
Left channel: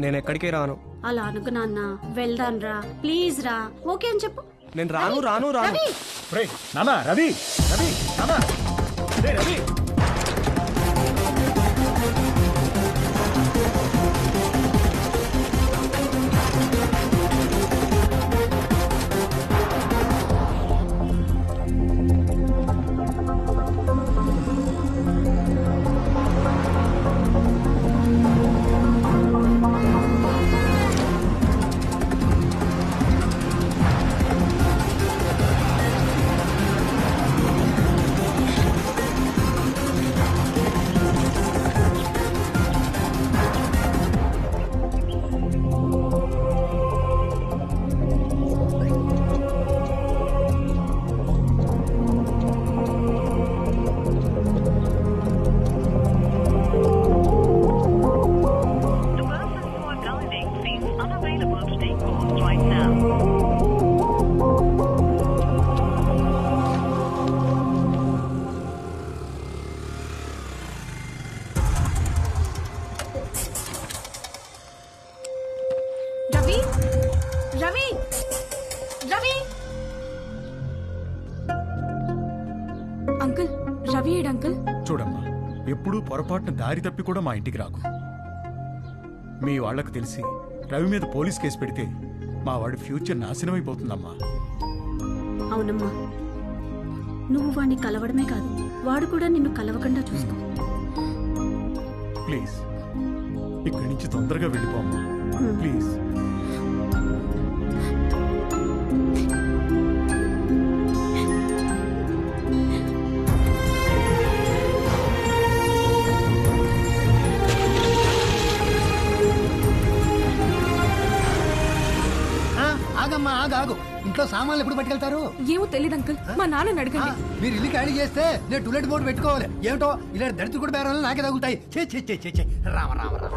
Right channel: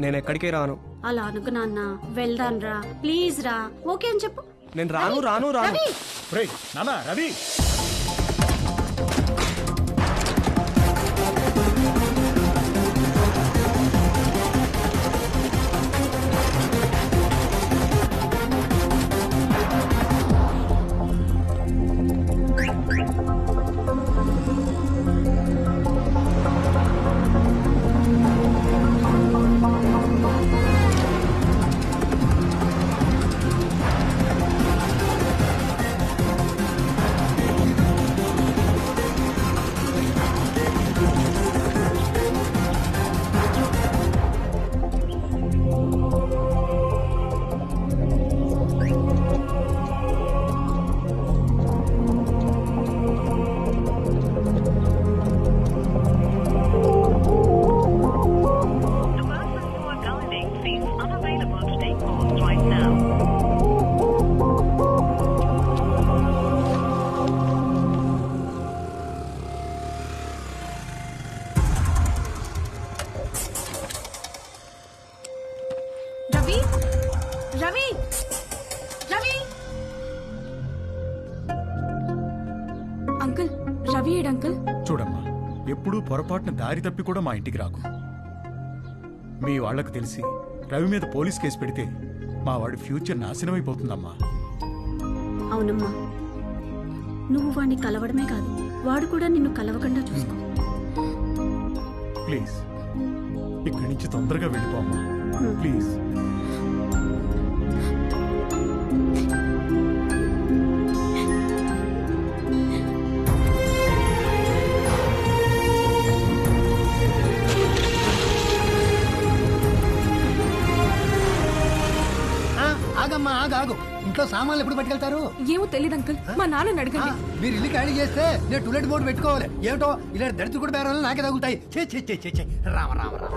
నేను ఎక్కడికి రాను. అలా అనుకు నాన్న. వెళ్దాం రా, ప్లీజ్ రా. ఓకే అని చెప్పు. నేను రాను. రవి నానా, రవి నానా, రవి. రవి రవి రవి అంకుల్ రవి ఏడు అంకుల్. చూడమ్మా, ఎప్పుడూ పొరపాటున దారి తప్పి కూడా మా ఇంటికి రాకు. మీ వాళ్లకు తెలిసి రవి మీద పోలీస్ కేసు పెడితే మా వాడి ఫ్యూచర్ నాశనం అయిపోతుందమ్మా. అవునమ్మా, నువ్వు వాడిని కలవడమే కాదు, వాడు కూడా నిన్ను కలవకుండా చూసుకో. ప్లీజ్ ఇక్కడి నుంచి తొందరగా వెళ్ళిపోమ్మా, ప్లీజ్. ఆగమ్మా, ఆగు. ఇంట్లో సామాన్లు ఎప్పుడు పట్టుకెళ్తారు? ఏమో తెలియదు అంకుల్, మా నాన్నని అడగండి. మీరు ఇల్లు ఖాళీ చేస్తే నేను టూలెట్ బోర్డు పెట్టుకోవాలి. ఏమిటో ఇలా దళితులు కూడా బేరాలు నాకే తగులుతాయి. చే రామ రామ రామ.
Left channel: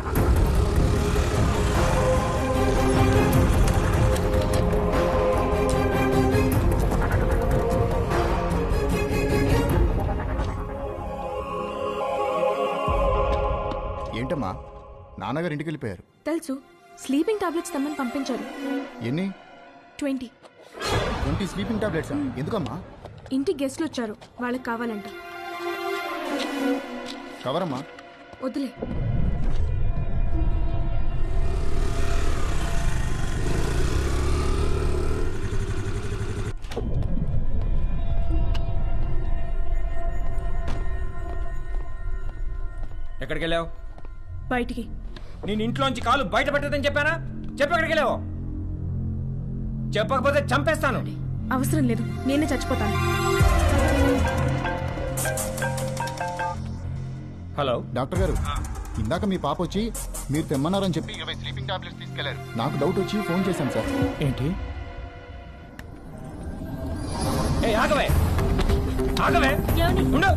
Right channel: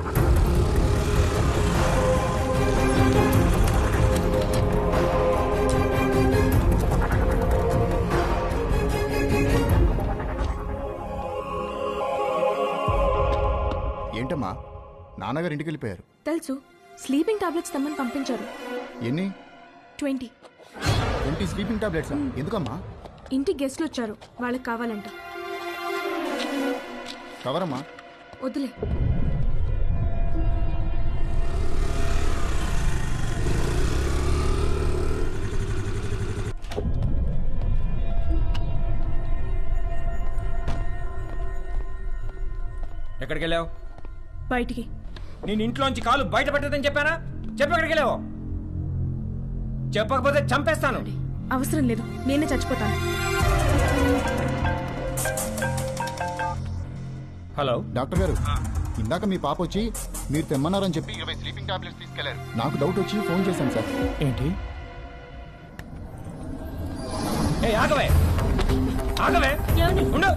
ఏంటమ్మా, నాన్నగారు ఇంటికి వెళ్ళిపోయారు. తెలుసు, స్లీపింగ్ టాబ్లెట్స్ తెమ్మని పంపించారు. ఎన్ని? 20. 20 స్లీపింగ్ టాబ్లెట్సా? ఎందుకమ్మా? ఇంటికి గెస్ట్లు వచ్చారు, వాళ్ళకి కావాలంట. కవరమ్మా. వద్దులే. ఎక్కడికి వెళ్ళావు? బయటికి. నేను ఇంట్లోంచి కాలు బయట పెట్టదని చెప్పానా? చెప్పు, ఎక్కడికి వెళ్ళావు? చెప్పకపోతే చంపేస్తాను. అవసరం లేదు, నేనే చచ్చిపోతాను. హలో డాక్టర్ గారు, ఇందాక మీ పాప వచ్చి మీరు తెమ్మన్నారని చెప్పి 20 స్లీపింగ్ టాబ్లెట్స్ తీసుకెళ్లారు. నాకు డౌట్ వచ్చి ఫోన్ చేశాను సార్. ఏంటి? ఆగవే ఉండు.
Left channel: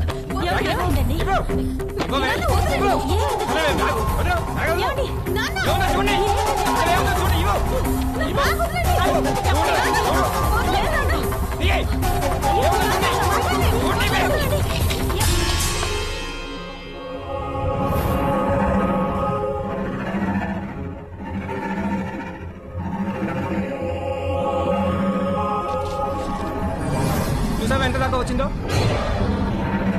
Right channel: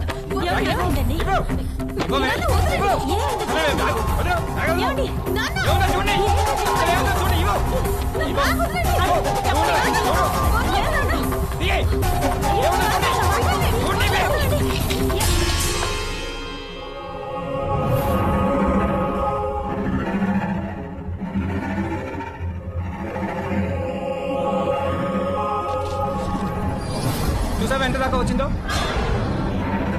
చూసావా ఎంత దాకా వచ్చిందో?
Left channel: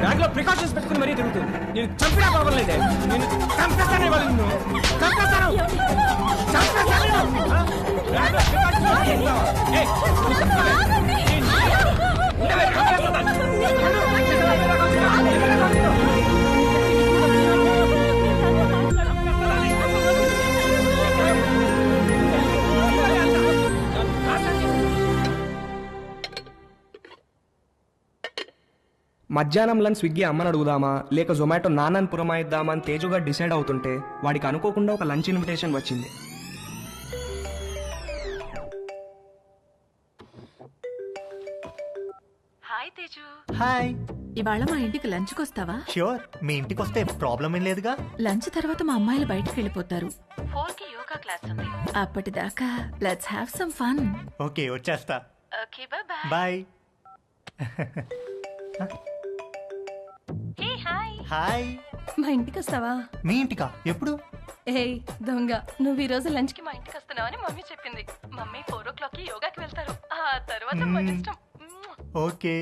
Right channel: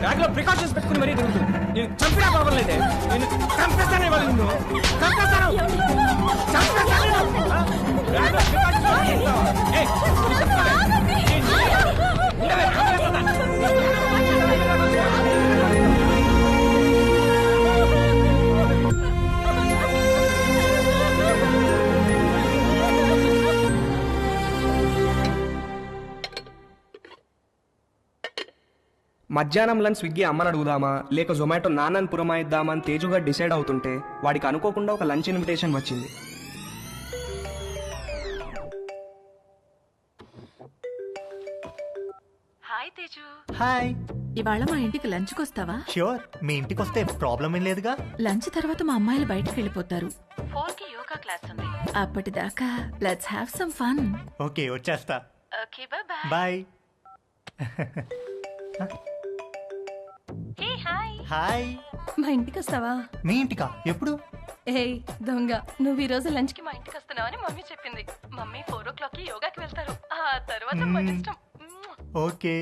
బ్యాగ్ లో ప్రికాషన్స్ పెట్టుకుని మరీ తిరుగుతుంది. నేను చంపినా పర్వాలేదే, నేను చంపేస్తాను. ఇవాళ నిన్ను చంపేస్తాను. మధ్యాహ్నం లంచ్ స్విగ్గీ అమ్మని అడుగుదామా లేక జొమాటో నాన్నని పురమాయిద్దామా అని తేజుగా డిసైడ్ అవుతుంటే వాడికి అనుకోకుండా ఒక లంచ్ ఇన్విటేషన్ వచ్చింది. హాయ్ తేజు. హాయ్. ఇవాళ మా ఇంటికి లంచ్కి వస్తావా? ష్యూర్, మీ ఇంటికి వస్తే ప్రాబ్లం ఏం లేదుగా. లంచ్ తర్వాత మా అమ్మాయిలు బయటకు వెళ్ళిపోతారు. 4కి యోగా క్లాస్ ఉంది. అప్పటిదాకా let's have some fun. Okay, వచ్చేస్తా. Okay, bye bye. Hey hi. Hi. మా ఇంటికి వస్తావా? మీ ఇంటికా? ఎప్పుడు? ఏయ్ దొంగ, నువ్వు ఈ రోజు లంచ్ కి మా ఇంటికి వస్తున్నావని మమ్మీ చెప్పింది. మమ్మీ 4 o'clock యోగాకి వెళ్తారు. ఆ తర్వాత మన ఇష్టం. Okay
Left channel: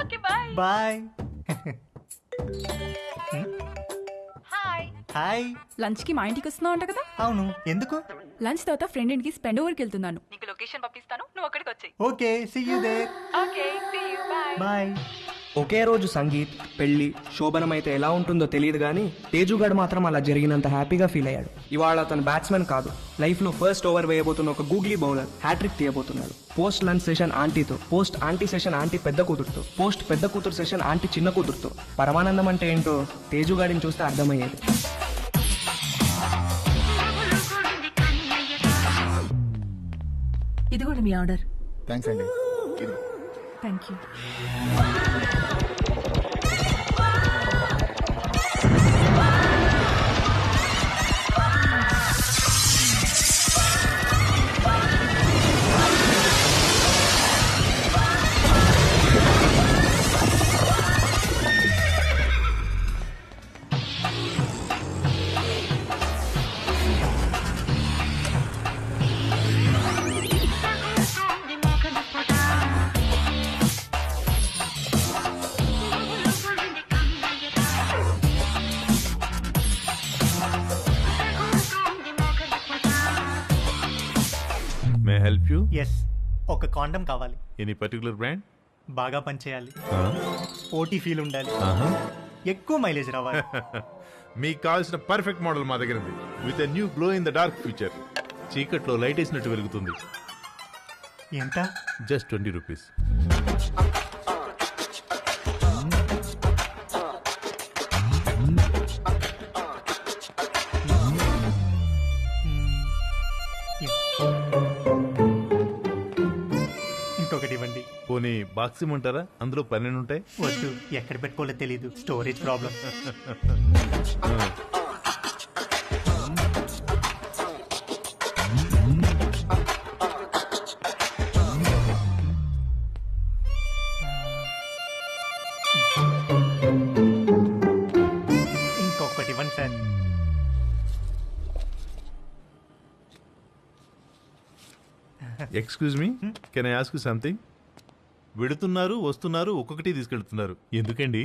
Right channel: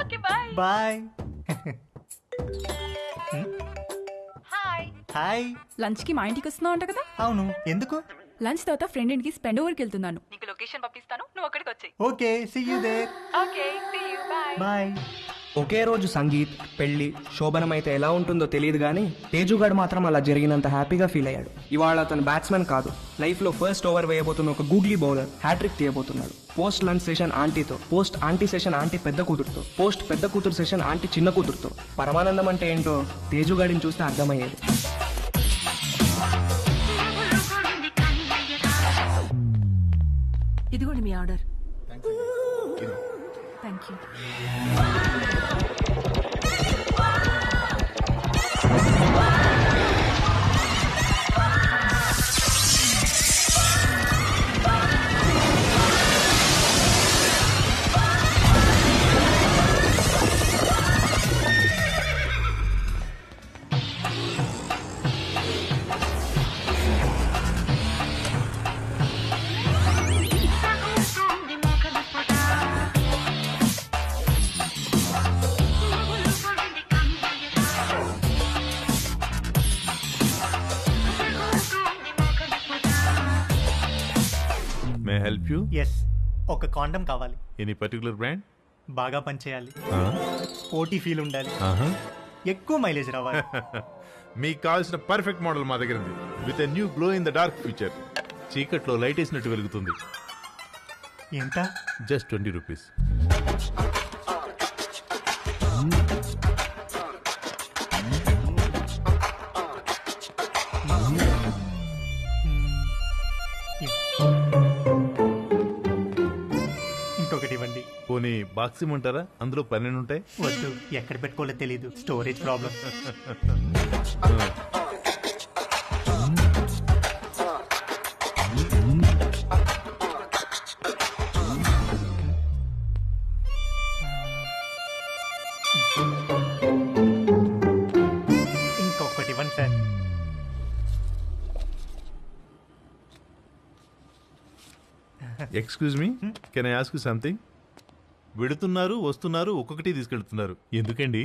okay, bye bye. Hi. Hi. Lunch కి మా ఇంటికి వస్తున్నావు అంట కదా? అవును, ఎందుకు? లంచ్ తర్వాత ఫ్రెండ్ ఇంటికి స్పెండ్ ఓవర్కి వెళ్తున్నాను. నీకు లొకేషన్ పంపిస్తాను, నువ్వు అక్కడికి వచ్చేయ్. Okay, see you there. Okay, see you, bye bye. ఒకే రోజు సంగీత్, పెళ్లి, శోభనం అయితే ఎలా ఉంటుందో తెలియదు కానీ తేజుగాడు మాత్రం అలా జరిగినంత హ్యాపీగా ఫీల్ అయ్యాడు. ఇవాళ అతను బ్యాట్స్మెన్ కాదు, లైఫ్లో ఫస్ట్ ఓవర్ వేయబోతున్న ఒక గూగ్లీ బౌలర్ హ్యాట్రిక్ తీయబోతున్నాడు. పోస్ట్ లంచ్ సెషన్ ఆంటీతో, పోస్ట్ ఆంటీ సెషన్ ఆంటీ పెద్ద కూతురుతో, పోస్ట్ పెద్ద కూతురు సెషన్ ఆంటీ చిన్న కూతురుతో. పరమానందం అంటే ఏంటో తేజుగాడిని చూస్తే అర్థమయ్యేది. ఇదిగోండి మీ ఆర్డర్. థ్యాంక్స్ అండి. ఇదిగో. Thank you. May help you? Yes, ఒక కాండం కావాలి. Any particular brand? బాగా పనిచేయాలి, స్పోర్టీ ఫీల్ ఉండాలి, ఎక్కువ మైలేజ్ రావాలి. మీకు కావాల్సిన పర్ఫెక్ట్ మోడల్ మా దగ్గర ఉంది. With a new glow in the dark future. చీకట్లో లైట్ వేసినట్టు వెలుగుతుంది. ఎంత? Just 20 rupees. ఇంకొకటి ఇవ్వండి. పోనీ బాక్స్ ఇమ్మంటారా? అందులో 12 ఉంటాయి. వద్దు, ఎక్కడ పెట్టుకోవాలో తెలీదు, స్టోరేజ్ ప్రాబ్లం. ఇంకొకటి ఇవ్వండి sir. Excuse me, can I ask you something? వెడుతున్నారు, వస్తున్నారు, ఒక్కొక్కటి తీసుకెళ్తున్నారు, ఎందుకండి?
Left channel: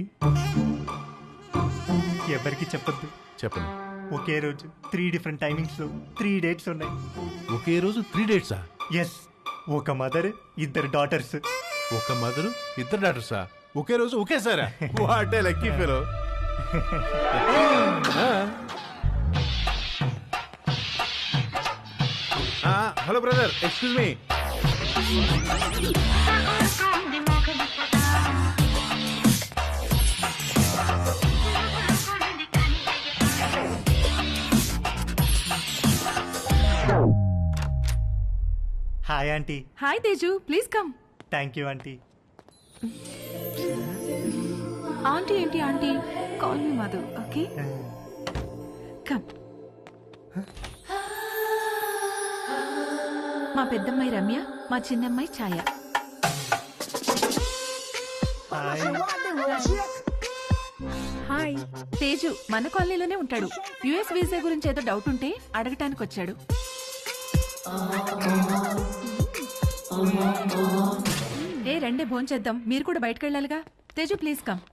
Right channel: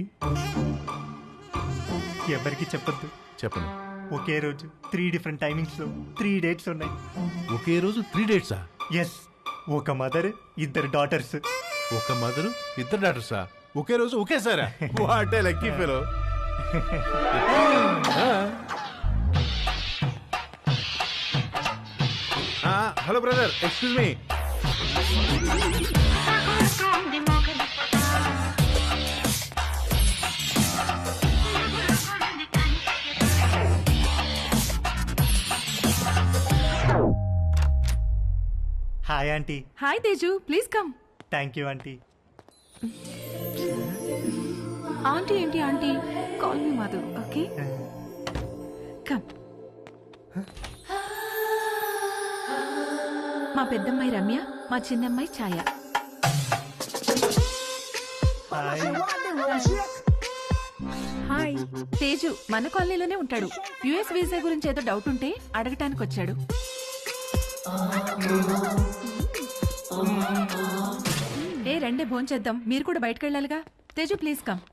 ఎవరికి చెప్పొద్దు. చెప్పను. ఒకే రోజు 3 డిఫరెంట్ టైమింగ్స్ లో 3 డేట్స్ ఉన్నాయి. ఒకే రోజు 3 డేట్సా? ఎస్, ఒక మదర్, 2 డాటర్స్. ఒక మదరు, 2 డాటర్సా? ఒకే రోజు ఒకేసారా? What a lucky fellow. Hello brother, excuse me. Hi aunty. Hi Teju, please come. Thank you aunty. Aunty ఏంటి aunty? Call me Madhu, okay? Come. మా పెద్దమ్మాయి రమ్య, మా చిన్నమ్మాయి Chhaya. Hi. Hi. Hi. Teju మన కాలనీలోనే ఉంటాడు. యుఎస్ వీసా గురించి ఏదో డౌట్ ఉంటే అడగటానికి వచ్చాడు. ఏ రండే భోంచేద్దాం, మీరు కూడా బయటకు వెళ్ళాలిగా. Teju please come.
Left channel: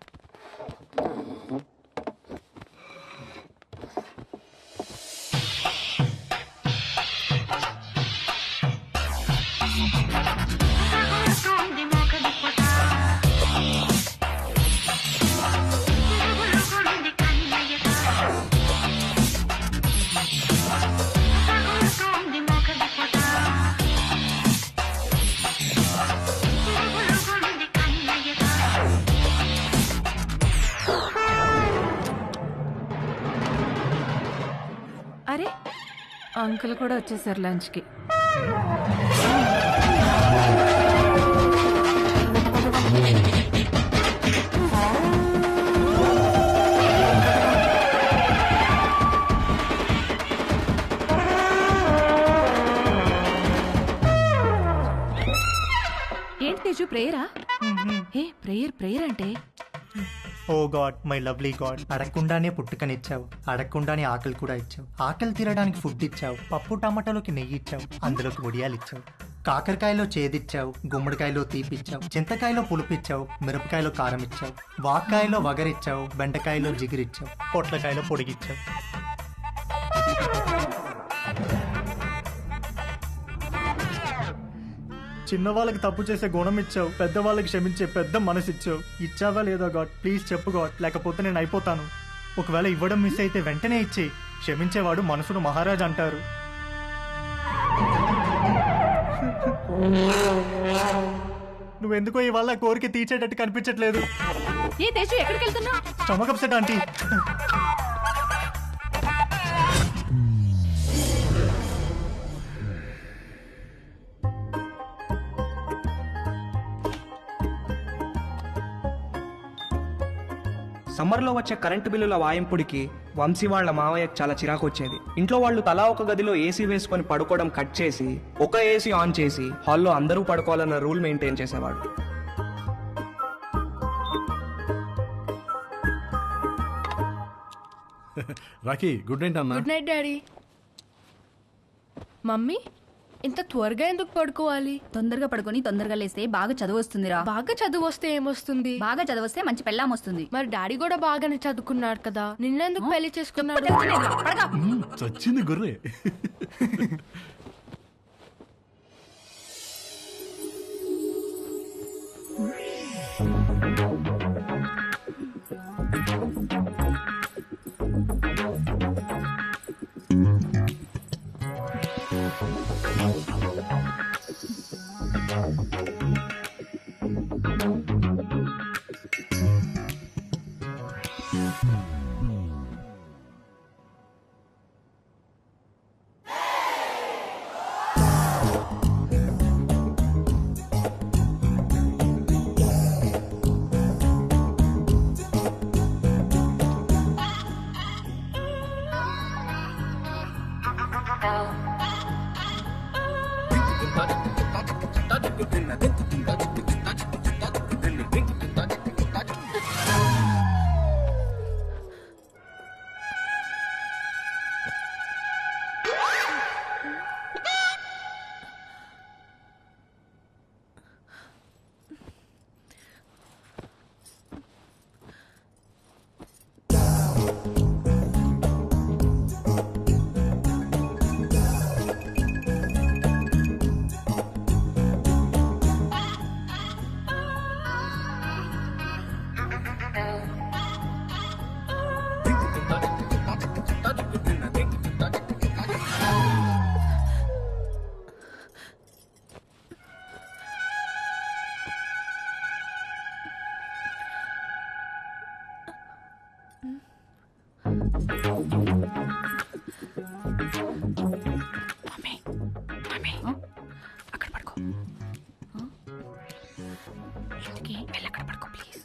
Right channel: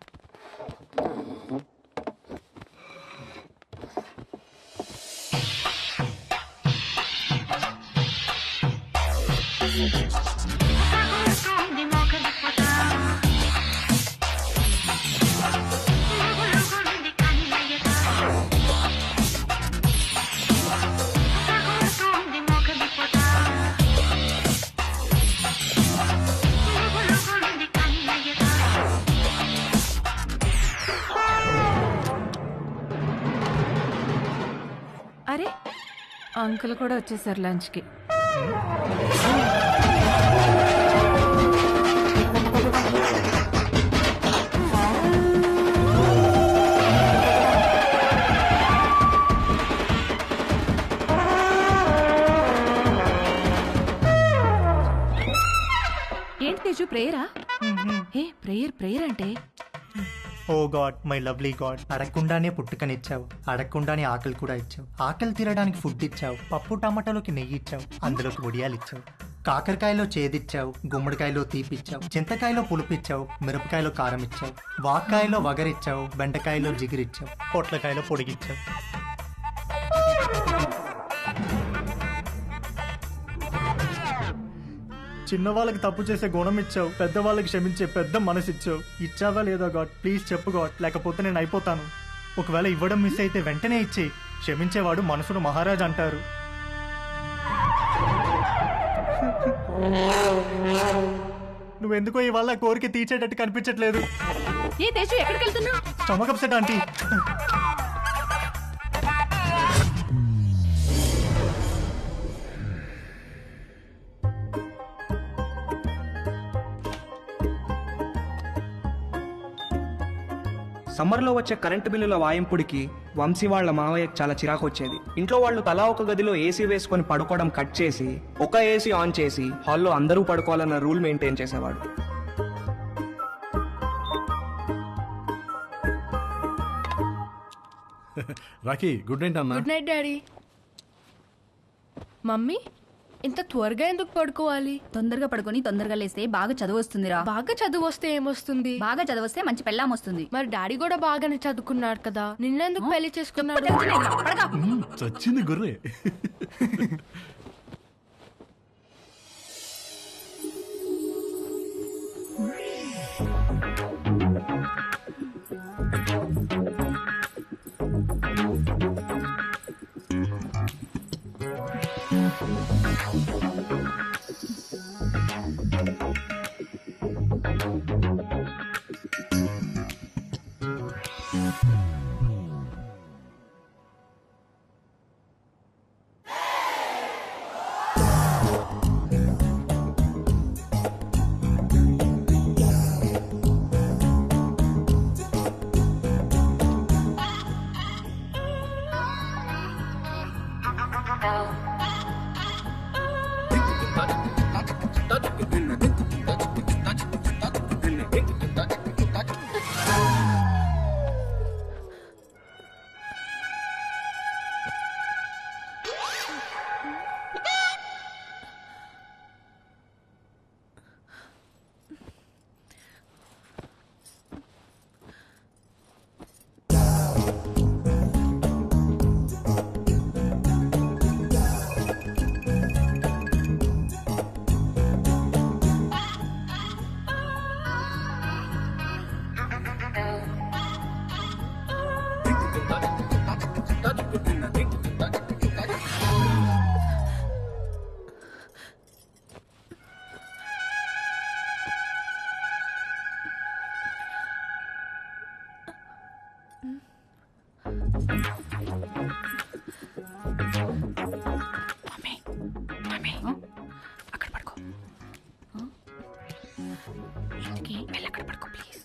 అరే, అంకుల్ కూడా వచ్చేసారు లంచ్కి. ఏంటి తేజు, ప్రేయరా? ఏ ప్రేయర్ అంటే? Oh God, my lovely God, అడగకుండానే పుట్టుకనిచ్చావు, అడగకుండానే ఆకలి కూడా ఇచ్చావు, ఆకలి తీరడానికి ఫుడ్ ఇచ్చావు, పప్పు టమాటాలోకి నెయ్యి ఇచ్చావు, అందులోకి వడియాలు ఇచ్చావు, కాకరకాయలో చేదిచ్చావు, గుమ్మడికాయలో తీపిచ్చావు, చింతకాయలో పులుపిచ్చావు, మిరపకాయలో కారం ఇచ్చావు, వాక్కాయలో వగరిచ్చావు, బెండకాయలో జిగిరిచ్చావు, పొట్లకాయలో పొడిగిచ్చావు. చిన్నవాళ్ళకి తప్పు చేసే గుణం ఇచ్చావు, పెద్దవాళ్ళకి క్షమించే పెద్ద మనసు ఇచ్చావు. ఇచ్చావా లేదా గాడ్? ప్లీజ్ చెప్పు గాడ్, లేకపోతే నేను అయిపోతాను. ఒకవేళ ఇవ్వడం మిస్ అయితే వెంటనే ఇచ్చి, క్షమించేవాడు మనసును మహారాజ్ అంటారు. నువ్వెందుకో ఇవాళ కోరిక తీర్చేటట్టు కనిపించట్లేదు. ఏ తేజు, ఎక్కడికి వెళ్తున్నావు? Stomach upset aunty. సమ్మర్లో వచ్చే కరెంటు బిల్లుల వాయింపుడికి వంశీ వాళ్ళ మావయ్యకు చాలా చిరాకు వచ్చేది. ఇంట్లో వాళ్ళు తలా ఒక గదిలో ఏసీ వేసుకొని పడుకోవడం కట్ చేసి ఒక ఏసీ ఆన్ చేసి హాల్లో అందరూ పడుకోవాలన్న రూల్ మెయింటైన్ చేసేవాడు. రాకీ, గుడ్ నైట్ అన్న. Good night daddy. మమ్మీ, ఇంత త్వరగా ఎందుకు పడుకోవాలి? తొందరగా పడుకొని తొందరగా లేస్తే బాగా చదువు వస్తుందిరా. బాగా చదువు వస్తే ఏమొస్తుంది? బాగా చదివస్తే మంచి పెళ్ళాం వస్తుంది. మరి డాడీ కూడా బాగానే చదువుకున్నాడు కదా, నిన్నెందుకు పెళ్లి చేసుకున్నాడు? చచ్చింది గుర్రే. అక్కడ పడుకో. ఇంటికి వెళ్ళి అక్కడ పడుకో ప్లీజ్.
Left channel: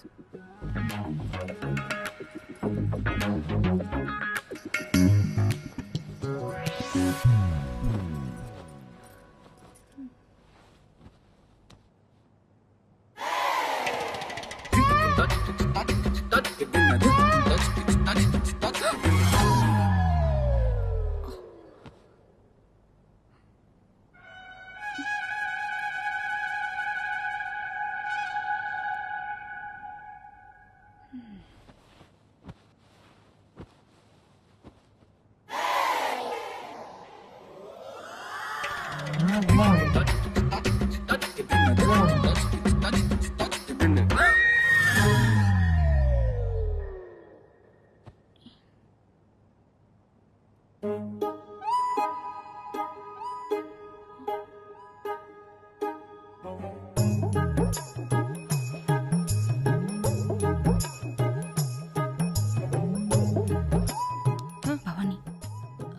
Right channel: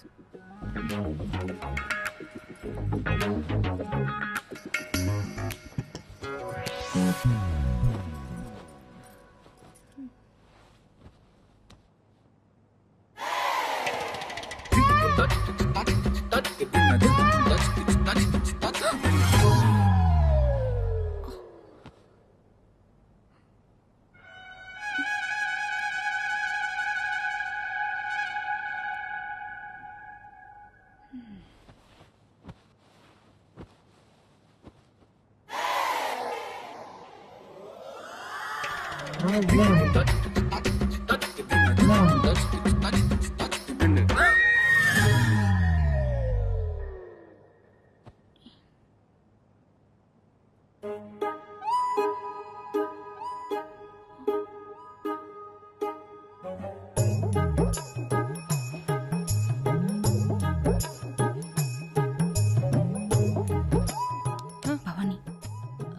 భవాని,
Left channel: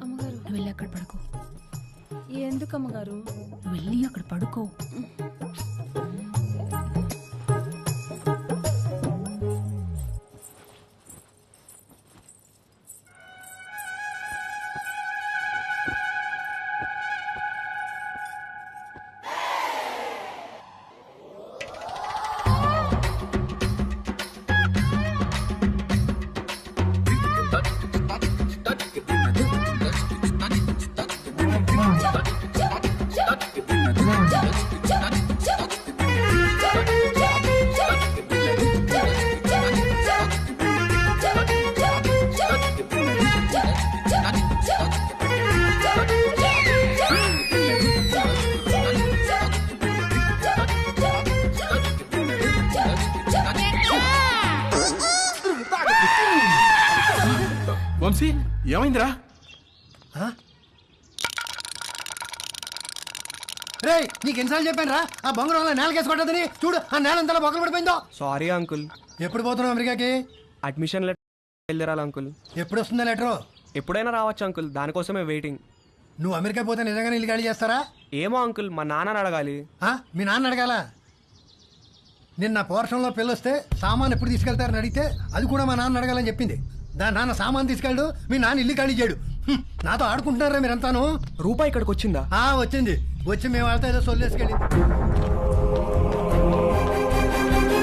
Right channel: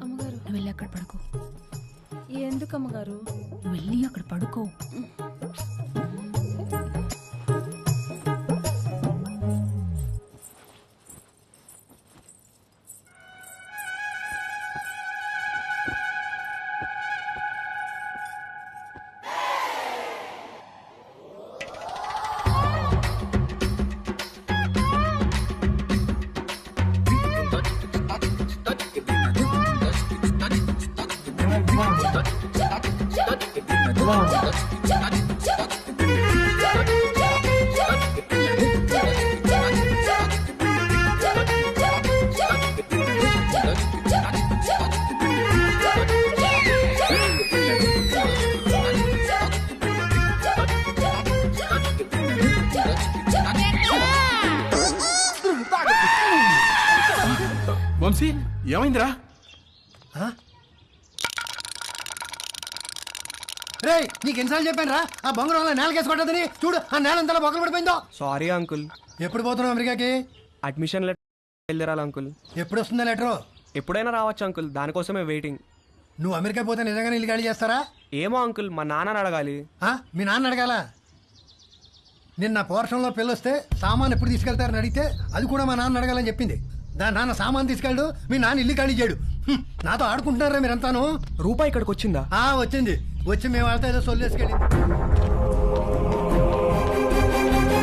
అమ్మగారు నువ్వు వెళ్ళి అక్కడ పడుకో. ఎందుకు అమ్మగారు? నువ్వు వెళ్ళి అక్కడ పడుకో. వంశీ ఏమైందిరా? రే నీకు ఎన్నిసార్లు చెప్పాను రా ఆ బొంగరం నేలకేసి కొట్టదని. చూడు ఆ నేల అంతా బొక్కలు పడిపోయిందో. Sorry uncle. ఎప్పుడు పోతున్నావు అమెరికాకి? అడ్మిషన్ లెటర్ వెళ్ళిరాలి అంకుల్. ఎప్పుడు వస్తుందా లెటరు? ఎప్పుడైనా రావచ్చు అంకుల్, దానికోసమే వెయిటింగ్. నువ్వు అమెరికా పోతే నిజంగానే ఇల్లు ఖాళీ చేస్తారా? ఏమో అంకుల్, మా నాన్నని అడగాలి. మీ నాన్న అడగాల? నిన్న పోర్షన్లో పెళ్ళొస్తే సామాన్ ఎప్పుడు తీసుకెళ్తారని అడిగితే అది కూడా మా నాన్న అడగాలని చెప్పింది. దాని నాన్న సామాన్ తీసుకెళ్ళడు, మీ నాన్న ఇల్లు ఖాళీ చేయడు. నాతో ఆడుకుంటున్నారా మీరంతాను? రూపాయి ఇక్కడికి వచ్చిందా? వచ్చింది. వచ్చి మేము వాళ్ళతో ఏదో సొల్లేసుకెళ్ళింది.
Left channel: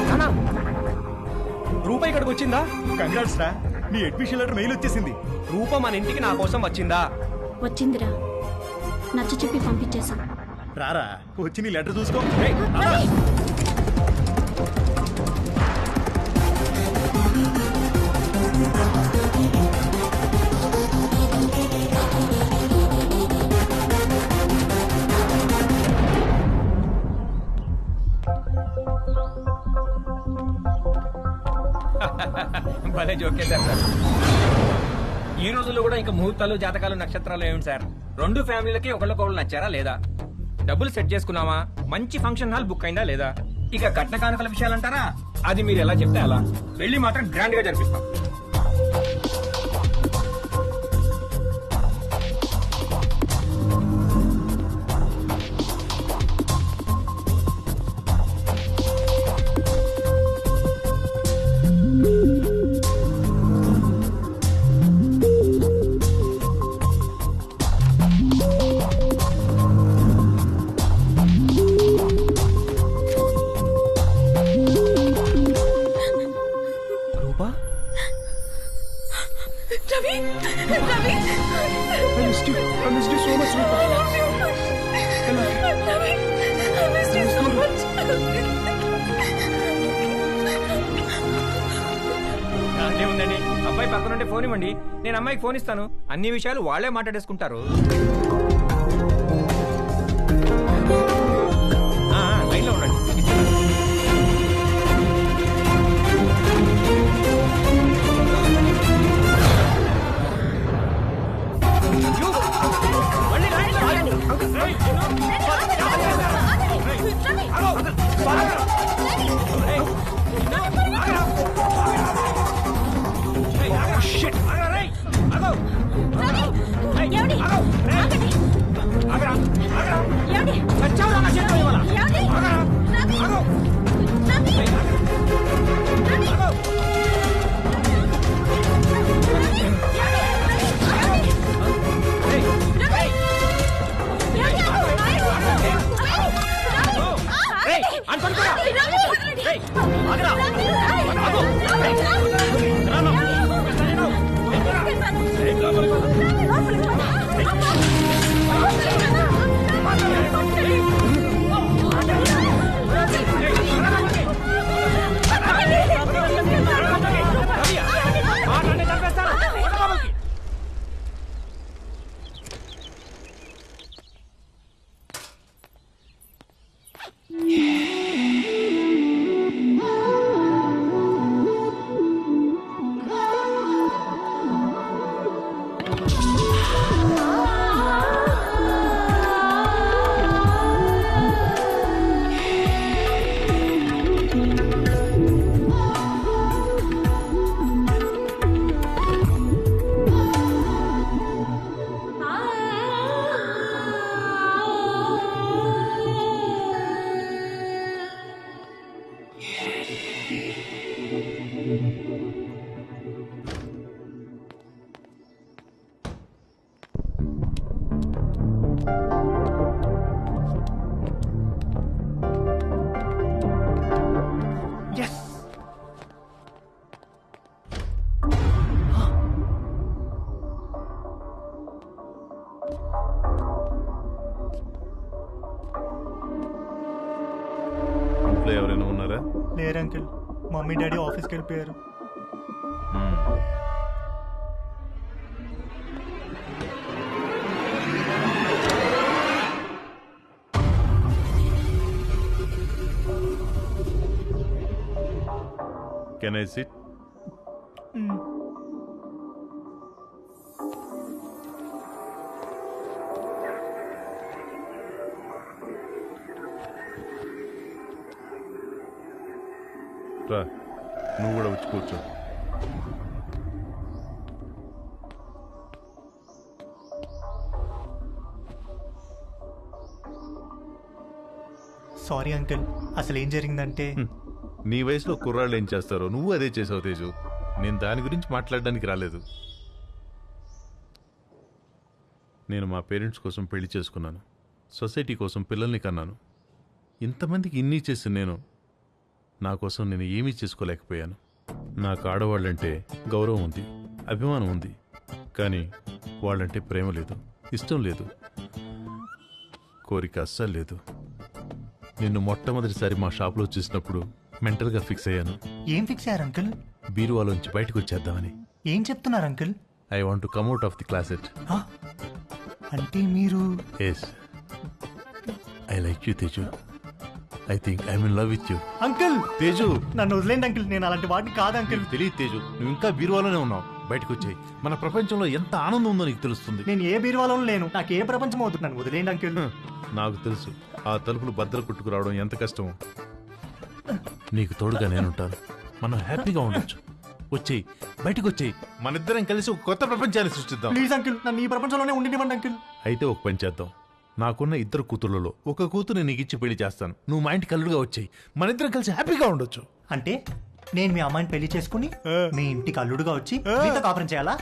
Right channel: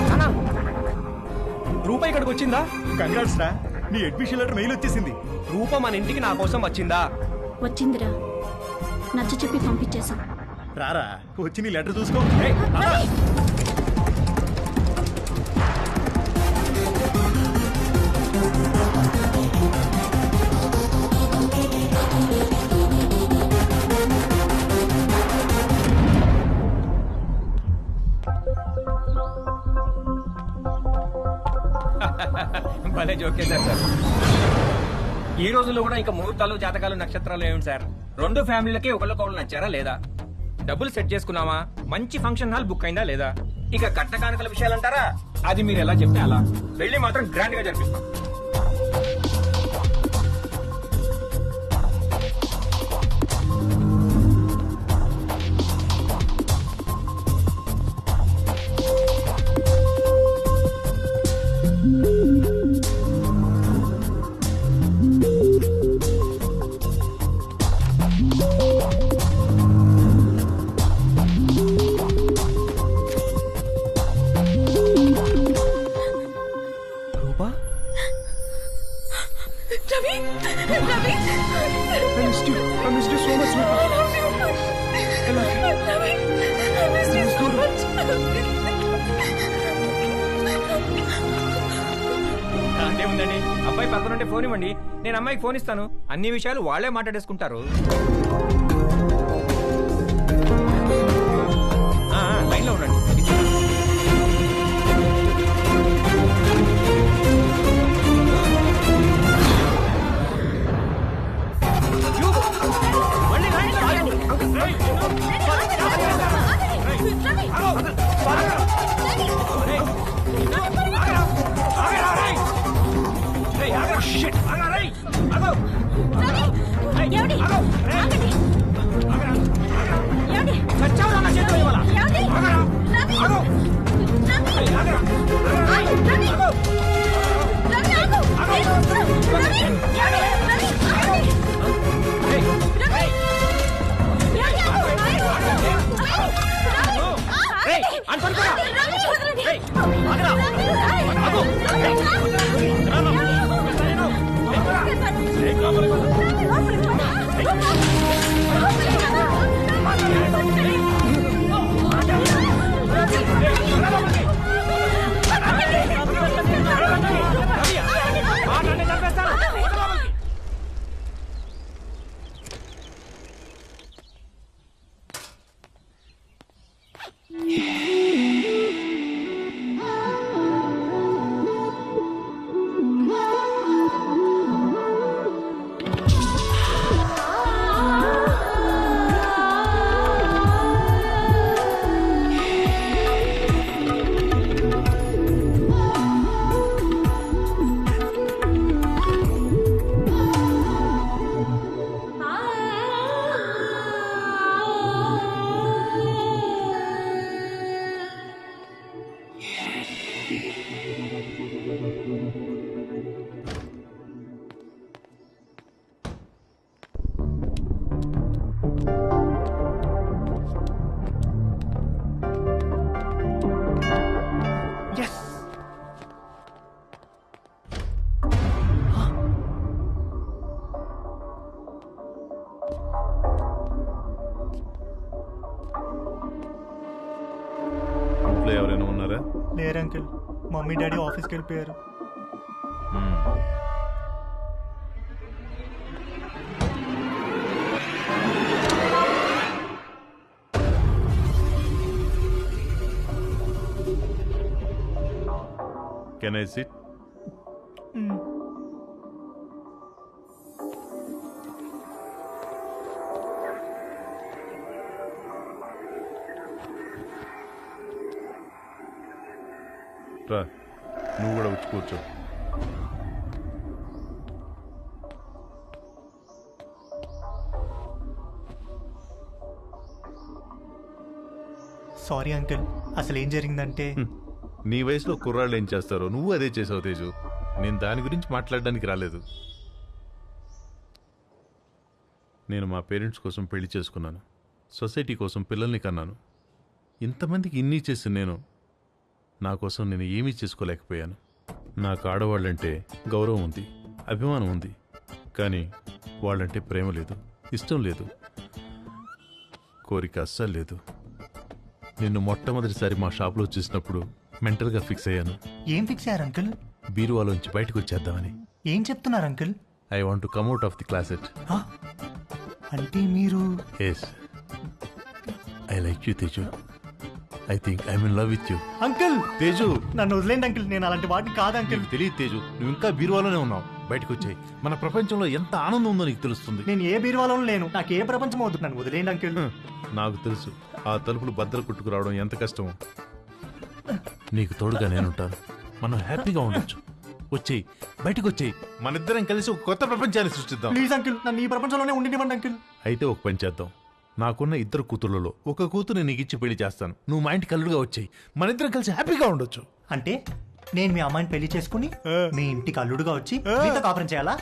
నానా, రూపాయి ఇక్కడికి వచ్చిందా? కంగ్రాట్స్ రా, నీ అడ్మిషన్ లెటర్ మెయిల్ వచ్చేసింది. రూప మన ఇంటికి నా కోసం వచ్చిందా? వచ్చిందిరా, నచ్చ చెప్పి పంపించేశాం. రారా వచ్చి నీ లెటర్ చూసుకో. భలే జోకేశారు సార్. ఈ రోజుల్లో కూడా ఇంకా ముహూర్తాలు జాతకాలు నక్షత్రాలు ఏమిటి సార్? రెండు ఫ్యామిలీలకి ఒకళ్ళకొకళ్ళు నచ్చారా లేదా? డబ్బులు సెట్ చేసుకున్నావా? మంచి ఫంక్షన్ హాల్ బుక్ అయిందా లేదా? ఇక కట్న కానుకల విషయాలు అంటారా? అది మీరు ఎలా చెప్తే అలా. పెళ్లి మాత్రం గ్రాండ్ గా జరిపిస్తాం. రూపా, Ravi Ravi I missed you so much, Roopa. I love you. I love you. Ravi, I missed you so much. దాందే ఉందండి. అబ్బాయి పక్కనుంటే ఫోన్ ఇవ్వండి, నేను అమ్మాయికి ఫోన్ ఇస్తాను. అన్ని విషయాలు వాళ్లే మాట్లాడేసుకుంటారు. లైన్ లో ఉండండి, ఇస్తున్నాను. మళ్ళీ లైన్ లో ఆగండి. రేయ్, నిన్ను. రేయ్, ఆగు. రేయ్, నిన్ను. ఆగరా. ఆగరా, రేయ్. రేయ్, ఆగు. ఆగరా, రేయ్. ఆగు. ఆగరా. రేయ్, ఆగు. రేయ్. ఆగరా. ఆగరా. చచ్చావురా నా చేతిలో ఇవాళ. ఆగరా. ఆగు. రేయ్, ఆగరా. ఆగరా, రేయ్. ఆగు. రేయ్, రేయ్. Yes! ఇంట్లో ఎవరైనా ఉన్నారా? లేరు అంకుల్, మమ్మీ డాడీ ఆఫీస్కి వెళ్ళిపోయారు. Can I sit? రా, నువ్వు కూడా వచ్చి కూర్చో. సారీ అంకుల్, అసలు ఏం జరిగిందంటే నీ వయసులో కుర్రాళ్ళు ఏం చేస్తారో నువ్వు అదే చేసావు తేజు. నేను దాని గురించి మాట్లాడడానికి రాలేదు. నేను మా పేరెంట్స్ కోసం పెళ్లి చేసుకున్నాను, సొసైటీ కోసం పిల్లల్ని కన్నాను. ఇంతమందికి ఇన్ని చేసి నేను నా కోసం నేను ఏమీ చేసుకోలేకపోయాను. నాకు ఆడవాళ్ళంటే గౌరవం ఉంది, అభిమానం ఉంది, కానీ వాళ్ళంటే ప్రేమ లేదు, ఇష్టం లేదు, కోరిక అస్సలు లేదు. నిన్ను మొట్టమొదటిసారి మా షాప్లో చూసినప్పుడు మెంటల్గా ఫిక్స్ అయ్యాను. ఏం ఫిక్స్ అయ్యారు అంకుల్? బీరువాలోంచి బయటకు వచ్చేద్దామని. ఏం చెప్తున్నారు uncle? I want to come out of the closet. అంటే మీరు? Yes, I like you Teju. I think I in love with you. Uncle Teju నన్ను వదిలేండి అంకుల్, నేను అలాంటి వాడిని కాదు అంకుల్. నీకు తెలియదు తేజు, నువ్వు ఇంకా బీరువాలోనే ఉన్నావు. బయటకు వచ్చాయి, మన ప్రపంచంలో ఎంత ఆనందం ఉందో నీకు తెలుస్తుంది. నేను ఏ బీరువాలో లేను, నాకు ఏ ప్రపంచం అవుతుంది, నన్ను వదిలేండి అంకుల్. నాకు తెలుసు ఆ తలుపులు బద్దలు కొట్టుకు రావడం ఎంత కష్టమో. నీకు తోడుగా నేనుంటాను, మనం హ్యాపీగా ఉండొచ్చు. వచ్చేయి, బయటకు వచ్చేయి, మనిద్దరం కలిసి ఒక కొత్త ప్రపంచాన్ని సృష్టిద్దాం. ప్లీజ్ అంకుల్, నన్ను ఈ ప్రపంచంలోనే ఉండినివ్వండి అంకుల్. అయితే ఒక పని చేద్దాం, నాకున్న 2 కూతుర్లలో ఒక కూతురు నీకు ఇచ్చి పెళ్లి చేస్తాను. నువ్వు మా ఇంటికి అల్లుడుగా వచ్చేయి, మనిద్దరం కలిసి హ్యాపీగా ఉండొచ్చు. అంటే నేను మీ అమ్మాయిని పెళ్లి చేసుకుని మీ ఇంటికి అల్లుడుగా వచ్చి మీతో కాపురం చేయాలా?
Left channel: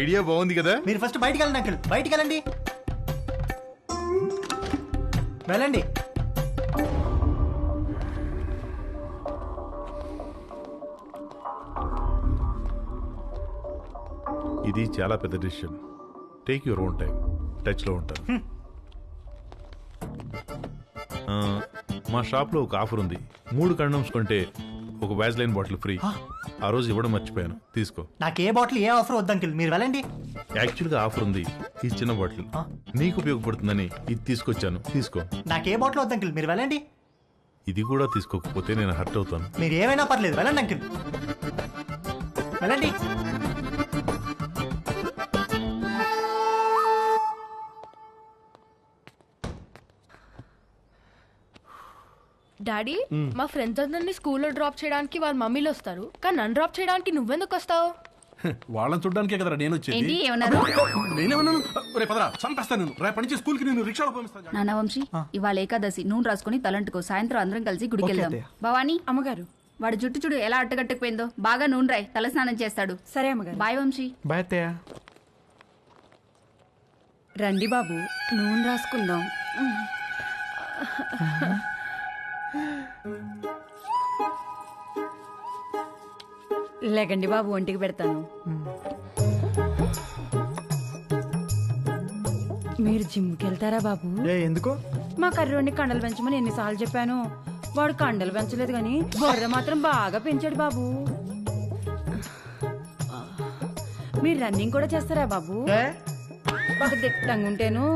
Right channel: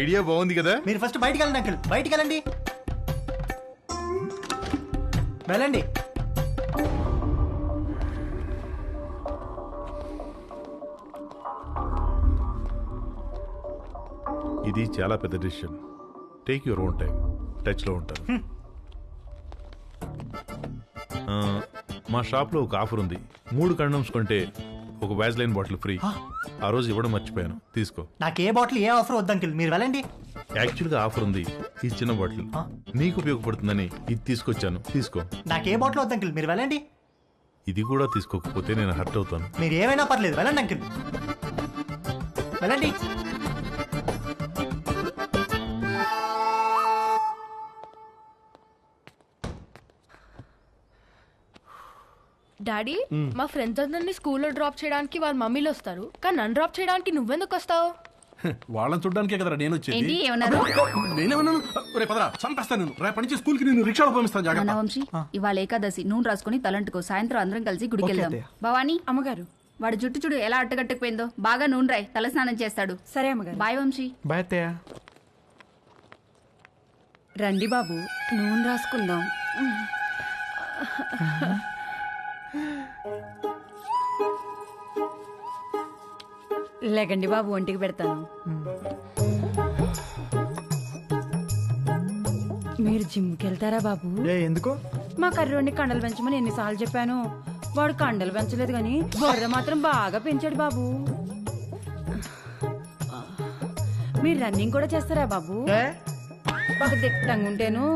ఐడియా బాగుంది కదా. మీరు ఫస్ట్ బయటికి వెళ్ళండి అంకుల్, బయటికి వెళ్ళండి. వెళ్ళండి. ఇది చాలా పెద్ద decision. Take your own time. టచ్లో ఉంటాను. మా షాప్లో ఒక ఆఫర్ ఉంది. 3 కండమ్స్ కొంటే ఒక వ్యాజ్లైన్ బాటిల్ ఫ్రీ. ఆ రోజు ఇవ్వడం మర్చిపోయాను, తీసుకో. నాకే బాటిల్ ఏ ఆఫర్ వద్దు అంకుల్, మీరు వెళ్ళండి. యాక్చువల్గా ఆఫర్ ఉంది, ఈ చిన్న బాటిల్ నీకు ఉపయోగపడుతుందని ఇది తీసుకొచ్చాను, తీసుకో. నాకే బాటిల్ వద్దు అంకుల్, మీరు వెళ్ళండి. ఇది కూడా తీసుకోకపోతే నేను హర్ట్ అవుతాను. మీరు ఏమైనా పర్లేదు, వెళ్ళండి అంకుల్, వెళ్ళండి. డాడీ, మా ఫ్రెండ్స్ అందరినీ స్కూల్లో డ్రాప్ చేయడానికి వాళ్ళ మమ్మీలు వస్తారు, కానీ నన్ను డ్రాప్ చేయడానికి నువ్వెందుకు వస్తావు? వాళ్ళని చూడడానికే కదరా నేను ఏంటి వచ్చేది. ఏమన్నారు? నేనేమన్నాను? రేపు పదరా, చంపేస్తాను నేను. రేపటి నుంచి స్కూల్ కి నేను రిక్షాలో పంపిస్తాను. జాగ్రత్త. నాన్న వంశీ, ఇవాళ ఏకాదశి, నూనె రాసుకుని తలంటుకో. సాయంత్రం అందరం కలిసి గుడికి ఓకే వెళ్దాం. అత్తయ్య. భవానీ, అమ్మగారు. వాడు జుట్టు చూడు ఎలా అట్టగట్టుకుపోయిందో. బాగా నూనె రాయి, తల స్నానం చేస్తాడు. సరే అమ్మగారు. బాయ్ వంశీ. బాయ్ అత్తయ్య. రండి బాబు, నూనె రాసుకుందాం. లేకండి బాబు, ఒంటికి పెడతాను. మీరు జిమ్కి వెళ్తారా బాబు? ఎందుకు? మా కర్రోడిని కండలు పెంచమని ఎన్నిసార్లు చెప్పాను. వాడు కండలు పెంచలేదు కానీ బొర్ర మాత్రం బాగా పెంచాడు బాబు. మీరు రన్నింగ్ కూడా చేస్తారా బాబు? బాగా దిట్టంగా ఉంటేను.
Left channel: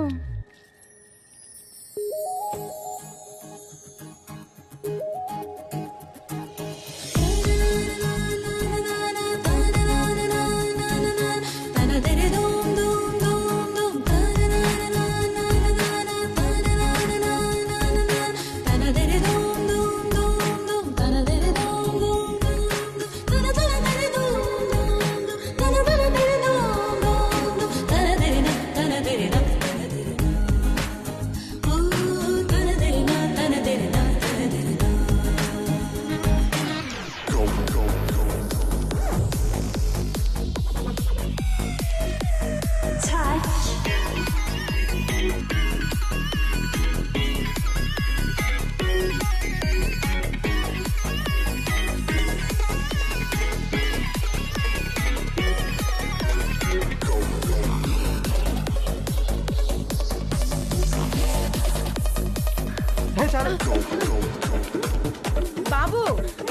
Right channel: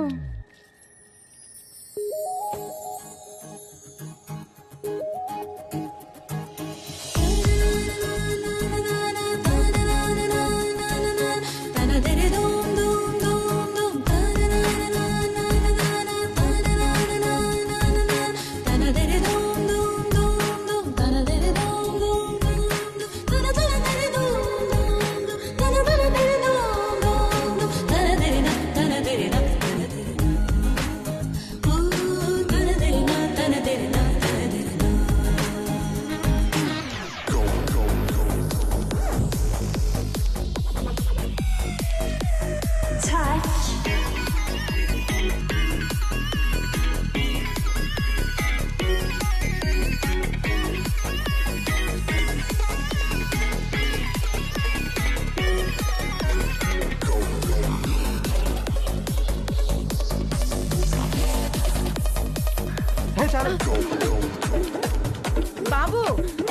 బాబు,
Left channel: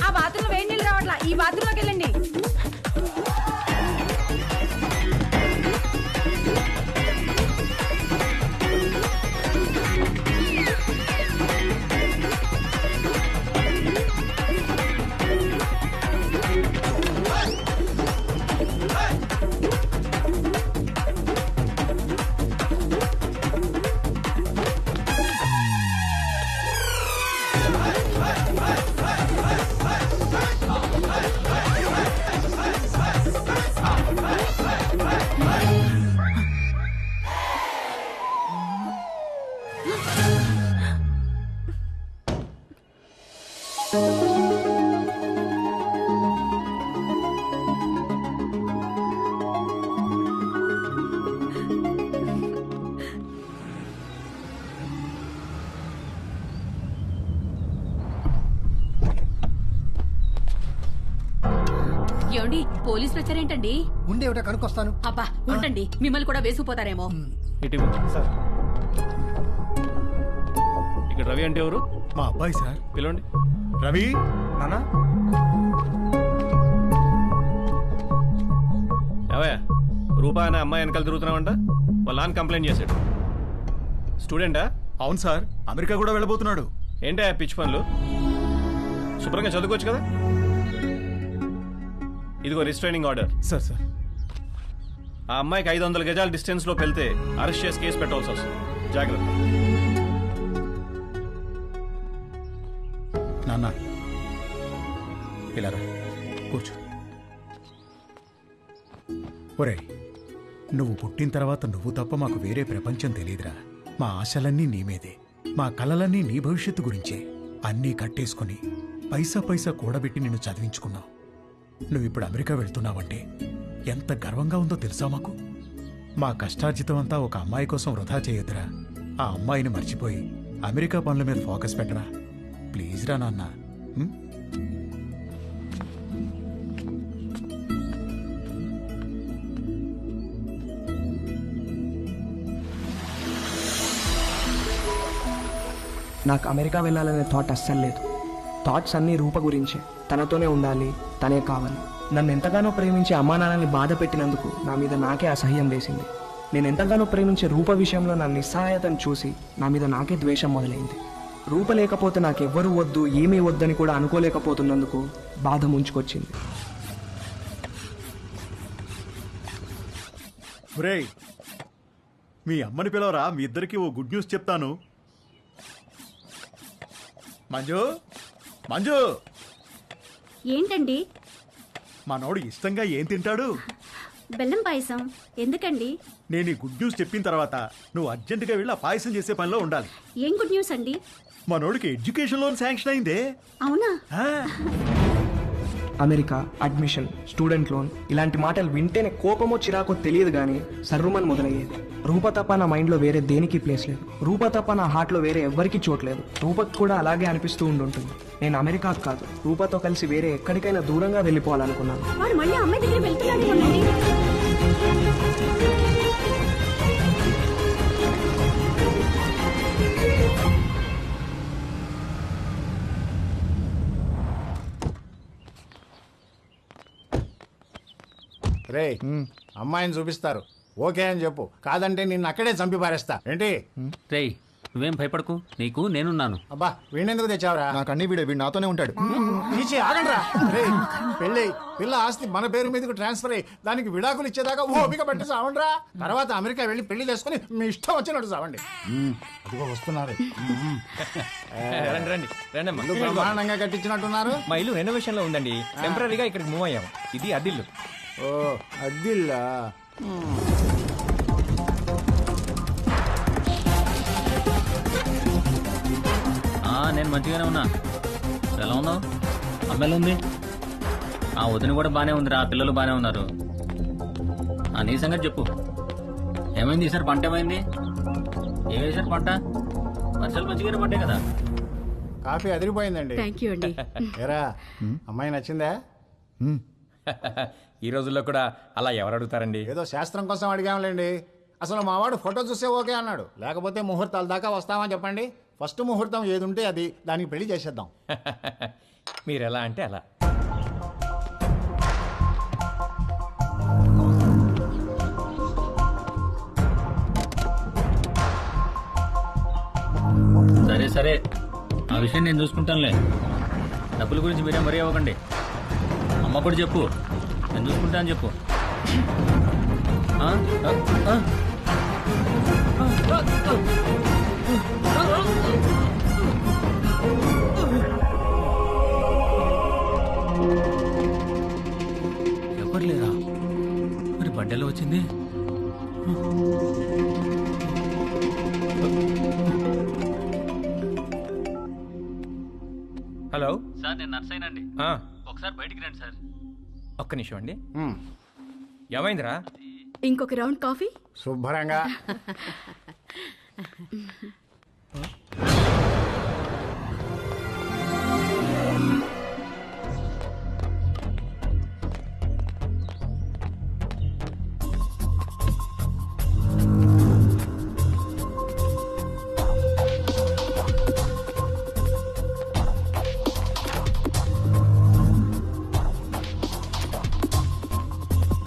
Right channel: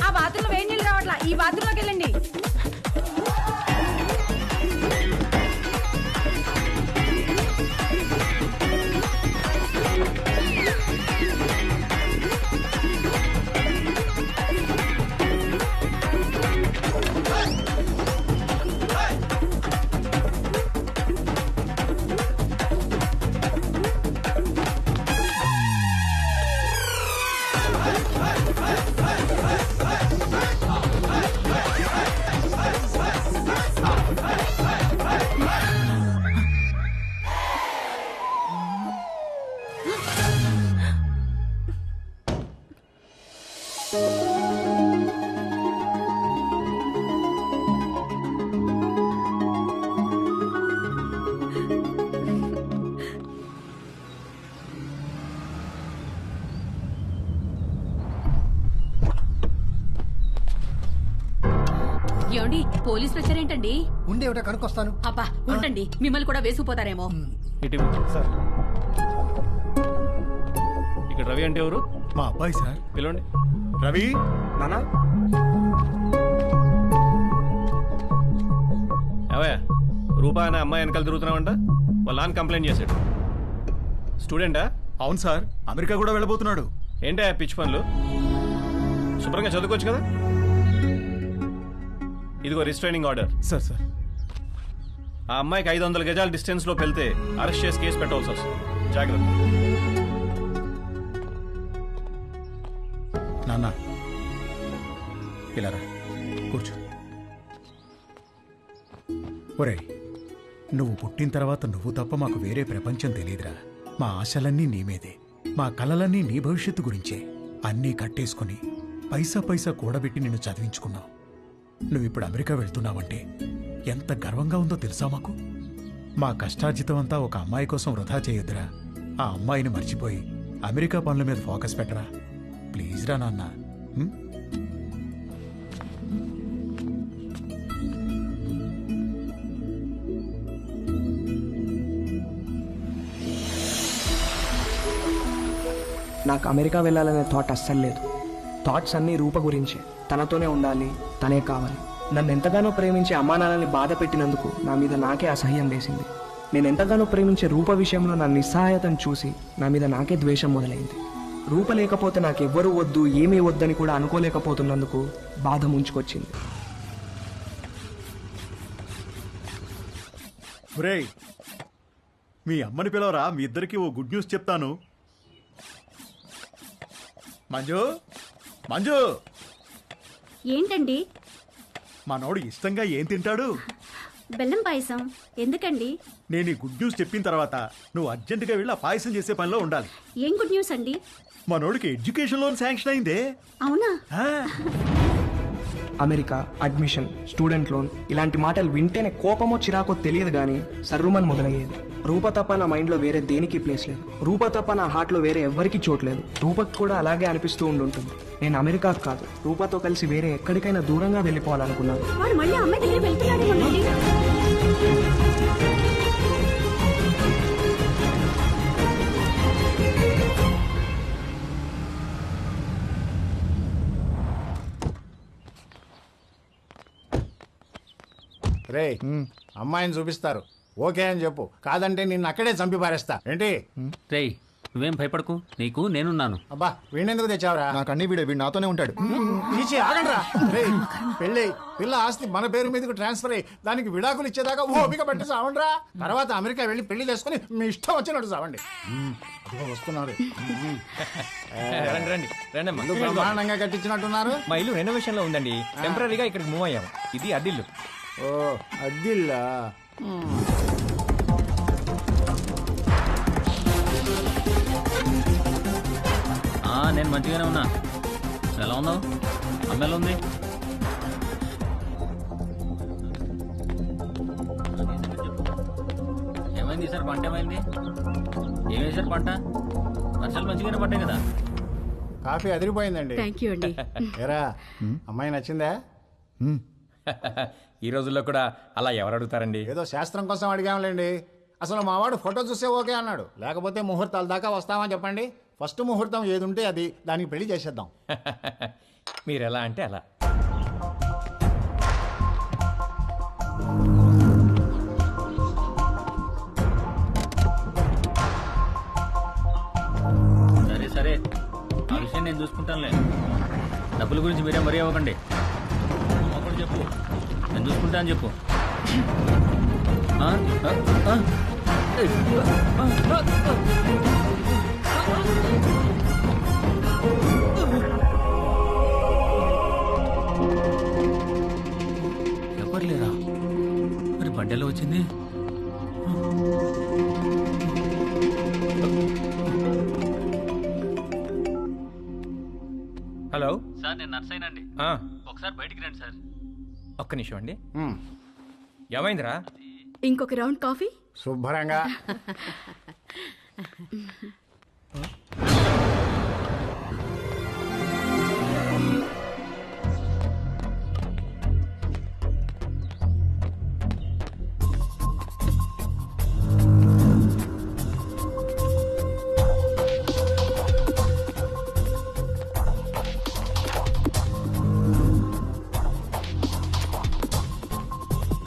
ఆ బాత్రూంలో వేడి నీళ్ళు రావట్లా, ఈ బాత్రూంలోకి వెళ్ళండి. ఏమండి, పోలీసులు వచ్చారేంటండి? ఉండే ఒకటి కనుక్కొస్తాను. అబ్బా ఉండండి, మిమ్మల్ని కూడా వేసుకుపోతారేమో. సార్, ఇక్కడ రవి అంటే ఎవరు? మా అబ్బాయి సార్. పిలవండి. రవి నానా. ఏవయ్యా, రూపా అనే అమ్మాయి వెనకాల తిరుగుతున్నావంట. వాళ్ళ నాన్న కంప్లైంట్ చేశాడు. స్టూడెంటా? అవును సార్, అమెరికా కూడా వెళ్ళబోతున్నాడు. ఏంటా పిచ్చి పనులు? శుభ్రంగా చదువుకోవచ్చు కదా. ఇదిగో రిస్ట్రైనింగ్ ఆర్డర్. సార్ సార్ ఆ అమ్మాయికి 500 గజాల డిస్టెన్స్ లోకి వెళ్తే అరెస్ట్ చేసి కేసు పెట్టాల్సి వస్తుంది. జాగ్రత్త. నాన్న ఇలా రా, కూర్చో. ఒరేయ్, నువ్వు పుట్టిన తర్వాత నువ్వు తప్ప మాకు వేరే ప్రపంచం తెలియదురా. మా ఆశలన్నీ నీ మీదే, మా కలలన్నీ నీ భవిష్యత్తు గురించే. అన్నీ కట్టేసుకుని పైసా పైసా కూడబెట్టి నిన్ను చదివించుకున్నావు. నువ్విప్పుడు అమెరికా వెళ్తున్నావంటే ఎంత గర్వంగా ఉందో తెలుసా మాకు. మా కష్టార్జితం అంతా ఒక అమ్మాయి కోసం వృధా చేయొద్దురా. ఆ అమ్మాయిని మర్చిపోయి అమెరికా పనుల మీద ఫోకస్ పెట్టరా. ప్లీజ్ రా నాన్న. నాకు అమెరికా వెళ్ళాలనే థాట్ అస్సలు లేదు. థాట్స్ అన్నీ రూప గురించే. తనతోనే ఉండాలి, తనే కావాలి. నన్ను ఎంతగానో ప్రేమించే అమ్మా నాన్నల్ని బాధ పెట్టినందుకు నా మీద నాకే అసహ్యం వేసింది. నేను ఎంతగానో ప్రేమించే రూప విషయంలో నా నిస్సహాయతను చూసి నా మీద నాకే ద్వేషం మొదలైంది. రూప లేకపోతే నాకెవ్వరూ వద్దు, ఏమీ వద్దని కూడా అనుకోలేకపోతున్నందుకు బాధ ముంచుకొచ్చింది. ఒరేయ్, మీ అమ్మని పిలవరా, మీ ఇద్దరికి ఓ గుడ్ న్యూస్ చెప్తాను. మంజు, మంజు, ఏంటండి? మనోడు ఇష్టంగా ఏం తింటాడు? బెల్లం పాయసం. ఎందుకండి? నేను ఈ గుడ్ న్యూస్ చెప్పిన తర్వాత నువ్వు అర్జెంటుగా వెళ్ళి ఆ పాయసం చేసే పనిలో ఉండాలి. ఏం గుడ్ న్యూస్ అండి? మనోడికి ఎడ్యుకేషన్ లోన్ శాంక్షన్ అయిందే. అవునా? అమెరికా, అడ్మిషన్, స్టూడెంట్ లోన్ ఇలాంటి మాటలు వింటేనే కోపమో చిరాకో తెలియదు కానీ సర్రుమని మొదలయ్యేది. రూప తప్ప నా మైండ్లో వేరే దేనికి ప్లేస్ లేదు. రూప తప్ప నా హార్ట్లో వేరే ఎవ్వరికీ చోట్లేదు. రూపకు కూడా అలాగే అనిపిస్తూ ఉండుంటుంది. నేను అమెరికాకు కాదు, రూపతో కలిసి వేరే ఎక్కడికైనా దూరంగా వెళ్ళిపోవాలనుకున్నాను. వాడు మళ్ళీ అమ్మాయి దగ్గరికి వెళ్తున్నాడేమోనండి. రే, అమ్మాయిని చూపిస్తారు, ఓకే అని చెప్పు. కాదంటే నిన్ను అక్కడే చంపి పారేస్తా. ఏంటి? రేయ్, నువ్వేం భయపడకు, నీకు నేనున్నాను. అబ్బా, వీణెందుకు తెచ్చావురా? నాకు అన్ని వీడు నాతోనే ఉంటాడు. తీసి ఆగండ్రా. రే, పెళ్ళి పిల్ల ఆస్తి మన పేరు మీదకి ట్రాన్స్ఫర్ అయ్యి దానికి విడాకులు ఇచ్చేదాకా ఓపిక పట్టి సావండ్రా. తర్వాత అమెరికా వెళ్ళి పెళ్లి చేసుకుని మీ ఇష్టం వచ్చినట్టు సావండి. రండి రండి రండి అమ్మా. ఇల్లు బ్రహ్మాండంగా కట్టించినట్టున్నారు. మా ఇల్లు రెనోవేషన్ లో ఉందండి. టెంపరీగా ఇక్కడికి మూవ్ అయ్యాము. ఇది అద్దిల్లు. ఓ, అద్దిల్లా? నేను మంచిగానే ఉన్నా. ఎలా ఉన్నావు? అమ్మ ఎలా ఉంది? ఆ వదిన కూడా బానే ఉందిరా, పిల్లలు బానే ఉన్నారు. నీ సంగతి చెప్పు. ఏమైంది ఈసారి? పంట ఏమైంది? ఏ వేసారు పంట? వర్షాలు మంచిగానే పడ్డాయి కదా. కాఫీ అదిరిపోయిందండి. థ్యాంక్ యూ అండి. ఏరా, అమ్మాయి నచ్చిందా? ఈ రోజుల్లో కూడా అలా ఎవరు అడుగుతారండి? ఏదో శాస్త్రం కోసం అడిగాంలేండి. అసలు మావాడు ఫోటో చూస్తే ఓకే అన్నాడు. లేకపోతే ముహూర్తాల దాకా వస్తామని చెప్పండి. ఫస్ట్ ముహూర్తం ఏది ఉంటే అది, దానికి పెళ్లి చేసేద్దాం. మీరు ఎలా అంటే అలా. సరే సరే, ఆ విషయం నేను చూసుకుంటానులే. డబ్బుల గురించి మీరే మరీ అవ్వకండి. అమ్మ కూడా చెప్పు, నేను చూసుకుంటా అని చెప్పు. ఎవరు లేరా? మరి బండెలో వచ్చింది? హలో సార్, నేను నర్సైనండి. ఒకసారి బయటికి రండి సార్. ఒక్క నిమిషం అండి. ఏమైందిరా? ఇంకొక రౌండ్ కాఫీ. శుభ్రంగా.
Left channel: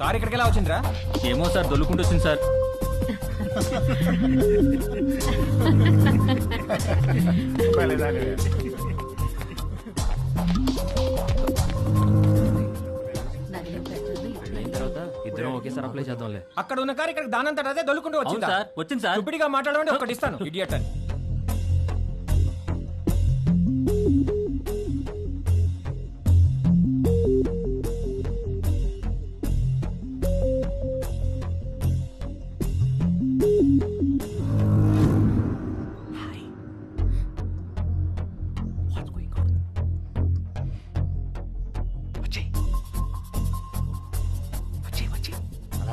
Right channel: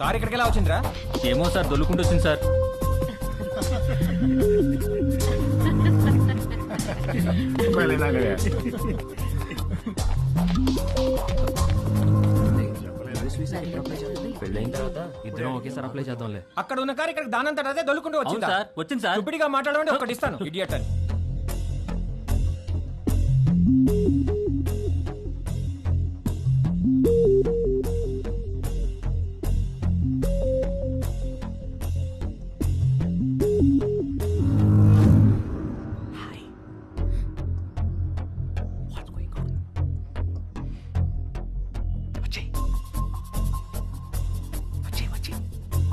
కారు ఇక్కడికి ఎలా వచ్చిందిరా? ఏమో సార్, దొల్లుకుంటూ వచ్చింది సార్. పెళ్ళైన తర్వాత ఇద్దరం ఒకేసారి అప్లై చేద్దాంలే. అక్కడ ఉన్న కారు ఇక్కడ దానంతట అదే దొల్లుకుంటూ వచ్చింది అవును సార్, వచ్చింది సార్. ఇప్పటిగా మాట్లాడమంటే ఒకటి ఇస్తాను ఇడియట్ అని.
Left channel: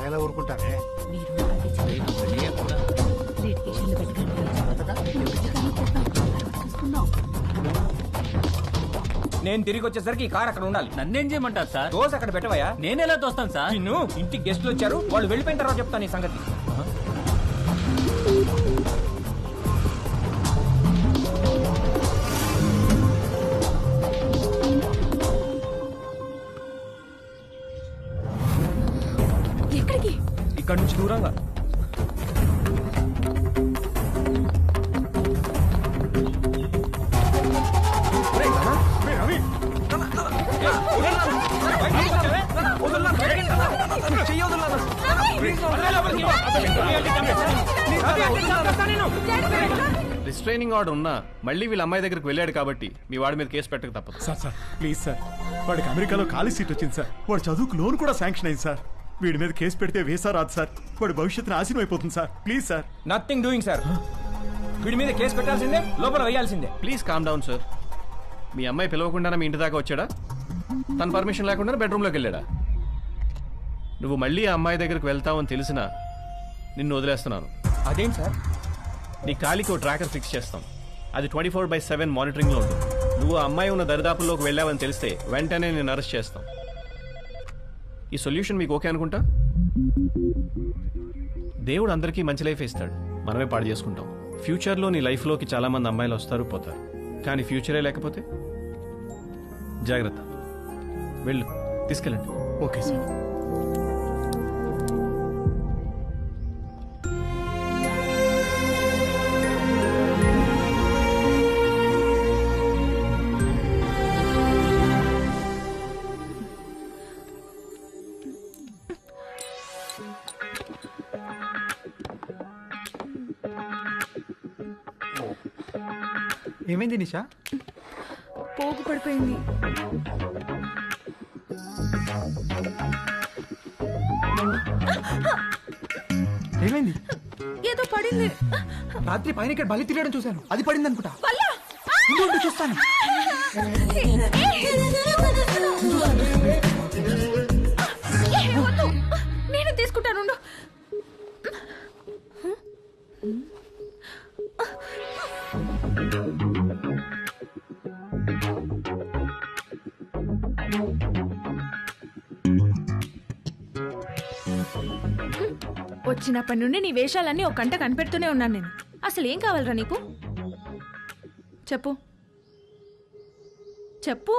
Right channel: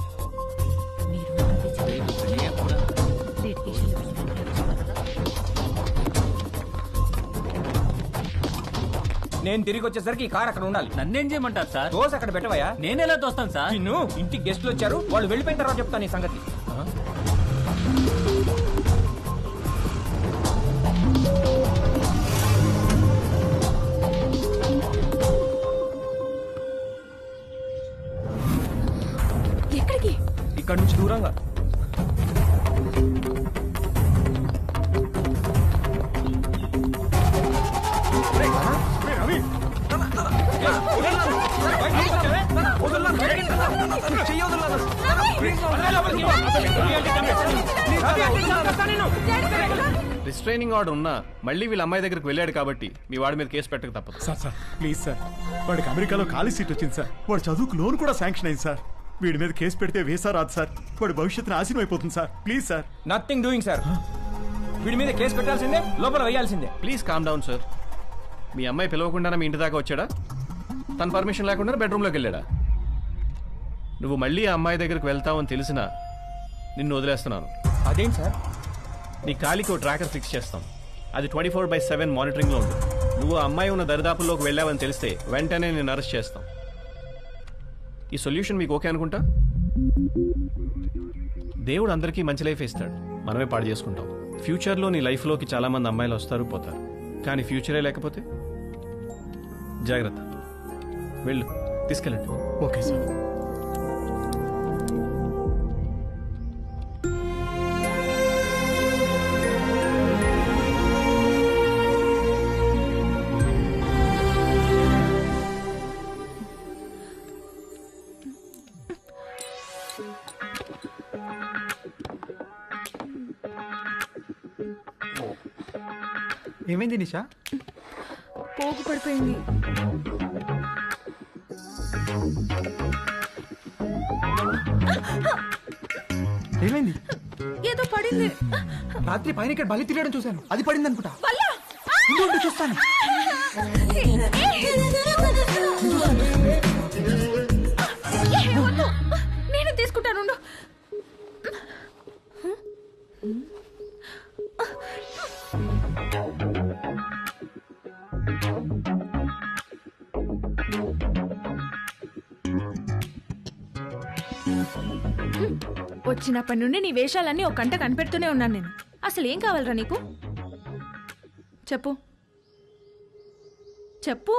ఎలా ఊరుకుంటారే? నేను తిరిగి వచ్చేసరికి ఈ కార్ అక్కడ ఉండాలి. నన్నేం చేయమంటారు సార్? దోశ అక్కడ పెట్టవయ్యా. నేను ఎలా తోస్తాను సార్? నిన్ను ఇంటికి గెస్ట్లు వచ్చారు, వాళ్ళు వెళ్ళిపోయిన తర్వాత చెప్తాను ఈ సంగతి. ఎక్కడికి? ఇక్కడ నుంచి దూరంగా. రిస్ట్రైనింగ్ ఆర్డర్ ఉన్నా మళ్ళీ వీళ్ళ అమ్మాయి దగ్గరికి వెళ్ళాడు కాబట్టి మీ వాడి మీద కేసు పెట్టక తప్పదు. సార్ ప్లీజ్ సార్, వాడికి అమెరికాలో ఖాళీ సీట్ వచ్చింది సార్. వాడు చదువుకు లోన్ కూడా శాంక్షన్ అయింది సార్. వీడి మీద కేసు పెడితే వేసా రాదు సార్. వాడి భవిష్యత్తు నాశనం అయిపోతుంది sir. Please sir. Nothing doing sir. వీడి మీద కేసు పెట్టాల్సిందే, లోపల వేయాల్సిందే. Please calm down sir. మీ అమ్మాయి పిలవకుండానే మీ ఇంటి దాకా వచ్చాడా? తన పర్మిషన్ లేకుండా బెడ్రూమ్లోకి వెళ్ళాడా? నువ్వు మళ్ళీ ఆ అమ్మాయి దగ్గరికి వెళ్తావని తెలిసినా నిన్ను వదిలేస్తున్నాను. అదేంటి సార్? నీ కాలికి ఓ ట్రాకర్ ఫిక్స్ చేస్తాం. అది 24/7 మానిటరింగ్లో ఉంటుంది. నువ్వు ఆ అమ్మాయి ఉన్న దరిదాపుల్లోకి వెళ్ళావని తెలిస్తే వెంటనే నేను అరెస్ట్ చేస్తాం. ఈ సొల్యూషన్ మీకు ఓకే అనుకుంటా? దేవుడు అందరికీ మంచి లైఫ్ ఇస్తాడు, మనమే పాడు చేసుకుంటాం. ఫ్యూచర్లో నీ లైఫ్లోకి చాలా మంది అమ్మాయిలు వస్తారు పోతారు, కానీ ఫ్యూచరే లేకపోతే జాగ్రత్త. వెళ్ళు, తీసుకెళ్ళండి. Okay sir. ఏమైంది నిషా? పోగు పడిపోయింది. ఏమైంది? ఏదో పడింది. రాత్రి పైన ఇక్కడ బలి తిరగడం చూశాను, అది పడింది అనుకుంటా. చూస్తాను నేను చూస్తాను. నేను తీసుకుంటాను. వచ్చినప్పటి నుండి నీ వేషాలన్నీ ఒక గంట కనిపెడుతూనే ఉన్నాను నేను. అసలు ఏం కావాలరా నీకు? చెప్పు చెప్పు,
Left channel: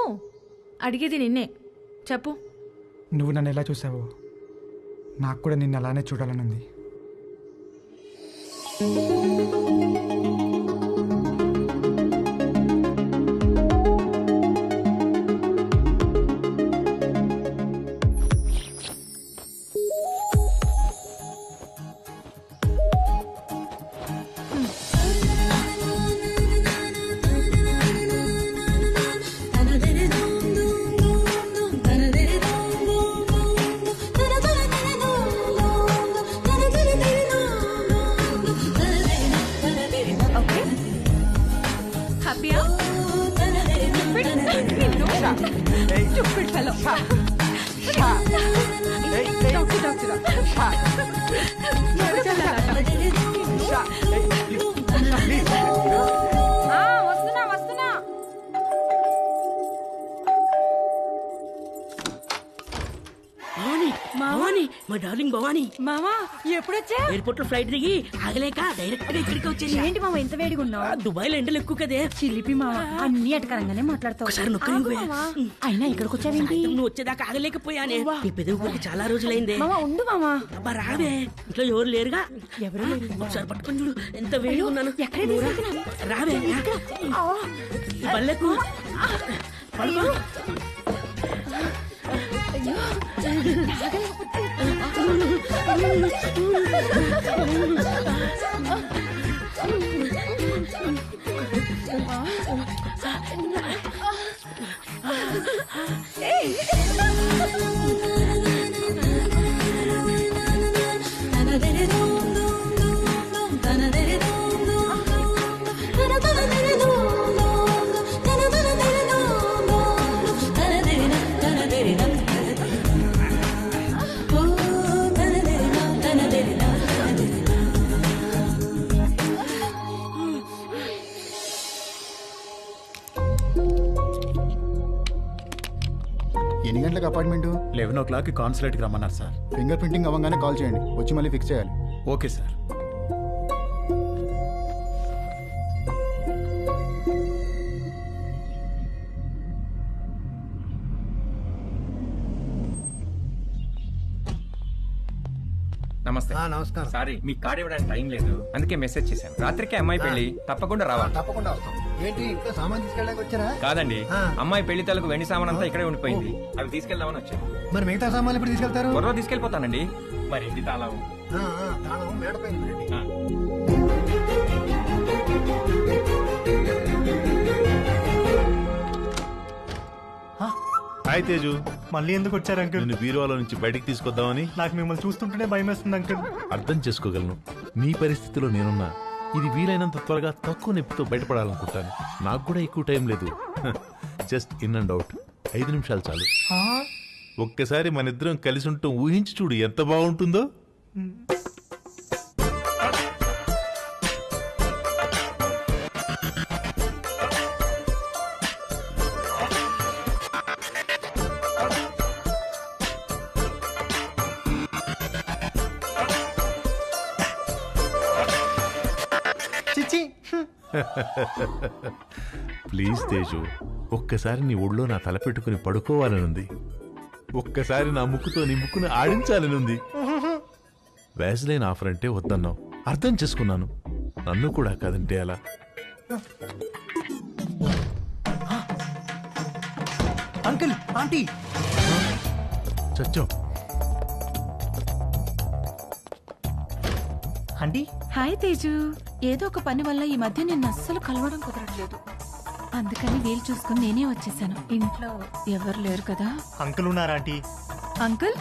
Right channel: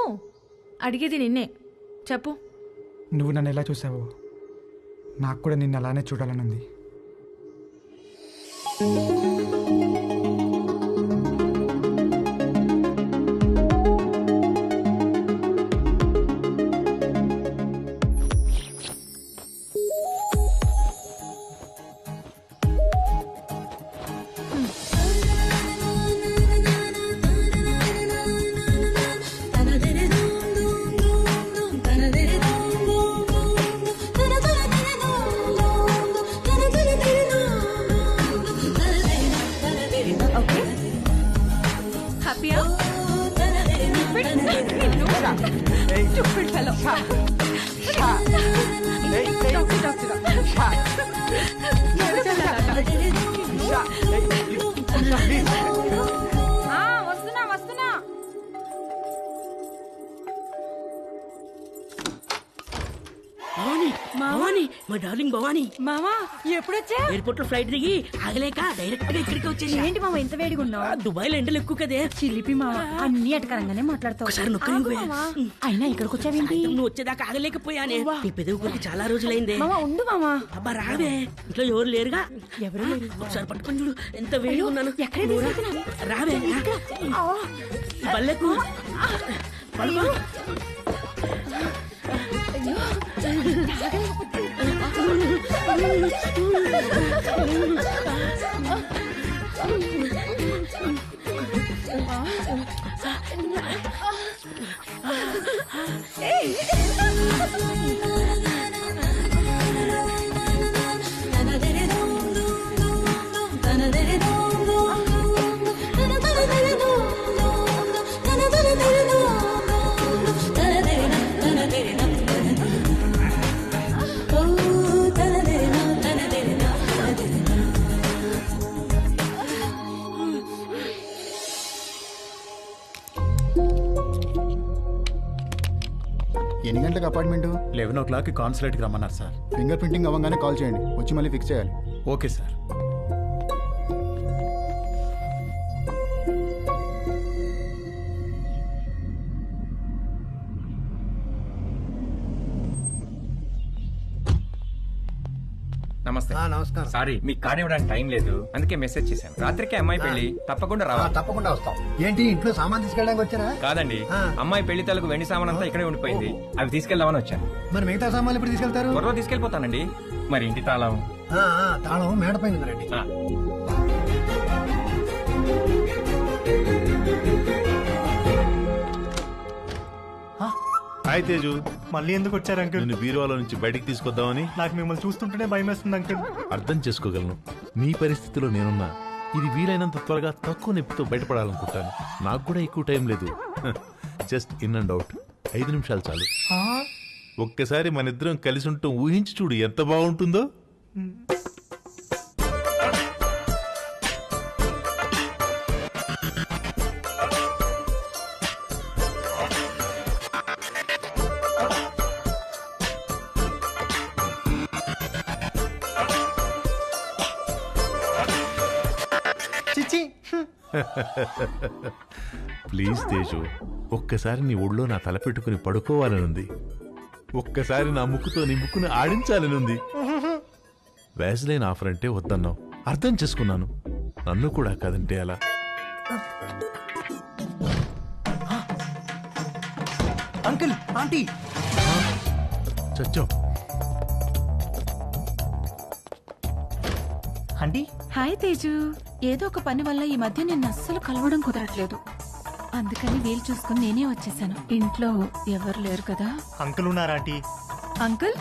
అడిగేది నిన్నే. చెప్పు. నువ్వు నన్ను ఎలా చూసావో నాకు కూడా నిన్ను అలానే చూడాలని ఉంది. ఓకే, హ్యాపీయా? Stupid. నిన్ను Stupid fellow. డాక్టర్ వస్తున్నా. భవానీ భవానీ మా డార్లింగ్ భవానీ మామా ఎప్పుడొచ్చా? ఎయిర్పోర్ట్ లో ఫ్లైట్ దిగి ఆగలేక డైరెక్ట్ గా ఇక్కడికి వచ్చేసి. ఏంటి మామ ఇంత వేడిగా ఉన్నావు? దుబాయ్ లో ఎండలు ఎక్కువ కదే. చిలిపి మామ అన్ని అటకరంగానే మాట్లాడతావు. ఒకసారి నొక్కని అయినా ఇక్కడికి వచ్చావేంటి? నువ్వు వచ్చేదాకా ఆగలేకపోయానే. నీ పెదవి కొరికి చాలా రోజులైందే. మామ ఉండు మామ. అబ్బా రావే, ఇంట్లో ఎవరు లేరుగా. ఎవరు లేరు. ఒకసారి పట్టుకొని చూడు ఎంత వేడిగా ఉన్నాను. ఎక్కడ తీసుకెళ్తున్నా? రావే ఈ బల్లెకు అయ్యో అయ్యో తాగలేకపోతే ఎన్ని గంటలకు అపార్ట్మెంట్? 11 కాన్సులేట్కి రమ్మన్నారు సార్. ఫింగర్ ప్రింటింగ్ అవ్వగానే కాల్ చేయండి, వచ్చి మళ్ళీ ఫిక్స్ చేయాలి. Okay sir. నమస్తే. నమస్కారం. సారీ మీకు కార్డు ఇవ్వడానికి టైం లేదు, అందుకే మెసేజ్ చేశాను. రాత్రికి అమ్మాయి పెళ్లి, తప్పకుండా రావాలి. తప్పకుండా వస్తాం. ఏంటి ఇంట్లో సామాన్ తీసుకెళ్ళడానికి వచ్చారా? కాదండి, అమ్మాయి పెళ్లి తలకు వెండి సామాన్ అంతా ఇక్కడే ఉండిపోయింది, అవి తీసుకెళ్దామని వచ్చాను. మరి మిగతా సామాన్లు ఎప్పుడు తీసుకెళ్తారు? త్వరలో తీసుకెళ్లిపోతానండి. మరి ఇంటి తాళం? తాళం మేడపై ఉందండి. హాయ్ తేజు, మళ్ళీ ఎందుకు వచ్చారు అంకుల్? నిన్ను బీరువాలో నుంచి బయటికి తీసుకొద్దామని. నాకు మిమ్మల్ని చూస్తుంటేనే భయం వేస్తుంది అంకుల్. అర్థం చేసుకోగలను, నీ పరిస్థితిలో నేనున్నా. ఇది వీలైనంత త్వరగా తక్కువ నొప్పితో బయటపడాలనుకుంటాను. నాకు కూడా ఎక్కువ టైం లేదు. జస్ట్ ఇన్ అండ్ అవుట్ 5 నిమిషాలు చాలు. ఒక్కసారి మన ఇద్దరం కలిసి ఉంటాం ఊహించి చూడు ఎంత బాగుంటుందో. చిచి ప్లీజ్ తేజు, ఒక్కసారి నీ ఒళ్ళో నా తల పెట్టుకుని పడుకోవాలనుంది. ఒక్కసారి నా ముక్కుతో నీ ముక్కును ఆడించాలనుంది. వ్యాజ్లైన్ ఆఫర్ అంటే వద్దన్నావు, అర్థం చేసుకున్నాను. నన్ను కూడా కదంటే అలా. అంకుల్, ఆంటీ చచ్చో. Aunty hi Teju. ఏదో ఒక పని వల్ల ఈ మధ్య నిన్ను అస్సలు కలవడం కుదరట్లేదు, అందుకని వీలు చూసుకుని నేనే వచ్చేసాను. ఇంట్లో ఎవరు లేరు కదా? అంకుల్ ఉన్నారా aunty? Uncle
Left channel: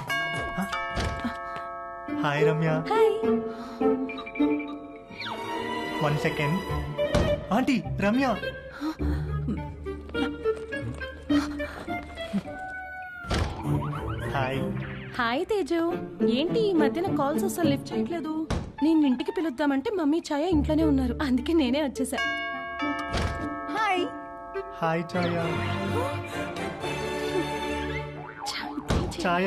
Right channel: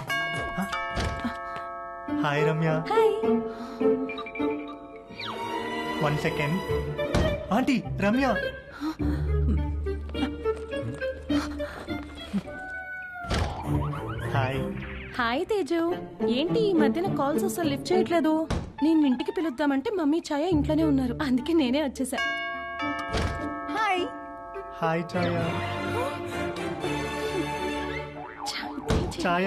hi Ramya. Hi. 1 second. Aunty Ramya. Hi. Hi Teju, ఏంటి ఈ మధ్యన కాల్స్ అసలు లిఫ్ట్ చేయట్లేదు? నేను ఇంటికి పిలుద్దామంటే మమ్మీ ఛాయ ఇంట్లోనే ఉన్నారు, అందుకే నేనే వచ్చేసా. Hi. Hi Chhaya. Chhaya.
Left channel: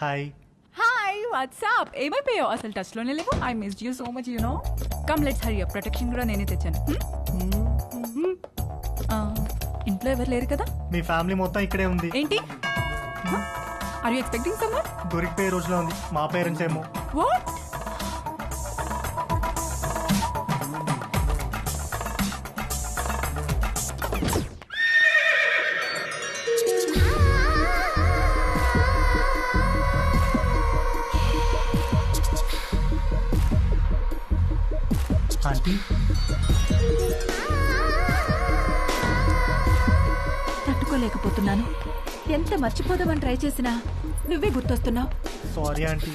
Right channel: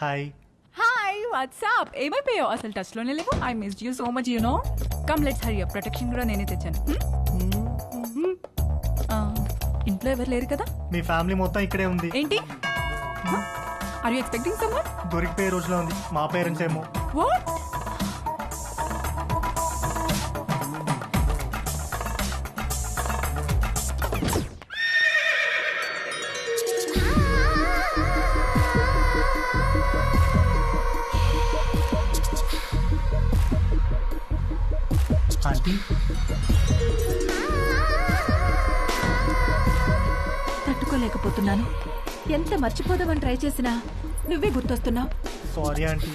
Hi. Hi what's up, ఏమైపోయావు? అసలు టచ్ లోనే లేవు. I missed you so much, you know. Come let's hurry up. Protection కూడా నేనే తెచ్చాను. ఇంట్లో ఎవరు లేరు కదా? మీ ఫ్యామిలీ మొత్తం ఇక్కడే ఉంది. ఏంటి? Are you expecting someone? దొరికిపోయే రోజులో ఉంది. మా పేరెంట్స్ ఏమో. వాట్? ఆంటీ తట్టుకోలేకపోతున్నాను. ఎంత మర్చిపోదామని ట్రై చేసినా నువ్వే గుర్తొస్తున్నావు. Sorry aunty.